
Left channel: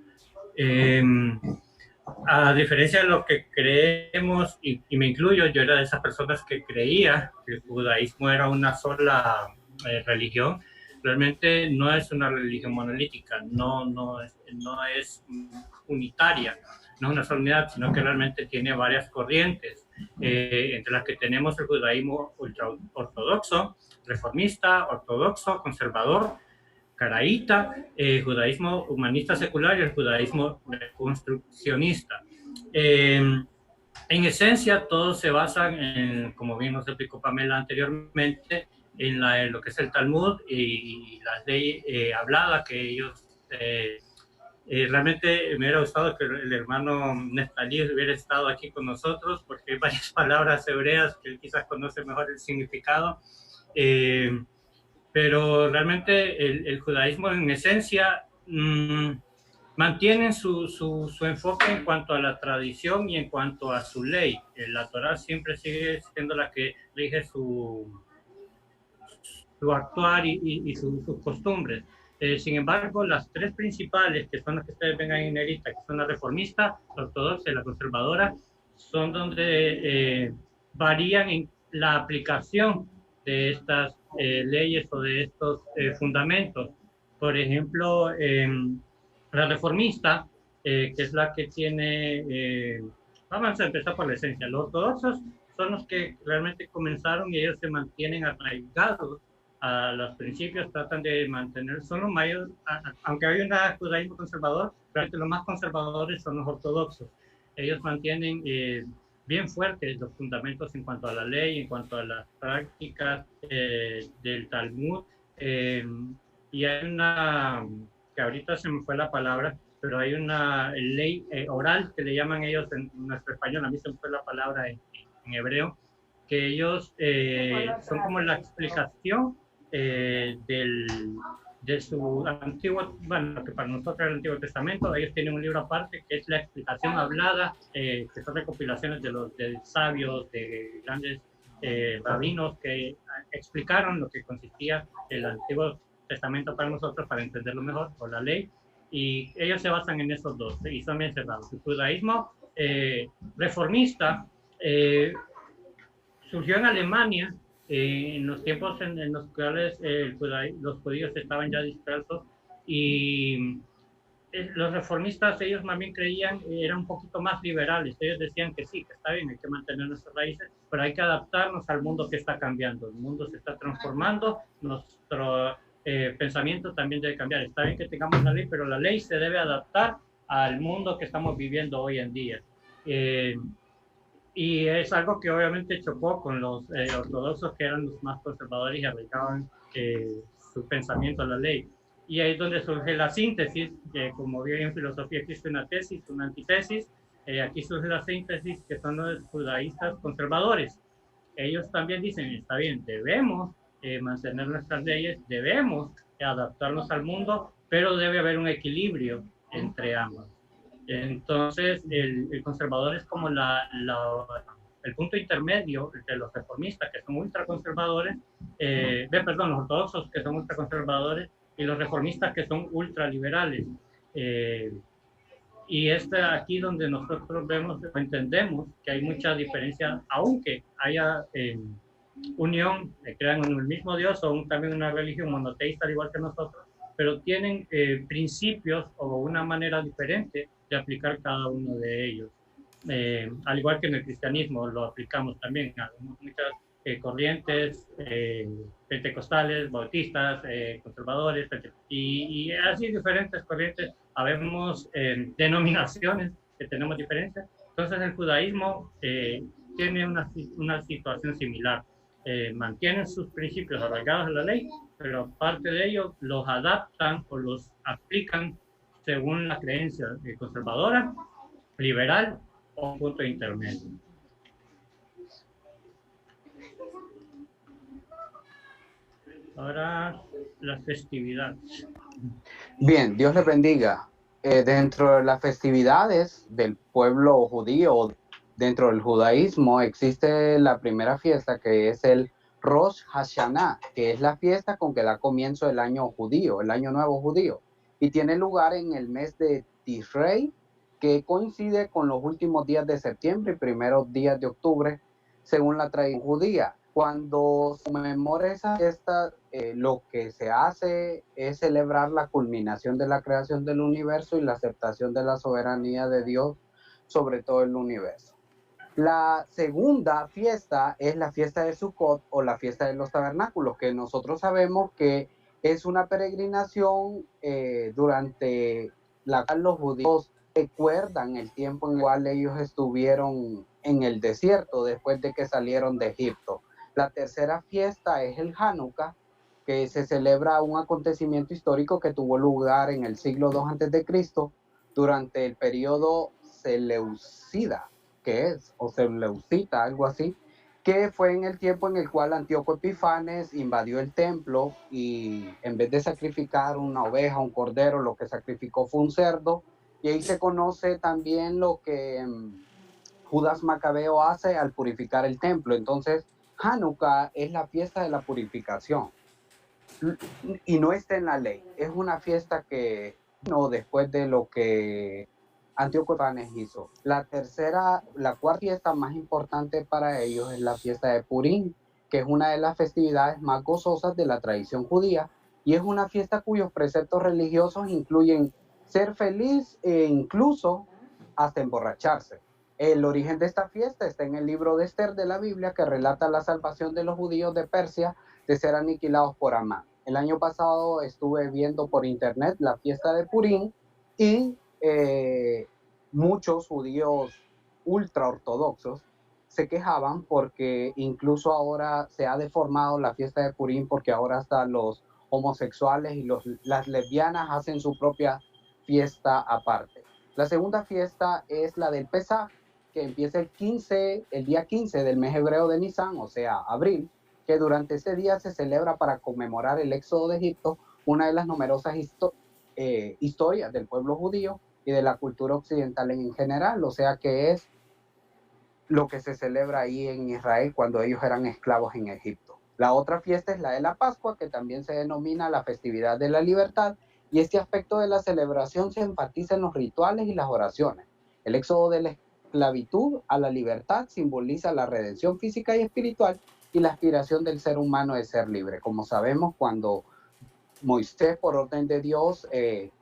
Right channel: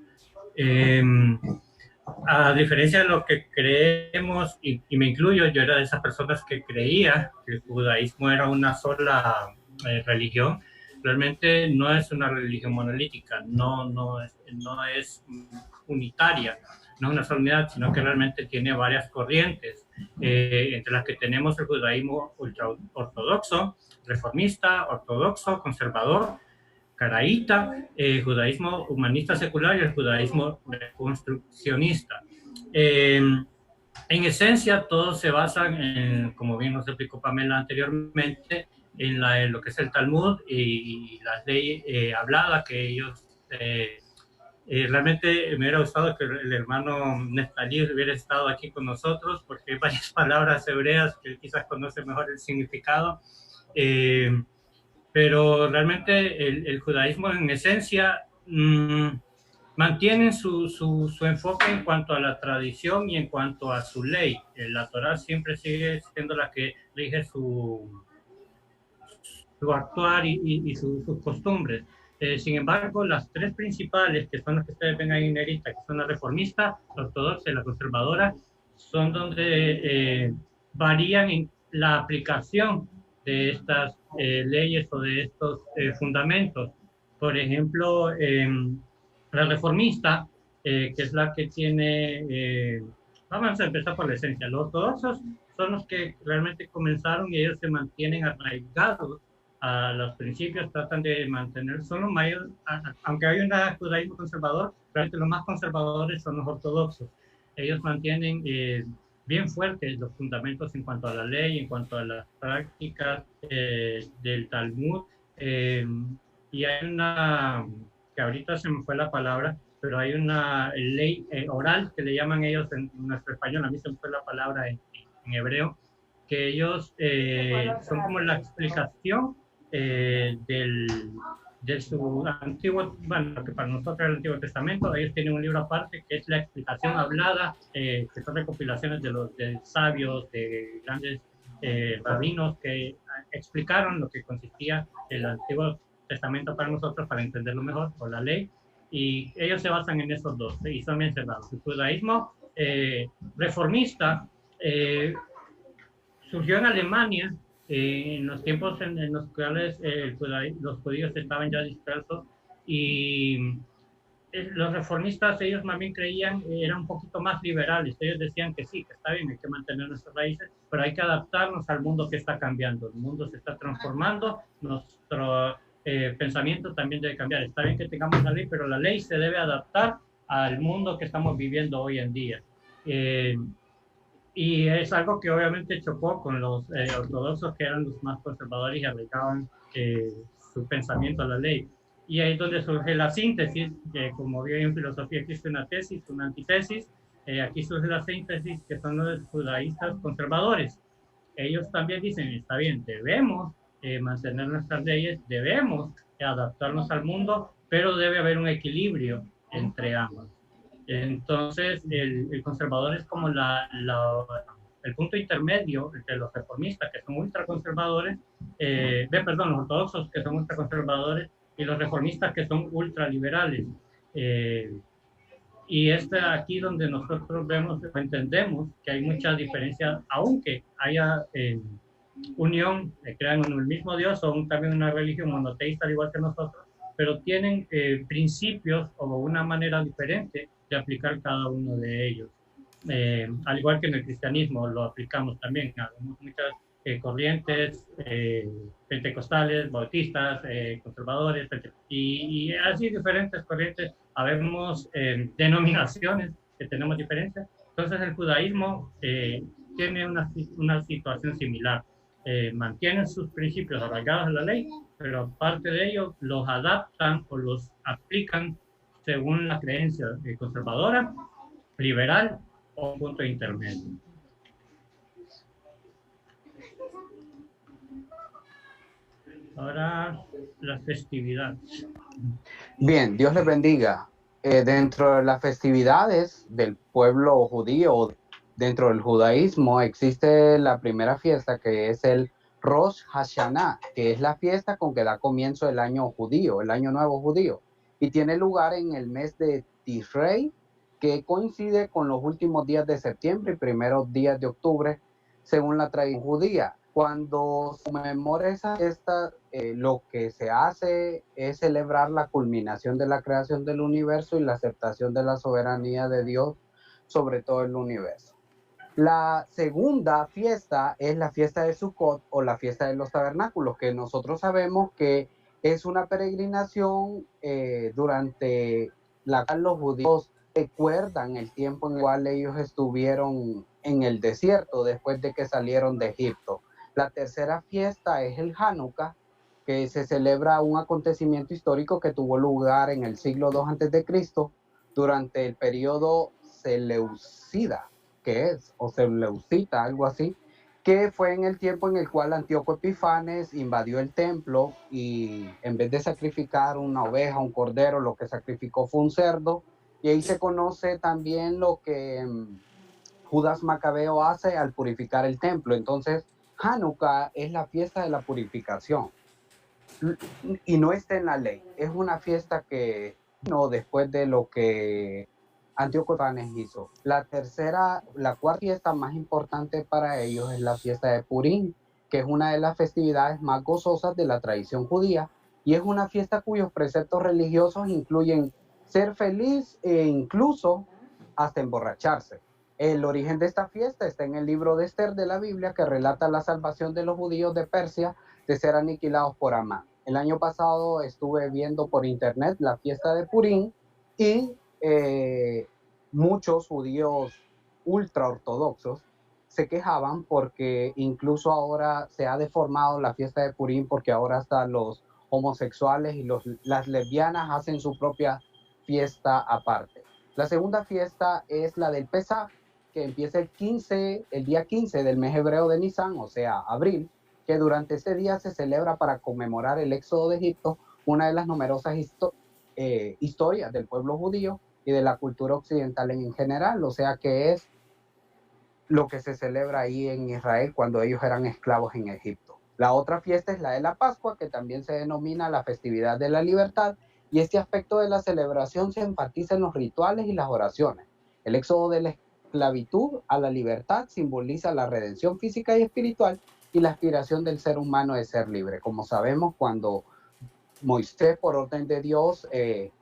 A diferencia de lo que creemos, y me incluyo, yo era de esas personas que creía que el judaísmo era una sola religión. Realmente no es una religión monolítica, no es unitaria, no es una sola unidad, sino que realmente tiene varias corrientes, entre las que tenemos el judaísmo ultraortodoxo, reformista, ortodoxo, conservador, caraíta, judaísmo humanista secular y el judaísmo reconstruccionista. En esencia, todos se basan en, como bien nos explicó Pamela anteriormente, en lo que es el Talmud y las leyes habladas que ellos... realmente me hubiera gustado que el hermano Neftalí hubiera estado aquí con nosotros, porque hay varias palabras hebreas que él quizás conoce mejor el significado. Pero realmente el judaísmo en esencia mantiene su enfoque en cuanto a la tradición y en cuanto a su ley. La Torá siempre sigue siendo la que rige su actuar y sus costumbres. Sin embargo, las 3 principales, que son las que ustedes ven ahí en negrita, que son la reformista, la ortodoxa y la conservadora, son donde varían en la aplicación de estas leyes o de estos fundamentos. Por ejemplo, la reformista, que es la que tiene, vamos a empezar por la esencia. Los ortodoxos son los que realmente comenzaron y ellos se mantienen arraigados a los principios, tratan de mantener, son los mayores, aunque hay un judaísmo conservador, realmente los más conservadores son los ortodoxos. Ellos mantienen bien fuertes los fundamentos en cuanto a la ley, en cuanto a las prácticas del Talmud, y hay una, que ahorita se me fue la palabra, pero hay una ley oral que le llaman ellos en nuestro español, a mí se me fue la palabra en hebreo, que ellos son como la explicación de su antiguo, bueno, que para nosotros es el Antiguo Testamento. Ellos tienen un libro aparte que es la explicación hablada, que son recopilaciones de sabios, de grandes rabinos que explicaron lo que consistía el Antiguo Testamento para nosotros, para entenderlo mejor, o la ley, y ellos se basan en esos dos, y son bien cerrados. El judaísmo reformista surgió en Alemania, en los tiempos en los cuales los judíos estaban ya dispersos, y los reformistas, ellos más bien creían, eran un poquito más liberales. Ellos decían que sí, que está bien, hay que mantener nuestras raíces, pero hay que adaptarnos al mundo que está cambiando. El mundo se está transformando, nuestro pensamiento también debe cambiar. Está bien que tengamos la ley, pero la ley se debe adaptar al mundo que estamos viviendo hoy en día. Y es algo que obviamente chocó con los ortodoxos, que eran los más conservadores y aplicaban su pensamiento a la ley. Y ahí es donde surge la síntesis, que como bien en filosofía existe una tesis, una antítesis, aquí surge la síntesis, que son los judaístas conservadores. Ellos también dicen, está bien, debemos mantener nuestras leyes, debemos adaptarnos al mundo, pero debe haber un equilibrio entre ambos. Entonces, el conservador es como el punto intermedio entre los reformistas, que son ultraconservadores, los ortodoxos, que son ultraconservadores, y los reformistas, que son ultraliberales. Y es aquí donde nosotros entendemos que hay mucha diferencia, aunque haya unión, crean en el mismo Dios, o también una religión monoteísta al igual que nosotros, pero tienen principios o una manera diferente de aplicar cada uno de ellos. Al igual que en el cristianismo lo aplicamos también. Hay muchas corrientes pentecostales, bautistas, conservadores, y así diferentes corrientes. Habemos denominaciones que tenemos diferencias. Entonces el judaísmo tiene una situación similar. Mantienen sus principios arraigados en la ley, pero aparte de ello los adaptan o los aplican según la creencia conservadora, liberal o un punto intermedio. Ahora las festividades. Bien, Dios les bendiga. Dentro de las festividades del pueblo judío, dentro del judaísmo, existe la primera fiesta, que es el Rosh Hashanah, que es la fiesta con que da comienzo el año judío, el año nuevo judío, y tiene lugar en el mes de Tishrei, que coincide con los últimos días de septiembre y primeros días de octubre, según la tradición judía. Cuando se conmemora esa fiesta, lo que se hace es celebrar la culminación de la creación del universo y la aceptación de la soberanía de Dios sobre todo el universo. La segunda fiesta es la fiesta de Sukkot, o la fiesta de los tabernáculos, que nosotros sabemos que es una peregrinación durante la cual los judíos recuerdan el tiempo en el cual ellos estuvieron en el desierto después de que salieron de Egipto. La tercera fiesta es el Hanukkah, que se celebra un acontecimiento histórico que tuvo lugar en el siglo II a.C. durante el periodo Seleucida, o Seleucita, algo así, que fue en el tiempo en el cual Antíoco Epifanes invadió el templo y en vez de sacrificar una oveja, un cordero, lo que sacrificó fue un cerdo, y ahí se conoce también lo que Judas Macabeo hace al purificar el templo. Entonces, Hanukkah es la fiesta de la purificación y no está en la ley, es una fiesta que no después de lo que Antíoco Epifanes hizo. La cuarta fiesta más importante para ellos es la fiesta de Purim, que es una de las festividades más gozosas de la tradición judía, y es una fiesta cuyos preceptos religiosos incluyen ser feliz e incluso hasta emborracharse. El origen de esta fiesta está en el libro de Esther de la Biblia, que relata la salvación de los judíos de Persia de ser aniquilados por Amán. El año pasado estuve viendo por internet la fiesta de Purim y muchos judíos ultraortodoxos se quejaban porque incluso ahora se ha deformado la fiesta de Purim, porque ahora hasta los homosexuales y las lesbianas hacen su propia fiesta aparte. La segunda fiesta es la del Pesaj, que empieza el día 15 del mes hebreo de Nisan, o sea, abril, que durante ese día se celebra para conmemorar el éxodo de Egipto, una de las numerosas historias del pueblo judío y de la cultura occidental en general, o sea que es lo que se celebra ahí en Israel cuando ellos eran esclavos en Egipto. La otra fiesta es la de la Pascua, que también se denomina la festividad de la libertad, y este aspecto de la celebración se enfatiza en los rituales y las oraciones. El éxodo de la esclavitud a la libertad simboliza la redención física y espiritual y la aspiración del ser humano de ser libre. Como sabemos, cuando Moisés, por orden de Dios,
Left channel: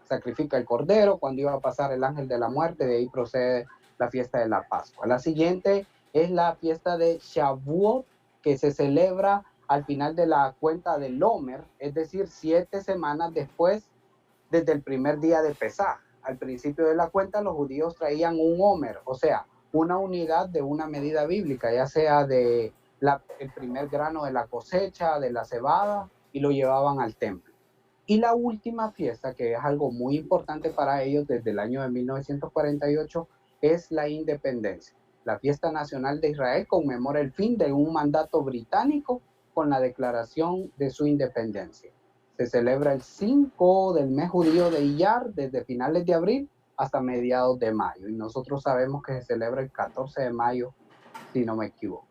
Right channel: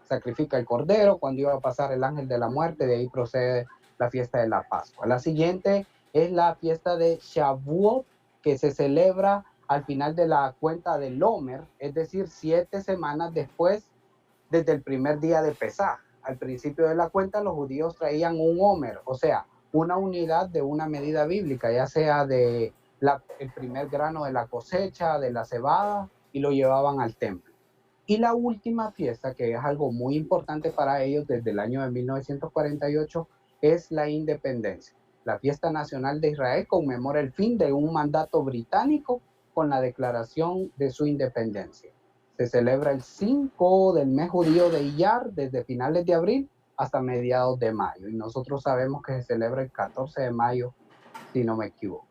sacrifica el cordero, cuando iba a pasar el ángel de la muerte, de ahí procede la fiesta de la Pascua. La siguiente es la fiesta de Shavuot, que se celebra al final de la cuenta del Omer, es decir, 7 semanas después, desde el primer día de Pesaj. Al principio de la cuenta, los judíos traían un Omer, o sea, una unidad de una medida bíblica, ya sea de el primer grano de la cosecha, de la cebada, y lo llevaban al templo. Y la última fiesta, que es algo muy importante para ellos desde el año de 1948, es la independencia. La fiesta nacional de Israel conmemora el fin de un mandato británico con la declaración de su independencia. Se celebra el 5 del mes judío de Iyar, desde finales de abril hasta mediados de mayo. Y nosotros sabemos que se celebra el 14 de mayo, si no me equivoco.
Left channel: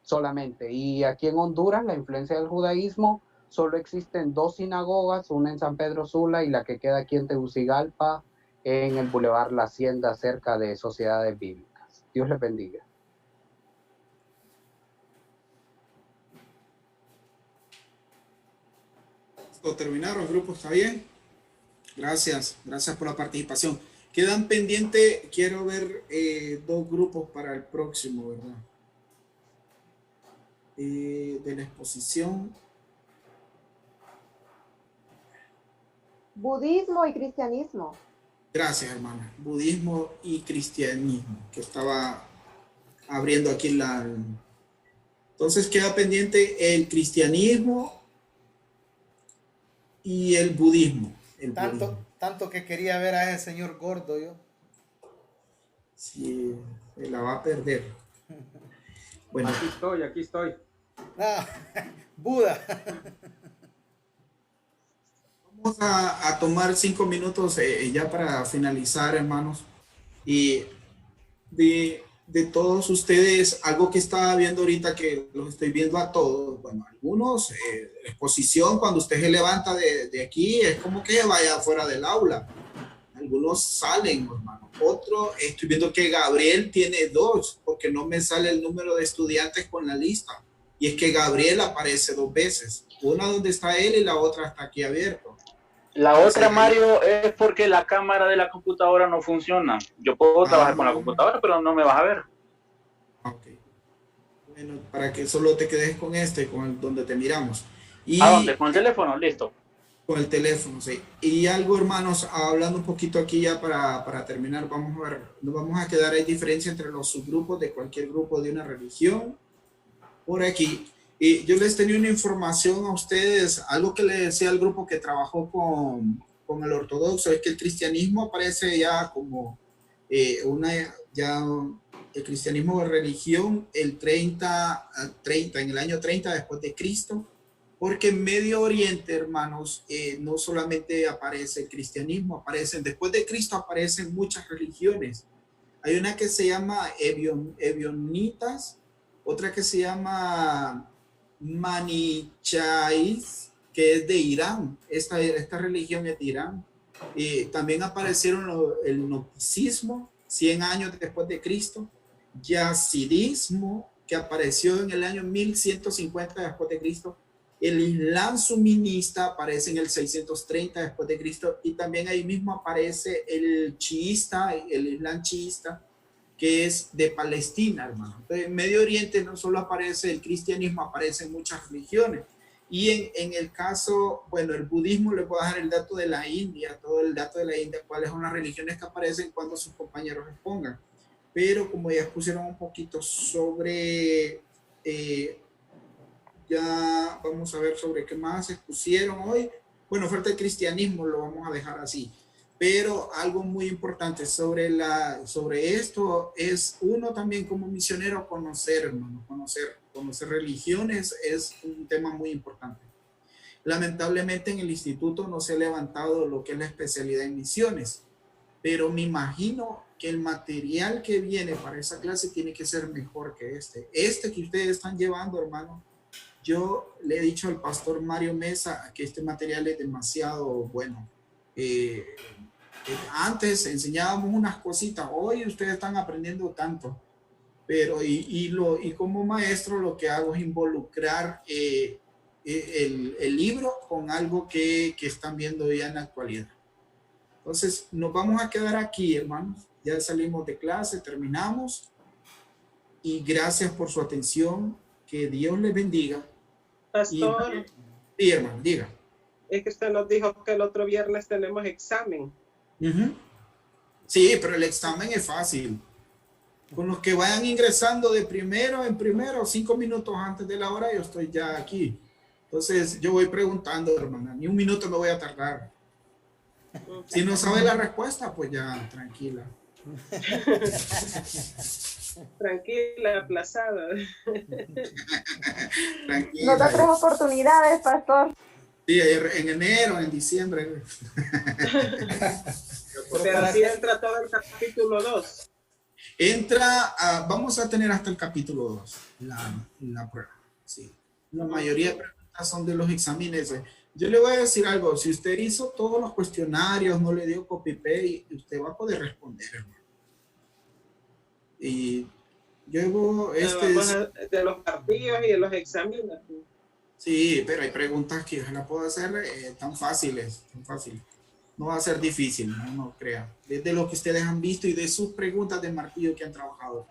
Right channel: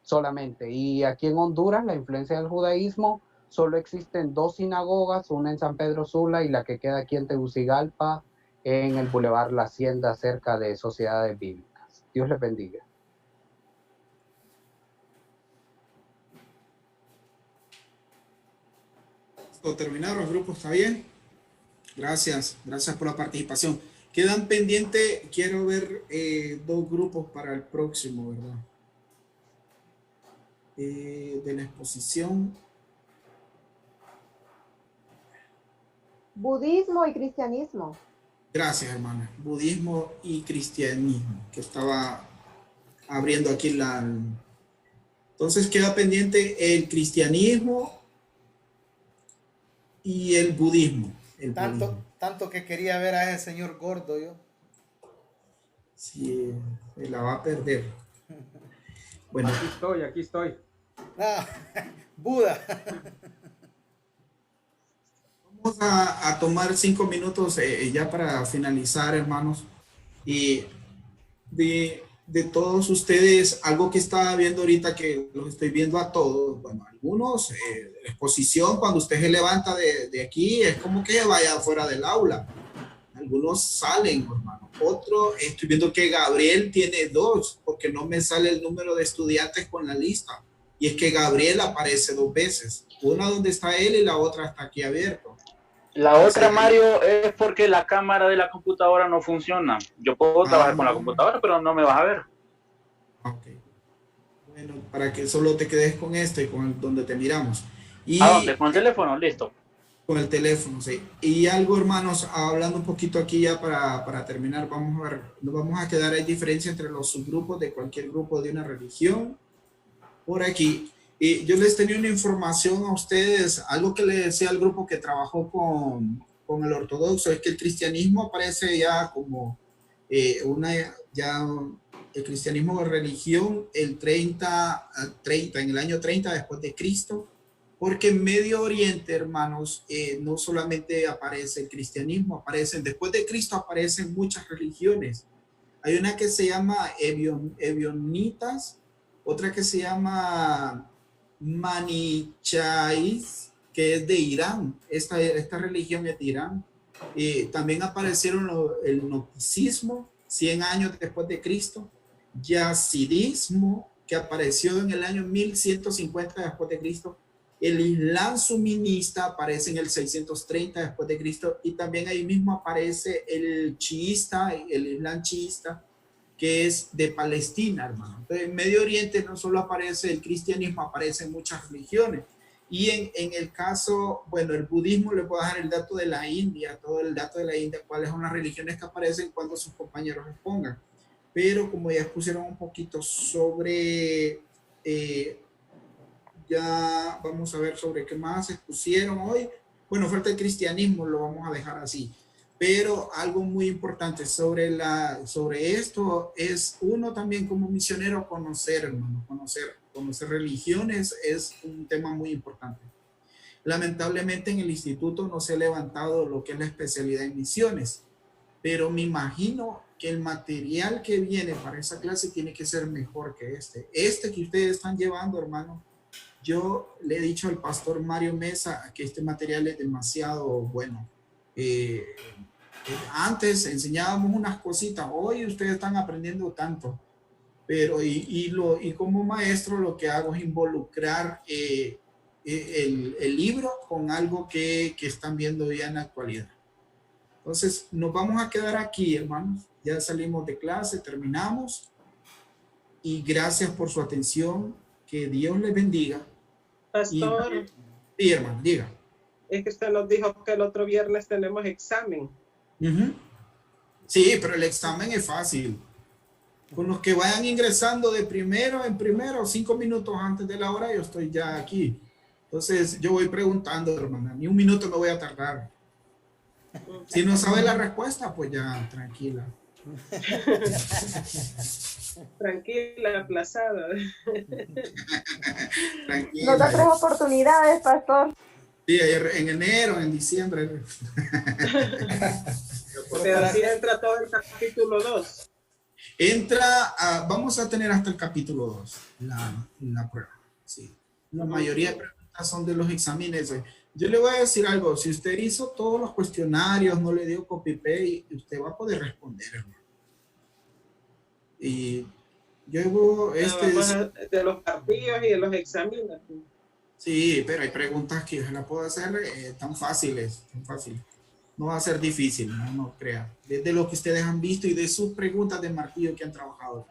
Solamente. Y aquí en Honduras, la influencia del judaísmo, solo existen 2 sinagogas, una en San Pedro Sula y la que queda aquí en Tegucigalpa, en el Boulevard La Hacienda, cerca de Sociedades Bíblicas. Dios les bendiga. Terminar los grupos, ¿está bien? Gracias por la participación. Quedan pendientes, quiero ver 2 grupos para el próximo, ¿verdad? De la exposición. Budismo y cristianismo. Gracias, hermana. Budismo y cristianismo, que estaba abriendo aquí la... Entonces queda pendiente el cristianismo y el budismo. Tanto que quería ver a ese señor gordo yo. Sí, se la va a perder. Bueno. Aquí estoy. Ah, Buda. Vamos a tomar 5 minutos ya para finalizar, hermanos. Y de todos ustedes, algo que estaba viendo ahorita, que los estoy viendo a todos, bueno, algunos, la exposición, cuando usted se levanta de aquí, es como que vaya fuera del aula. Algunos salen, hermano. Otro, estoy viendo que Gabriel tiene 2, porque no me sale el número de estudiantes con la lista. Y es que Gabriel aparece 2 veces. Una donde está él y la otra está aquí abierto. La otra, Mario, es porque la cámara de la computadora no funciona. Yo puedo trabajar con la computadora, pero no me vas a ver. Ok. Bueno, para que solo te quedes con este, donde te miramos. Y ¿A dónde? ¿Con el teléfono? Listo. Con el teléfono, sí. Y algo, hermanos, hablando un poquito aquí ya para terminar, vamos a ver, nos vamos a quedar en diferencia entre los subgrupos de cualquier grupo de una religión. Por aquí. Y yo les tenía una información a ustedes, algo que le decía al grupo que trabajó con el ortodoxo, es que el cristianismo aparece ya como el cristianismo de religión el 30, en el año 30 después de Cristo, porque en Medio Oriente, hermanos, no solamente aparece el cristianismo, después de Cristo aparecen muchas religiones. Hay una que se llama Ebionitas, otra que se llama Manichaís, que es de Irán. Esta religión es de Irán. También aparecieron el gnosticismo 100 años después de Cristo, yazidismo, que apareció en el año 1150 después de Cristo, el Islam suminista aparece en el 630 después de Cristo, y también ahí mismo aparece el chiista, el Islam chiista, que es de Palestina, hermano. Entonces, en Medio Oriente no solo aparece el cristianismo, aparecen muchas religiones. Y en el caso, bueno, el budismo, le puedo dar el dato de la India, todo el dato de la India, cuáles son las religiones que aparecen cuando sus compañeros expongan. Pero como ya expusieron un poquito sobre, ya vamos a ver sobre qué más expusieron hoy. Bueno, falta el cristianismo, lo vamos a dejar así. Pero algo muy importante sobre esto es uno también como misionero conocer, hermano, conocer religiones es un tema muy importante. Lamentablemente en el instituto no se ha levantado lo que es la especialidad en misiones, pero me imagino que el material que viene para esa clase tiene que ser mejor que este. Este que ustedes están llevando, hermano, yo le he dicho al pastor Mario Mesa que este material es demasiado bueno. Antes enseñábamos unas cositas, hoy ustedes están aprendiendo tanto, pero y como maestro lo que hago es involucrar el libro con algo que están viendo ya en la actualidad. Entonces nos vamos a quedar aquí, hermanos. Ya salimos de clase, terminamos, y gracias por su atención. Que Dios les bendiga. Pastor, sí, hermano, diga. Es que usted nos dijo que el otro viernes tenemos examen. Sí, pero el examen es fácil. Con los que vayan ingresando de primero en primero, 5 minutos antes de la hora, yo estoy ya aquí. Entonces yo voy preguntando, hermana, ni un minuto me voy a tardar. Si no sabe la respuesta, pues ya, tranquila. Tranquila, aplazada. Nos da 3 oportunidades, pastor. Sí, en enero, en diciembre. Pero si entra todo el capítulo 2. Vamos a tener hasta el capítulo 2, la prueba. Sí. La mayoría de preguntas son de los exámenes. Yo le voy a decir algo, si usted hizo todos los cuestionarios, no le dio copy-paste, usted va a poder responder, hermano. Y yo de los partidos y de los exámenes. Sí, pero hay preguntas que yo la puedo hacer tan fáciles, tan fácil. No va a ser difícil, no crean. Desde lo que ustedes han visto y de sus preguntas de martillo que han trabajado.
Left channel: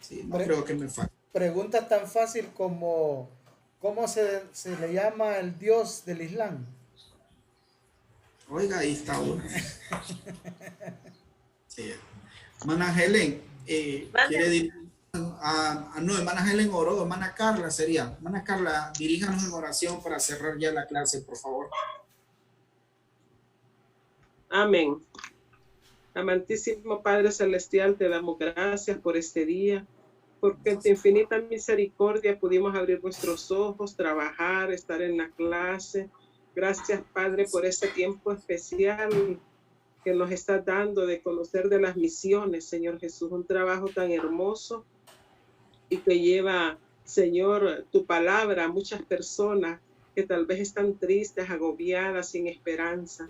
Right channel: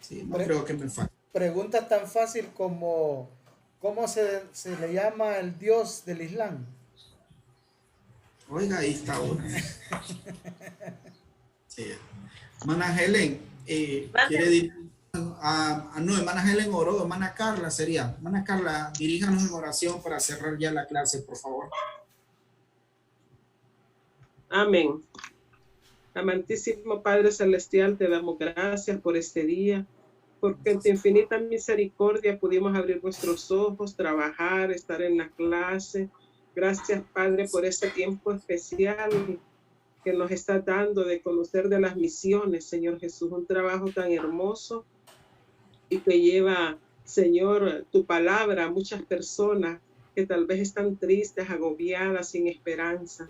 Sí, no creo que me falte. Pregunta tan fácil como ¿cómo se le llama el Dios del Islam? Oiga, ahí está uno. Sí. Hermana Helen, quiere decir, no, hermana Helen oró, hermana Carla sería. Hermana Carla, diríjanos en oración para cerrar ya la clase, por favor. Amén. Amantísimo Padre Celestial, te damos gracias por este día, porque en tu infinita misericordia pudimos abrir nuestros ojos, trabajar, estar en la clase. Gracias, Padre, por este tiempo especial que nos está dando de conocer de las misiones, Señor Jesús, un trabajo tan hermoso y que lleva, Señor, tu palabra a muchas personas que tal vez están tristes, agobiadas, sin esperanza.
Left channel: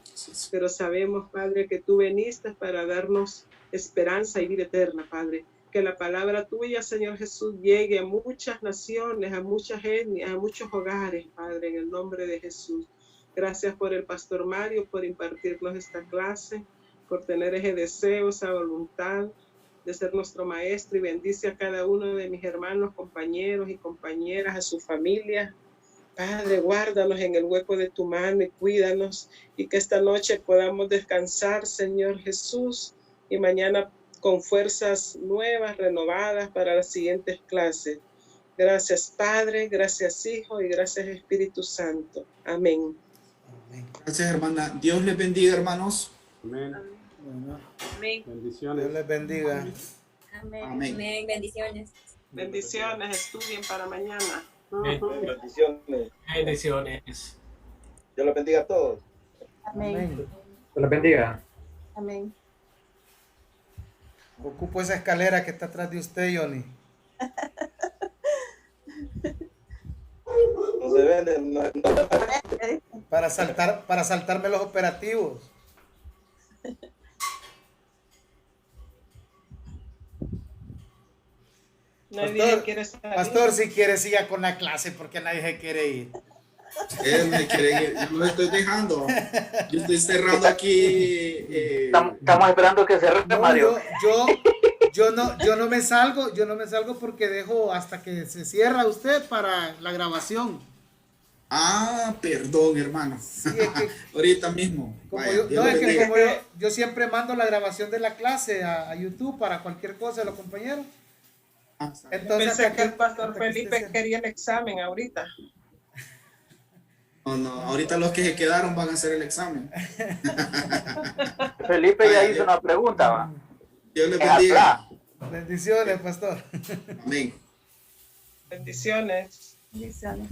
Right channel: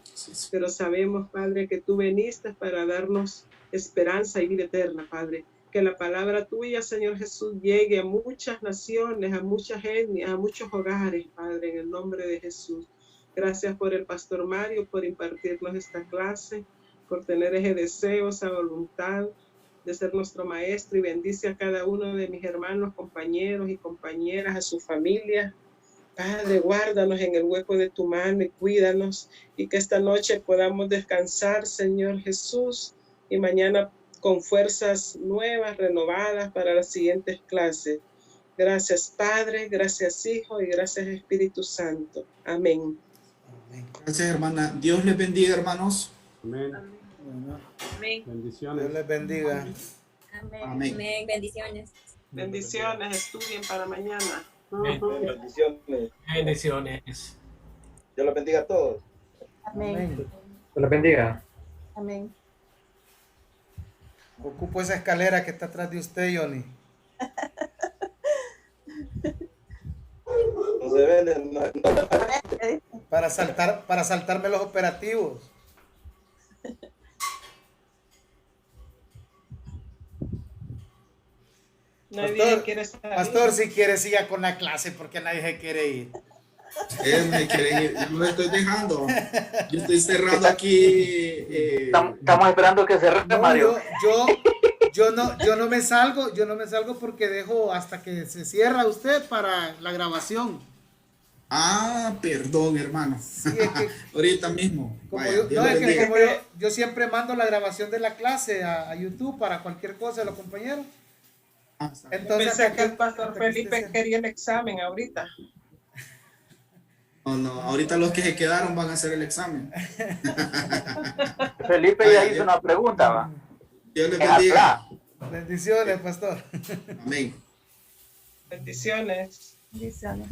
Pero sabemos, Padre, que tú viniste para darnos esperanza y vida eterna, Padre. Que la palabra tuya, Señor Jesús, llegue a muchas naciones, a muchas etnias, a muchos hogares, Padre, en el nombre de Jesús. Gracias por el pastor Mario, por impartirnos esta clase, por tener ese deseo, esa voluntad de ser nuestro maestro, y bendice a cada uno de mis hermanos, compañeros y compañeras, a su familia. Padre, guárdanos en el hueco de tu mano y cuídanos, y que esta noche podamos descansar, Señor Jesús, y mañana con fuerzas nuevas, renovadas para las siguientes clases. Gracias, Padre, gracias, Hijo, y gracias, Espíritu Santo. Amén. Gracias, hermana. Dios les bendiga, hermanos. Amén. Amén. Bendiciones. Dios les bendiga. Amén. Amén. Amén. Bendiciones. Bendiciones, estudien para mañana. Bendiciones. Bendiciones. Dios los bendiga a todos. Amén. Dios los bendiga. Amén. Ocupo esa escalera que está atrás de usted, Johnny. No se vende, no. Para saltarme los operativos. Pastor, si quiere siga con la clase porque nadie se quiere ir. Me quiere ir. Yo lo estoy dejando. Yo estoy cerrando aquí. Estamos esperando que cerre, no, Mario. Yo no me salgo porque dejo hasta que se cierra usted para la grabación. Perdón, hermano. Sí, es que ahorita mismo. Yo siempre mando la grabación de la clase a YouTube para cualquier cosa de los compañeros. Entonces, pensé que el pastor Felipe quería el examen ahorita. No, ahorita los que se quedaron van a hacer el examen. Felipe ya hizo una pregunta, ¿va? Dios les bendiga. Bendiciones, pastor. Amén. Bendiciones. Bendiciones.